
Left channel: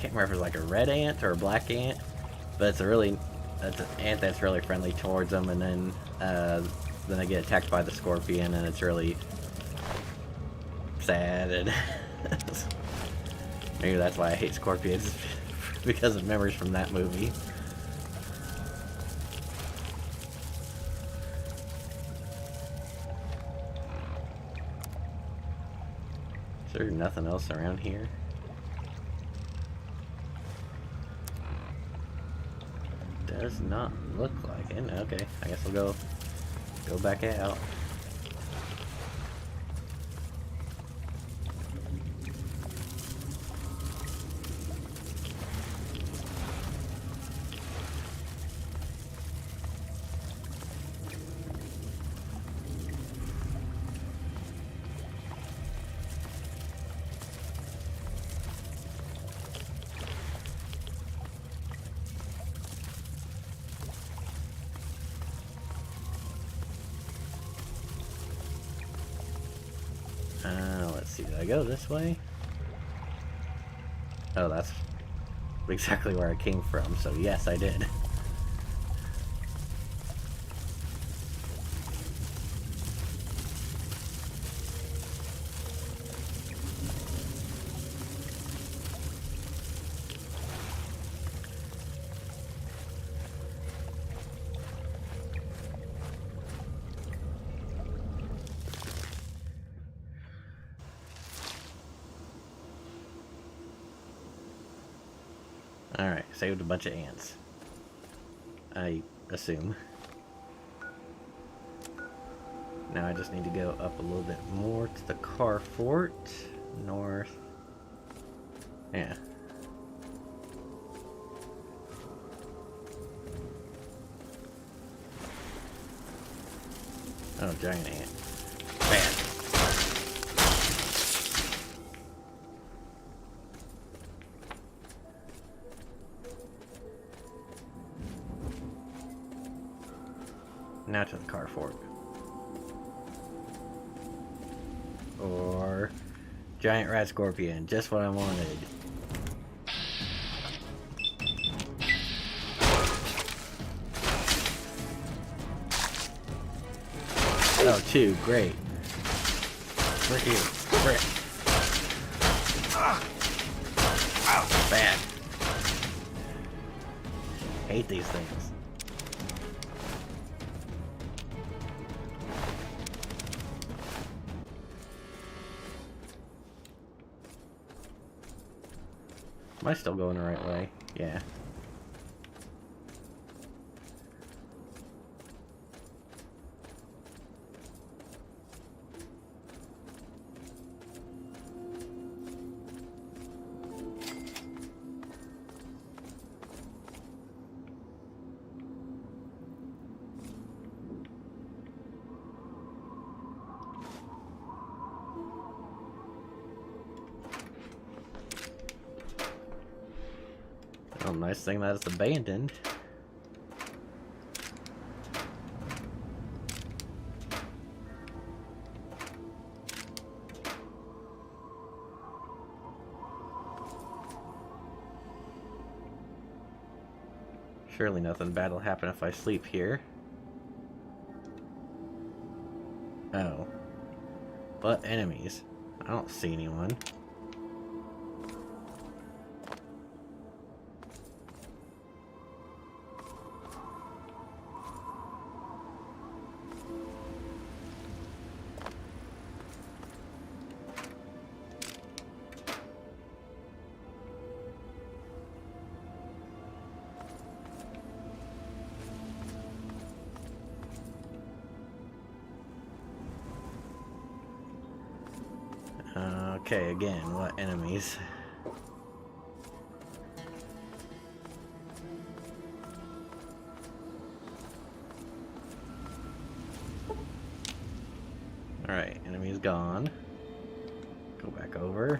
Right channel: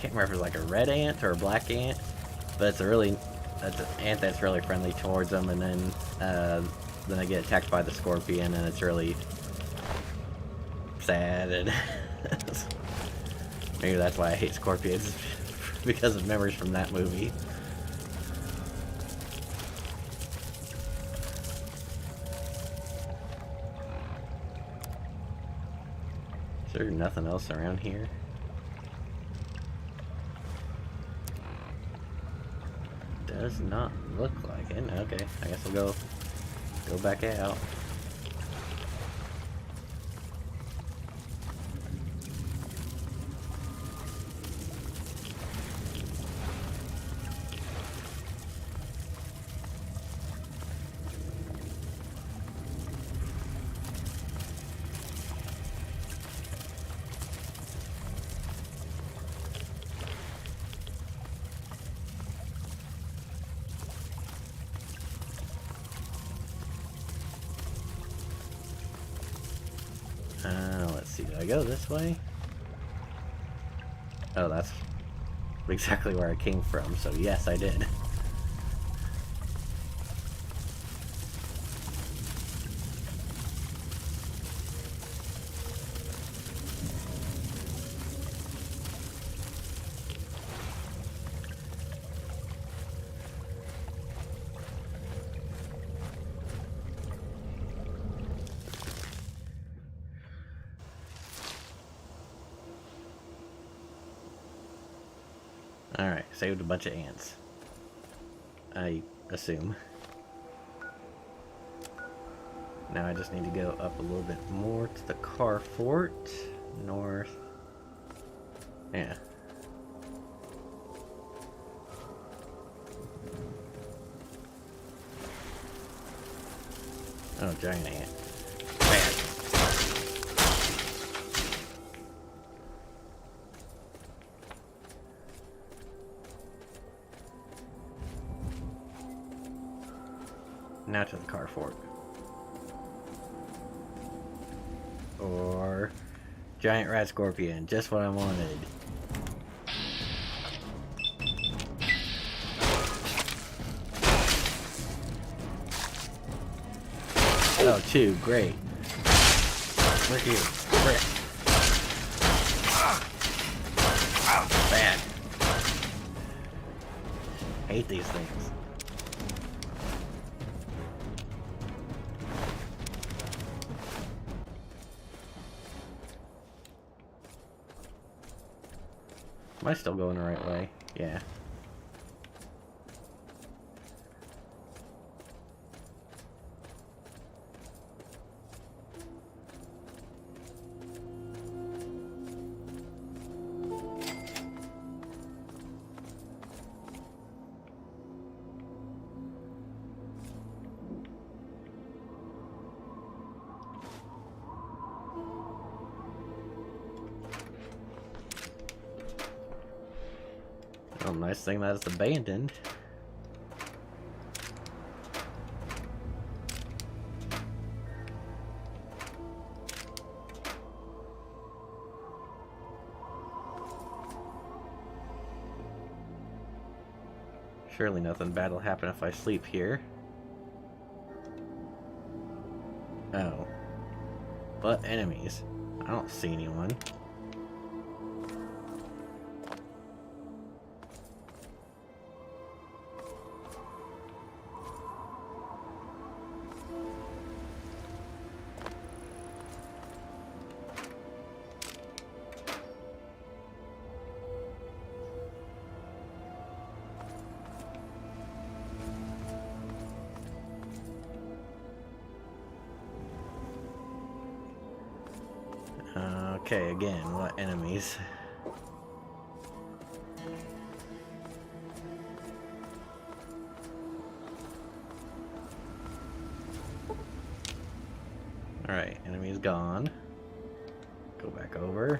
can't remember if it's like a red ant or a black ant, but it's an ant that's really friendly towards them, and then they get attacked by the scorpion, and it's really sad, and maybe that's why I hate scorpions, because of memories from that movie. Is there nothing else around here? Does not look like it. Okay, I guess we'll go back out. Let's see, did I go this way? Oh, that's exactly where I came from, so yes, I did. Alright, saved a bunch of ants. I assume. Now I just need to go up a little bit more to the car fort. North. Yeah. Oh, giant ant. Bad. Now to the car fort. Or giant rat scorpion, just what I wanted. Oh, two, great. Frick you, frick. Bad. Hate these things. Am I still going the right way? Yeah. Well, nice thing that it's abandoned. Surely nothing bad will happen if I sleep here. Oh. But enemies. I don't see anyone. Okay, again, what enemies? Alright, enemy's gone. Go back over.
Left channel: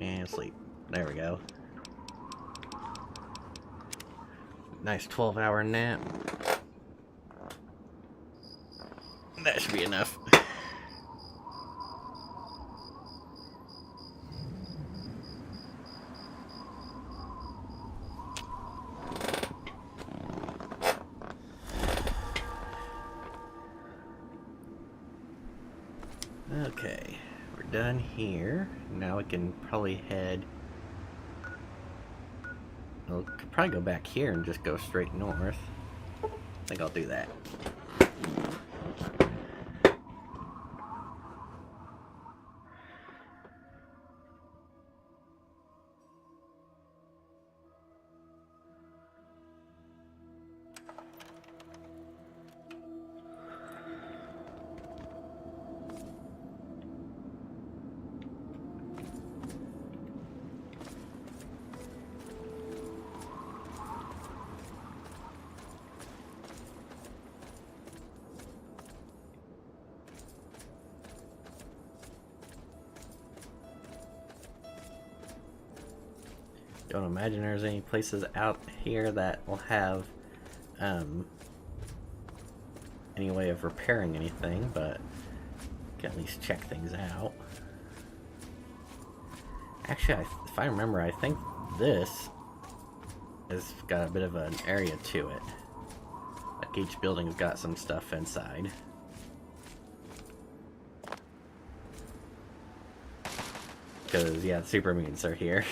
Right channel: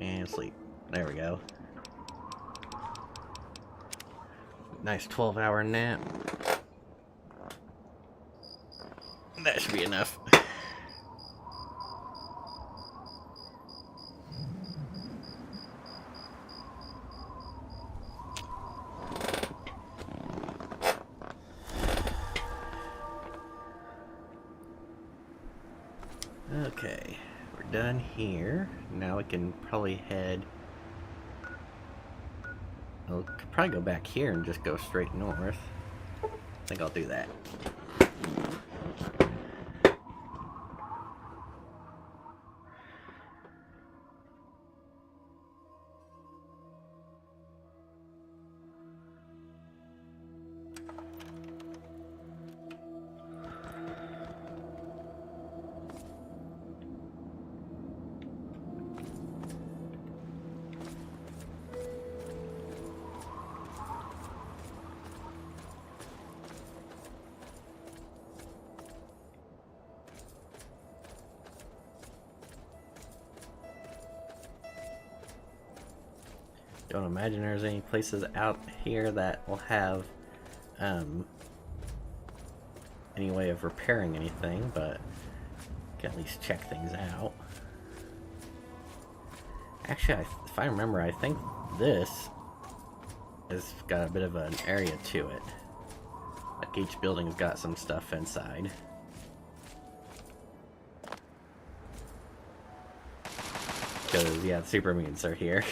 And sleep. There we go. Nice 12-hour nap. That should be enough. Okay, we're done here. Now we can probably head... Well, could probably go back here and just go straight north. I think I'll do that. Don't imagine there's any places out here that will have any way of repairing anything, but can at least check things out. Actually, if I remember, I think this has got a bit of an area to it. Like each building's got some stuff inside. Because, yeah, the super mutants are here.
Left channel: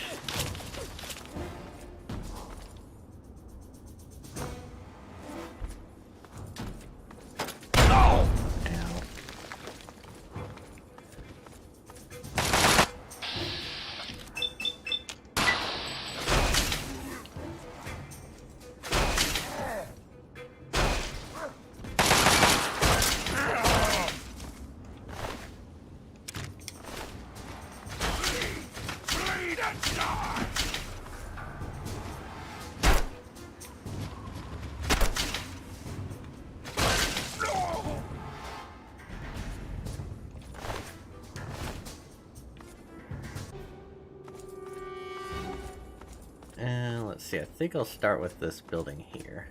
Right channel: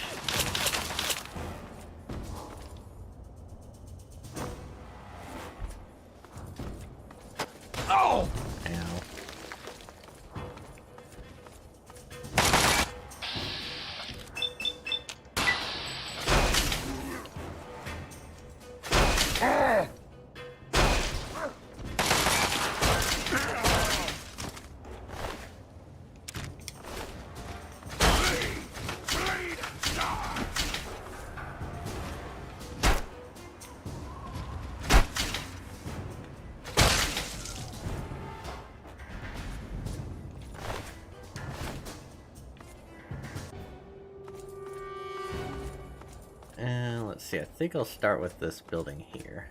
Let's see, I think I'll start with this building here.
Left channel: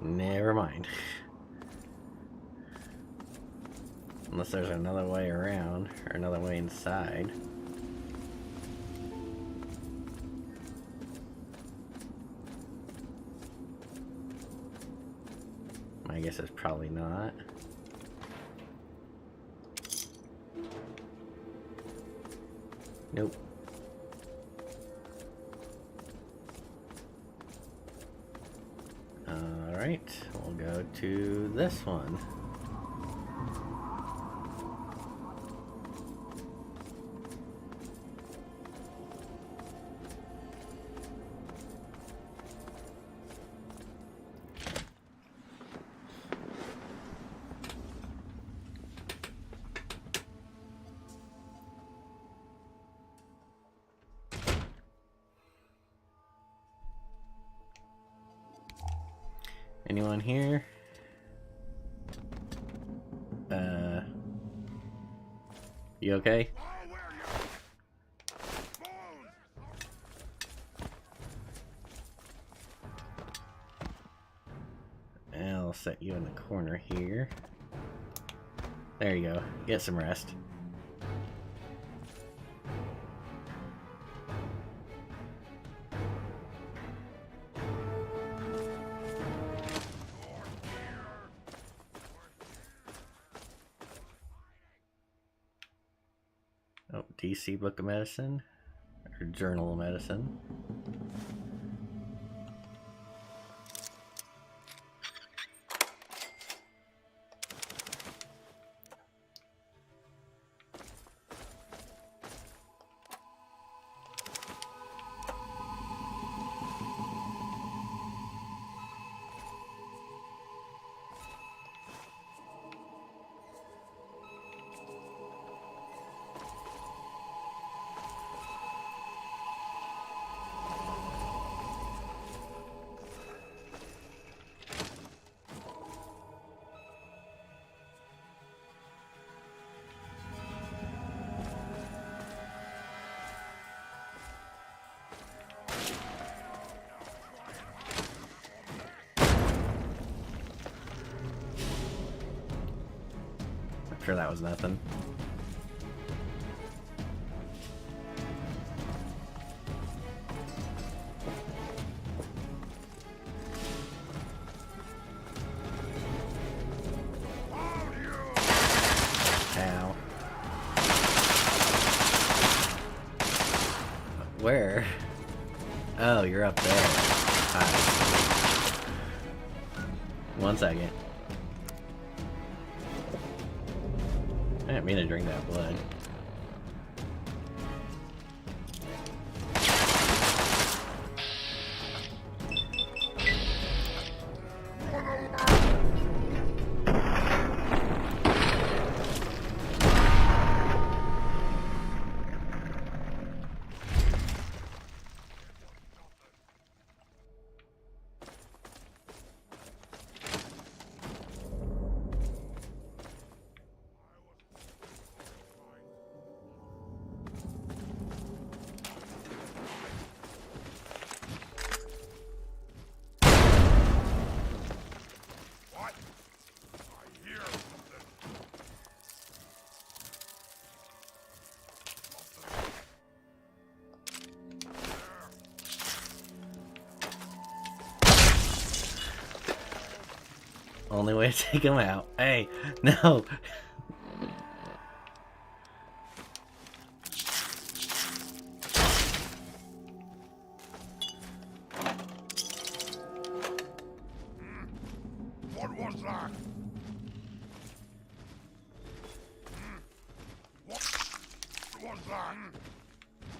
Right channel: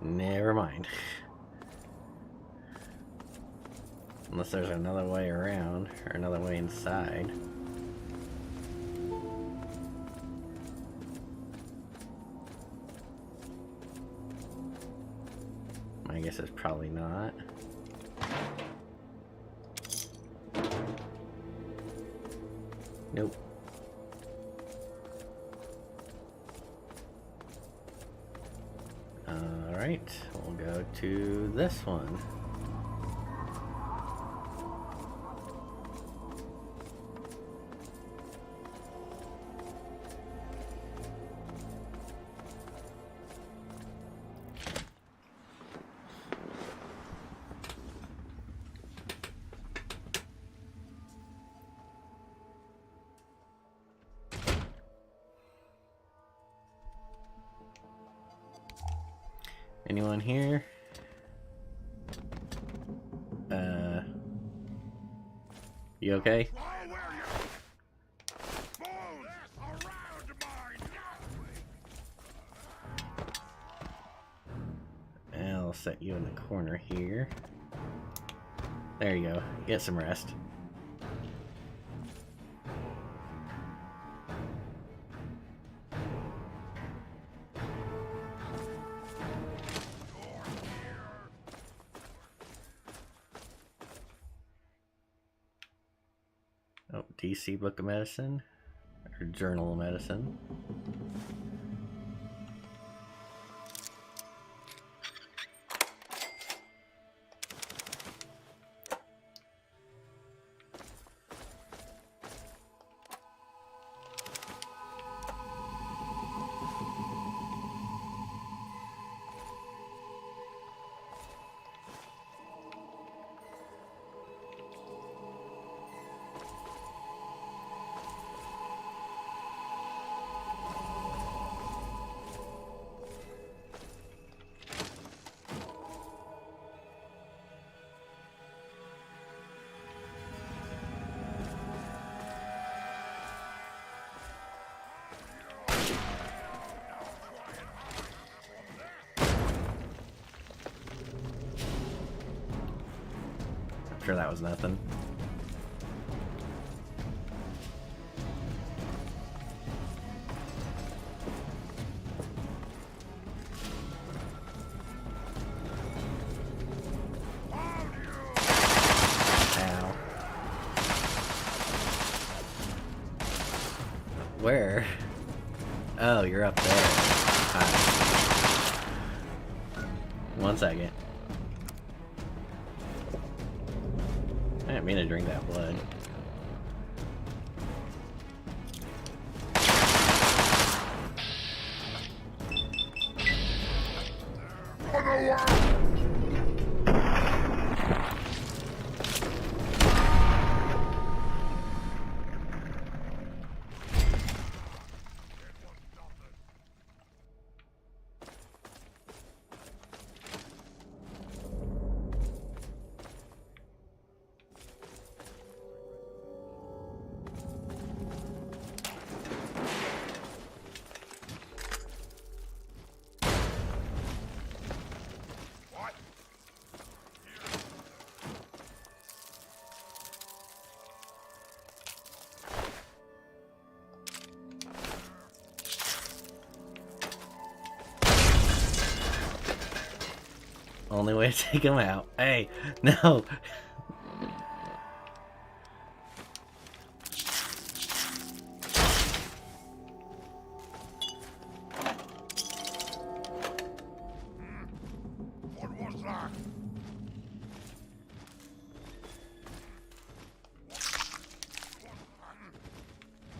Never mind. Unless there's another way around, or another way inside. My guess is probably not. Nope. Alright, we'll go to this one. Anyone here? You okay? I'll set you in the corner here. There you go. Get some rest. Oh, DC Book of Medicine, or Journal of Medicine. sure that was nothing. Ow. Where? Oh, you're up there. Hi. 1 second. I didn't mean to drink that blood. Only way to take him out. Hey, no.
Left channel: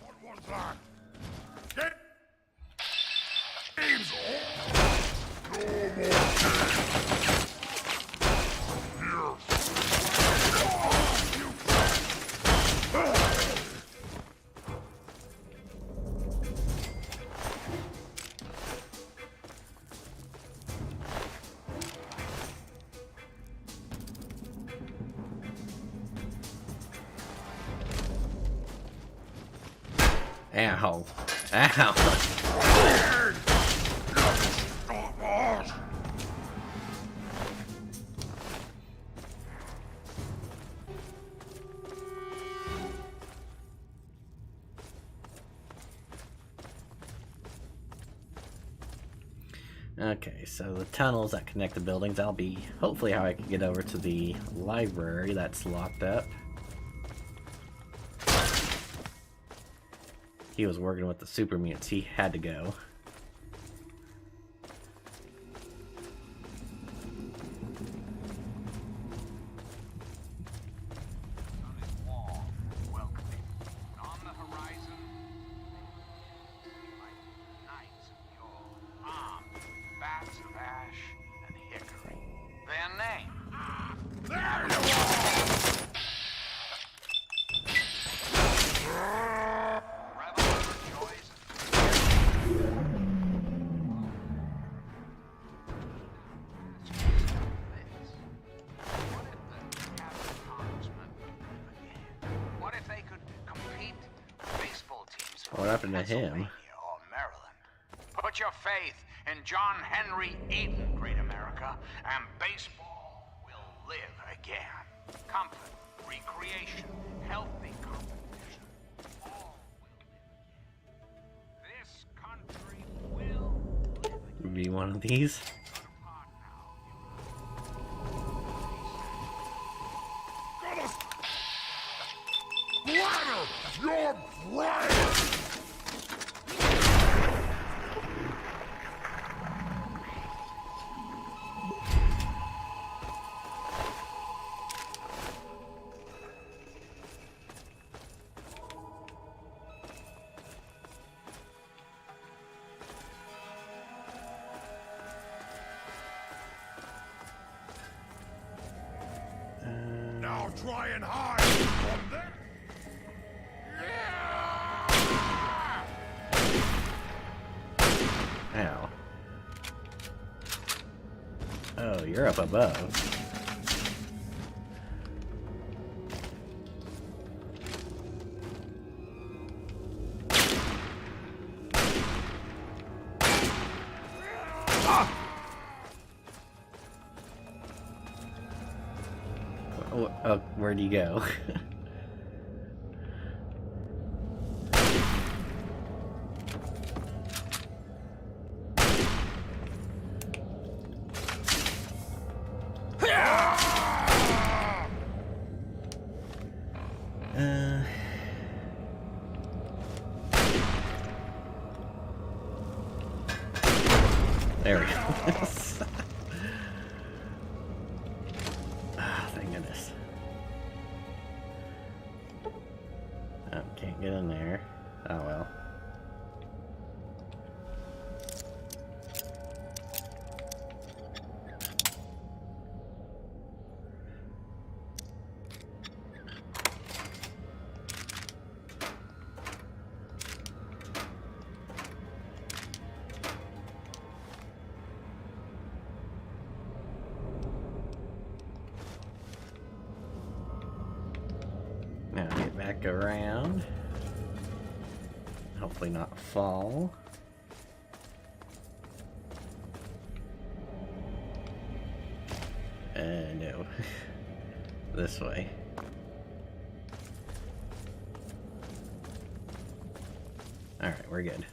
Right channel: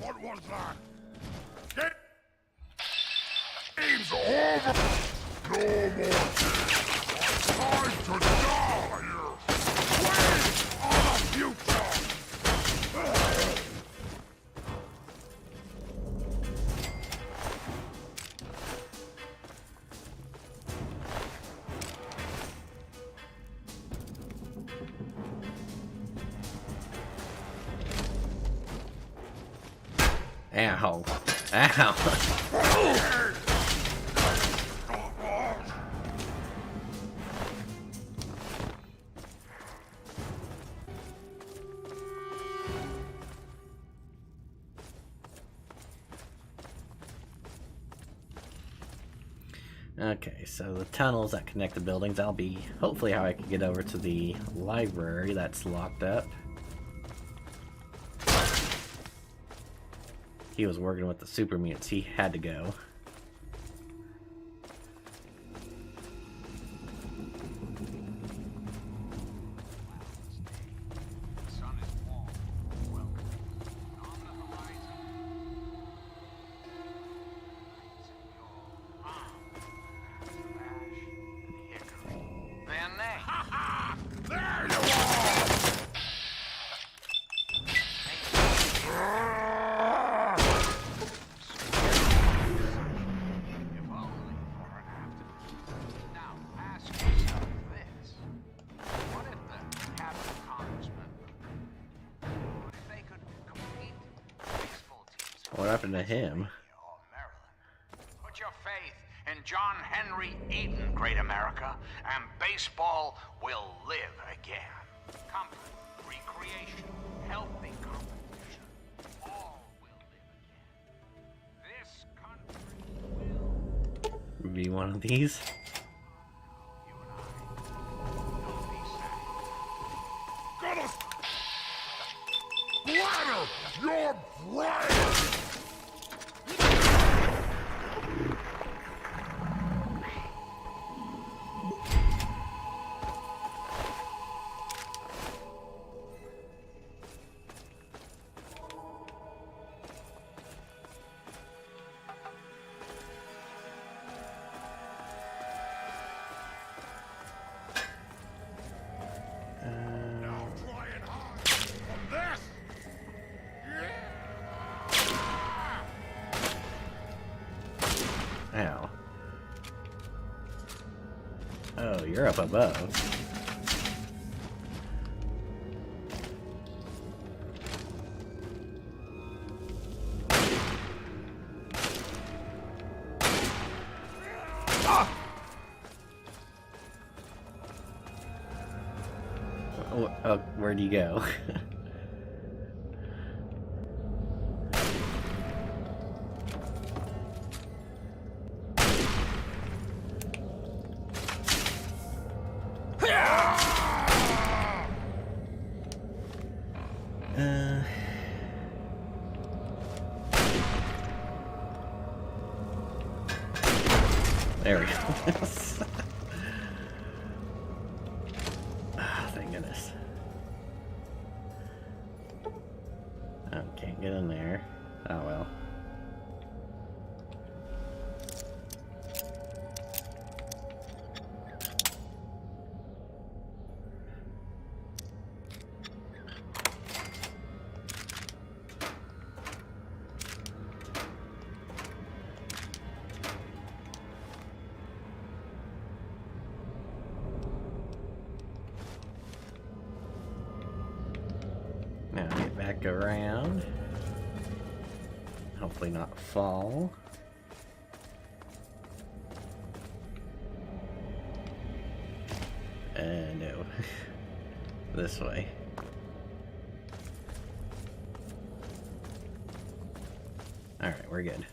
What was that? Game's over! Ow. Ow. Okay, so the tunnels that connect the buildings, that'll be hopefully how I can get over to the library that's locked up. He was working with the super mutants. He had to go. The sun is warm, welcoming. On the horizon, knights of yore, armed with bats of ash and hickory. Their name. There you are! What if they could compete with baseball teams from What happened to Pennsylvania him? or Maryland? Put your faith in John Henry Eden, great America, and baseball will live. Be one of these. Gonna splatter your brain! Now try and hide from this! Yeah! Ow. Oh, you're up above. Oh, where'd you go? There we go. Ah, thank goodness. Oh, can't get in there. Oh well. Now get back around. Hopefully not fall. No. This way. Alright, we're good.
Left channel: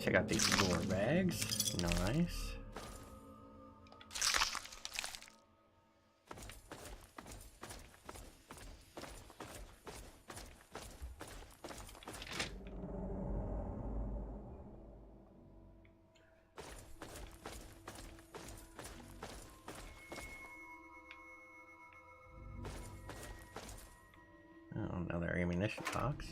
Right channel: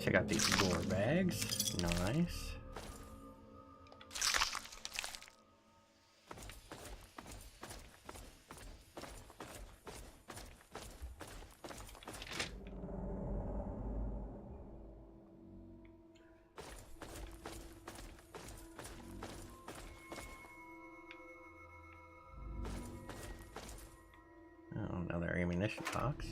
Check out these door bags. Nice. Oh, another ammunition box.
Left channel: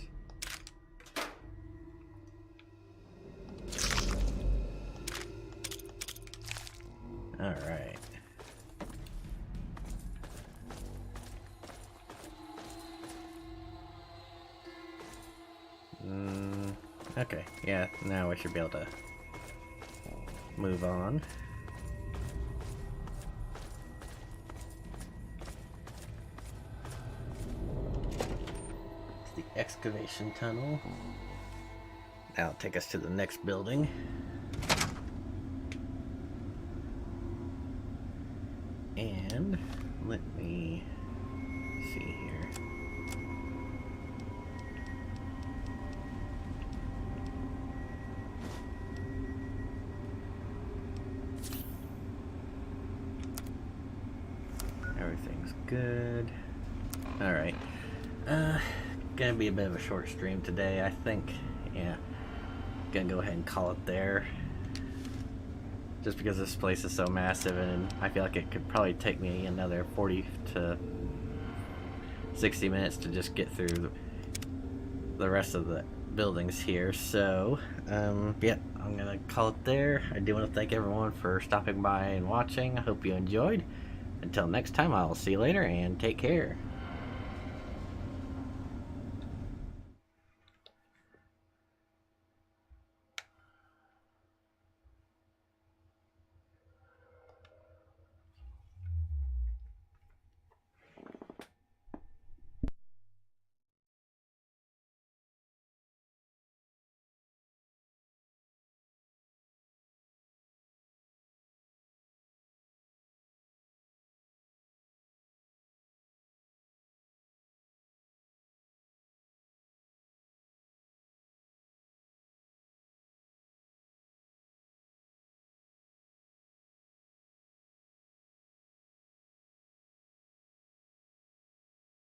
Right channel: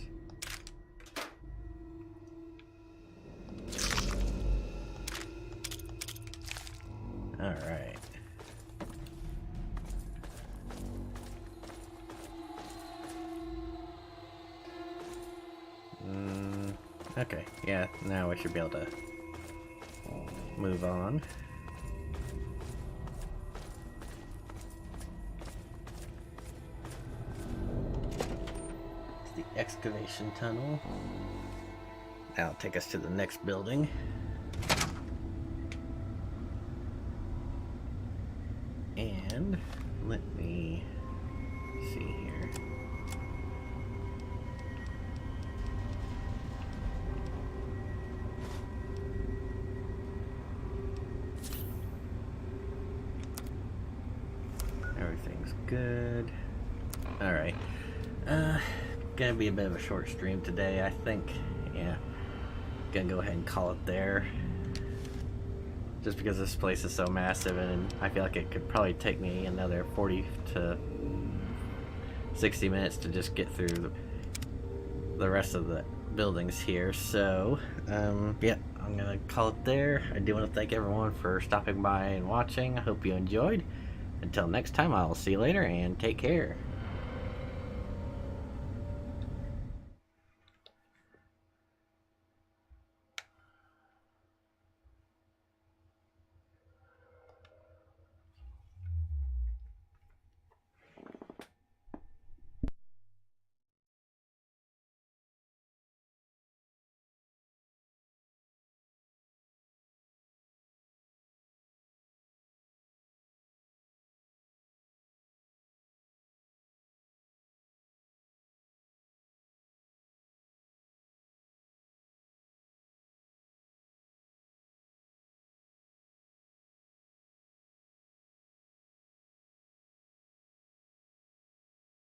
Alright. Okay, yeah, now we should be able to move on. It's the excavation tunnel. That'll take us to the next building. And let me see here. Everything's good. Alright. Gonna be a bit of a short stream today, I think. Yeah. Gonna go ahead and call it there. Just because this place is so massive, and I feel like it could probably take me another 40 to 60 minutes to just get through the rest of the buildings here. So, yeah, I'm gonna call it there. I do want to thank everyone for stopping by and watching. I hope you enjoyed. Until next time, I'll see you later, and take care.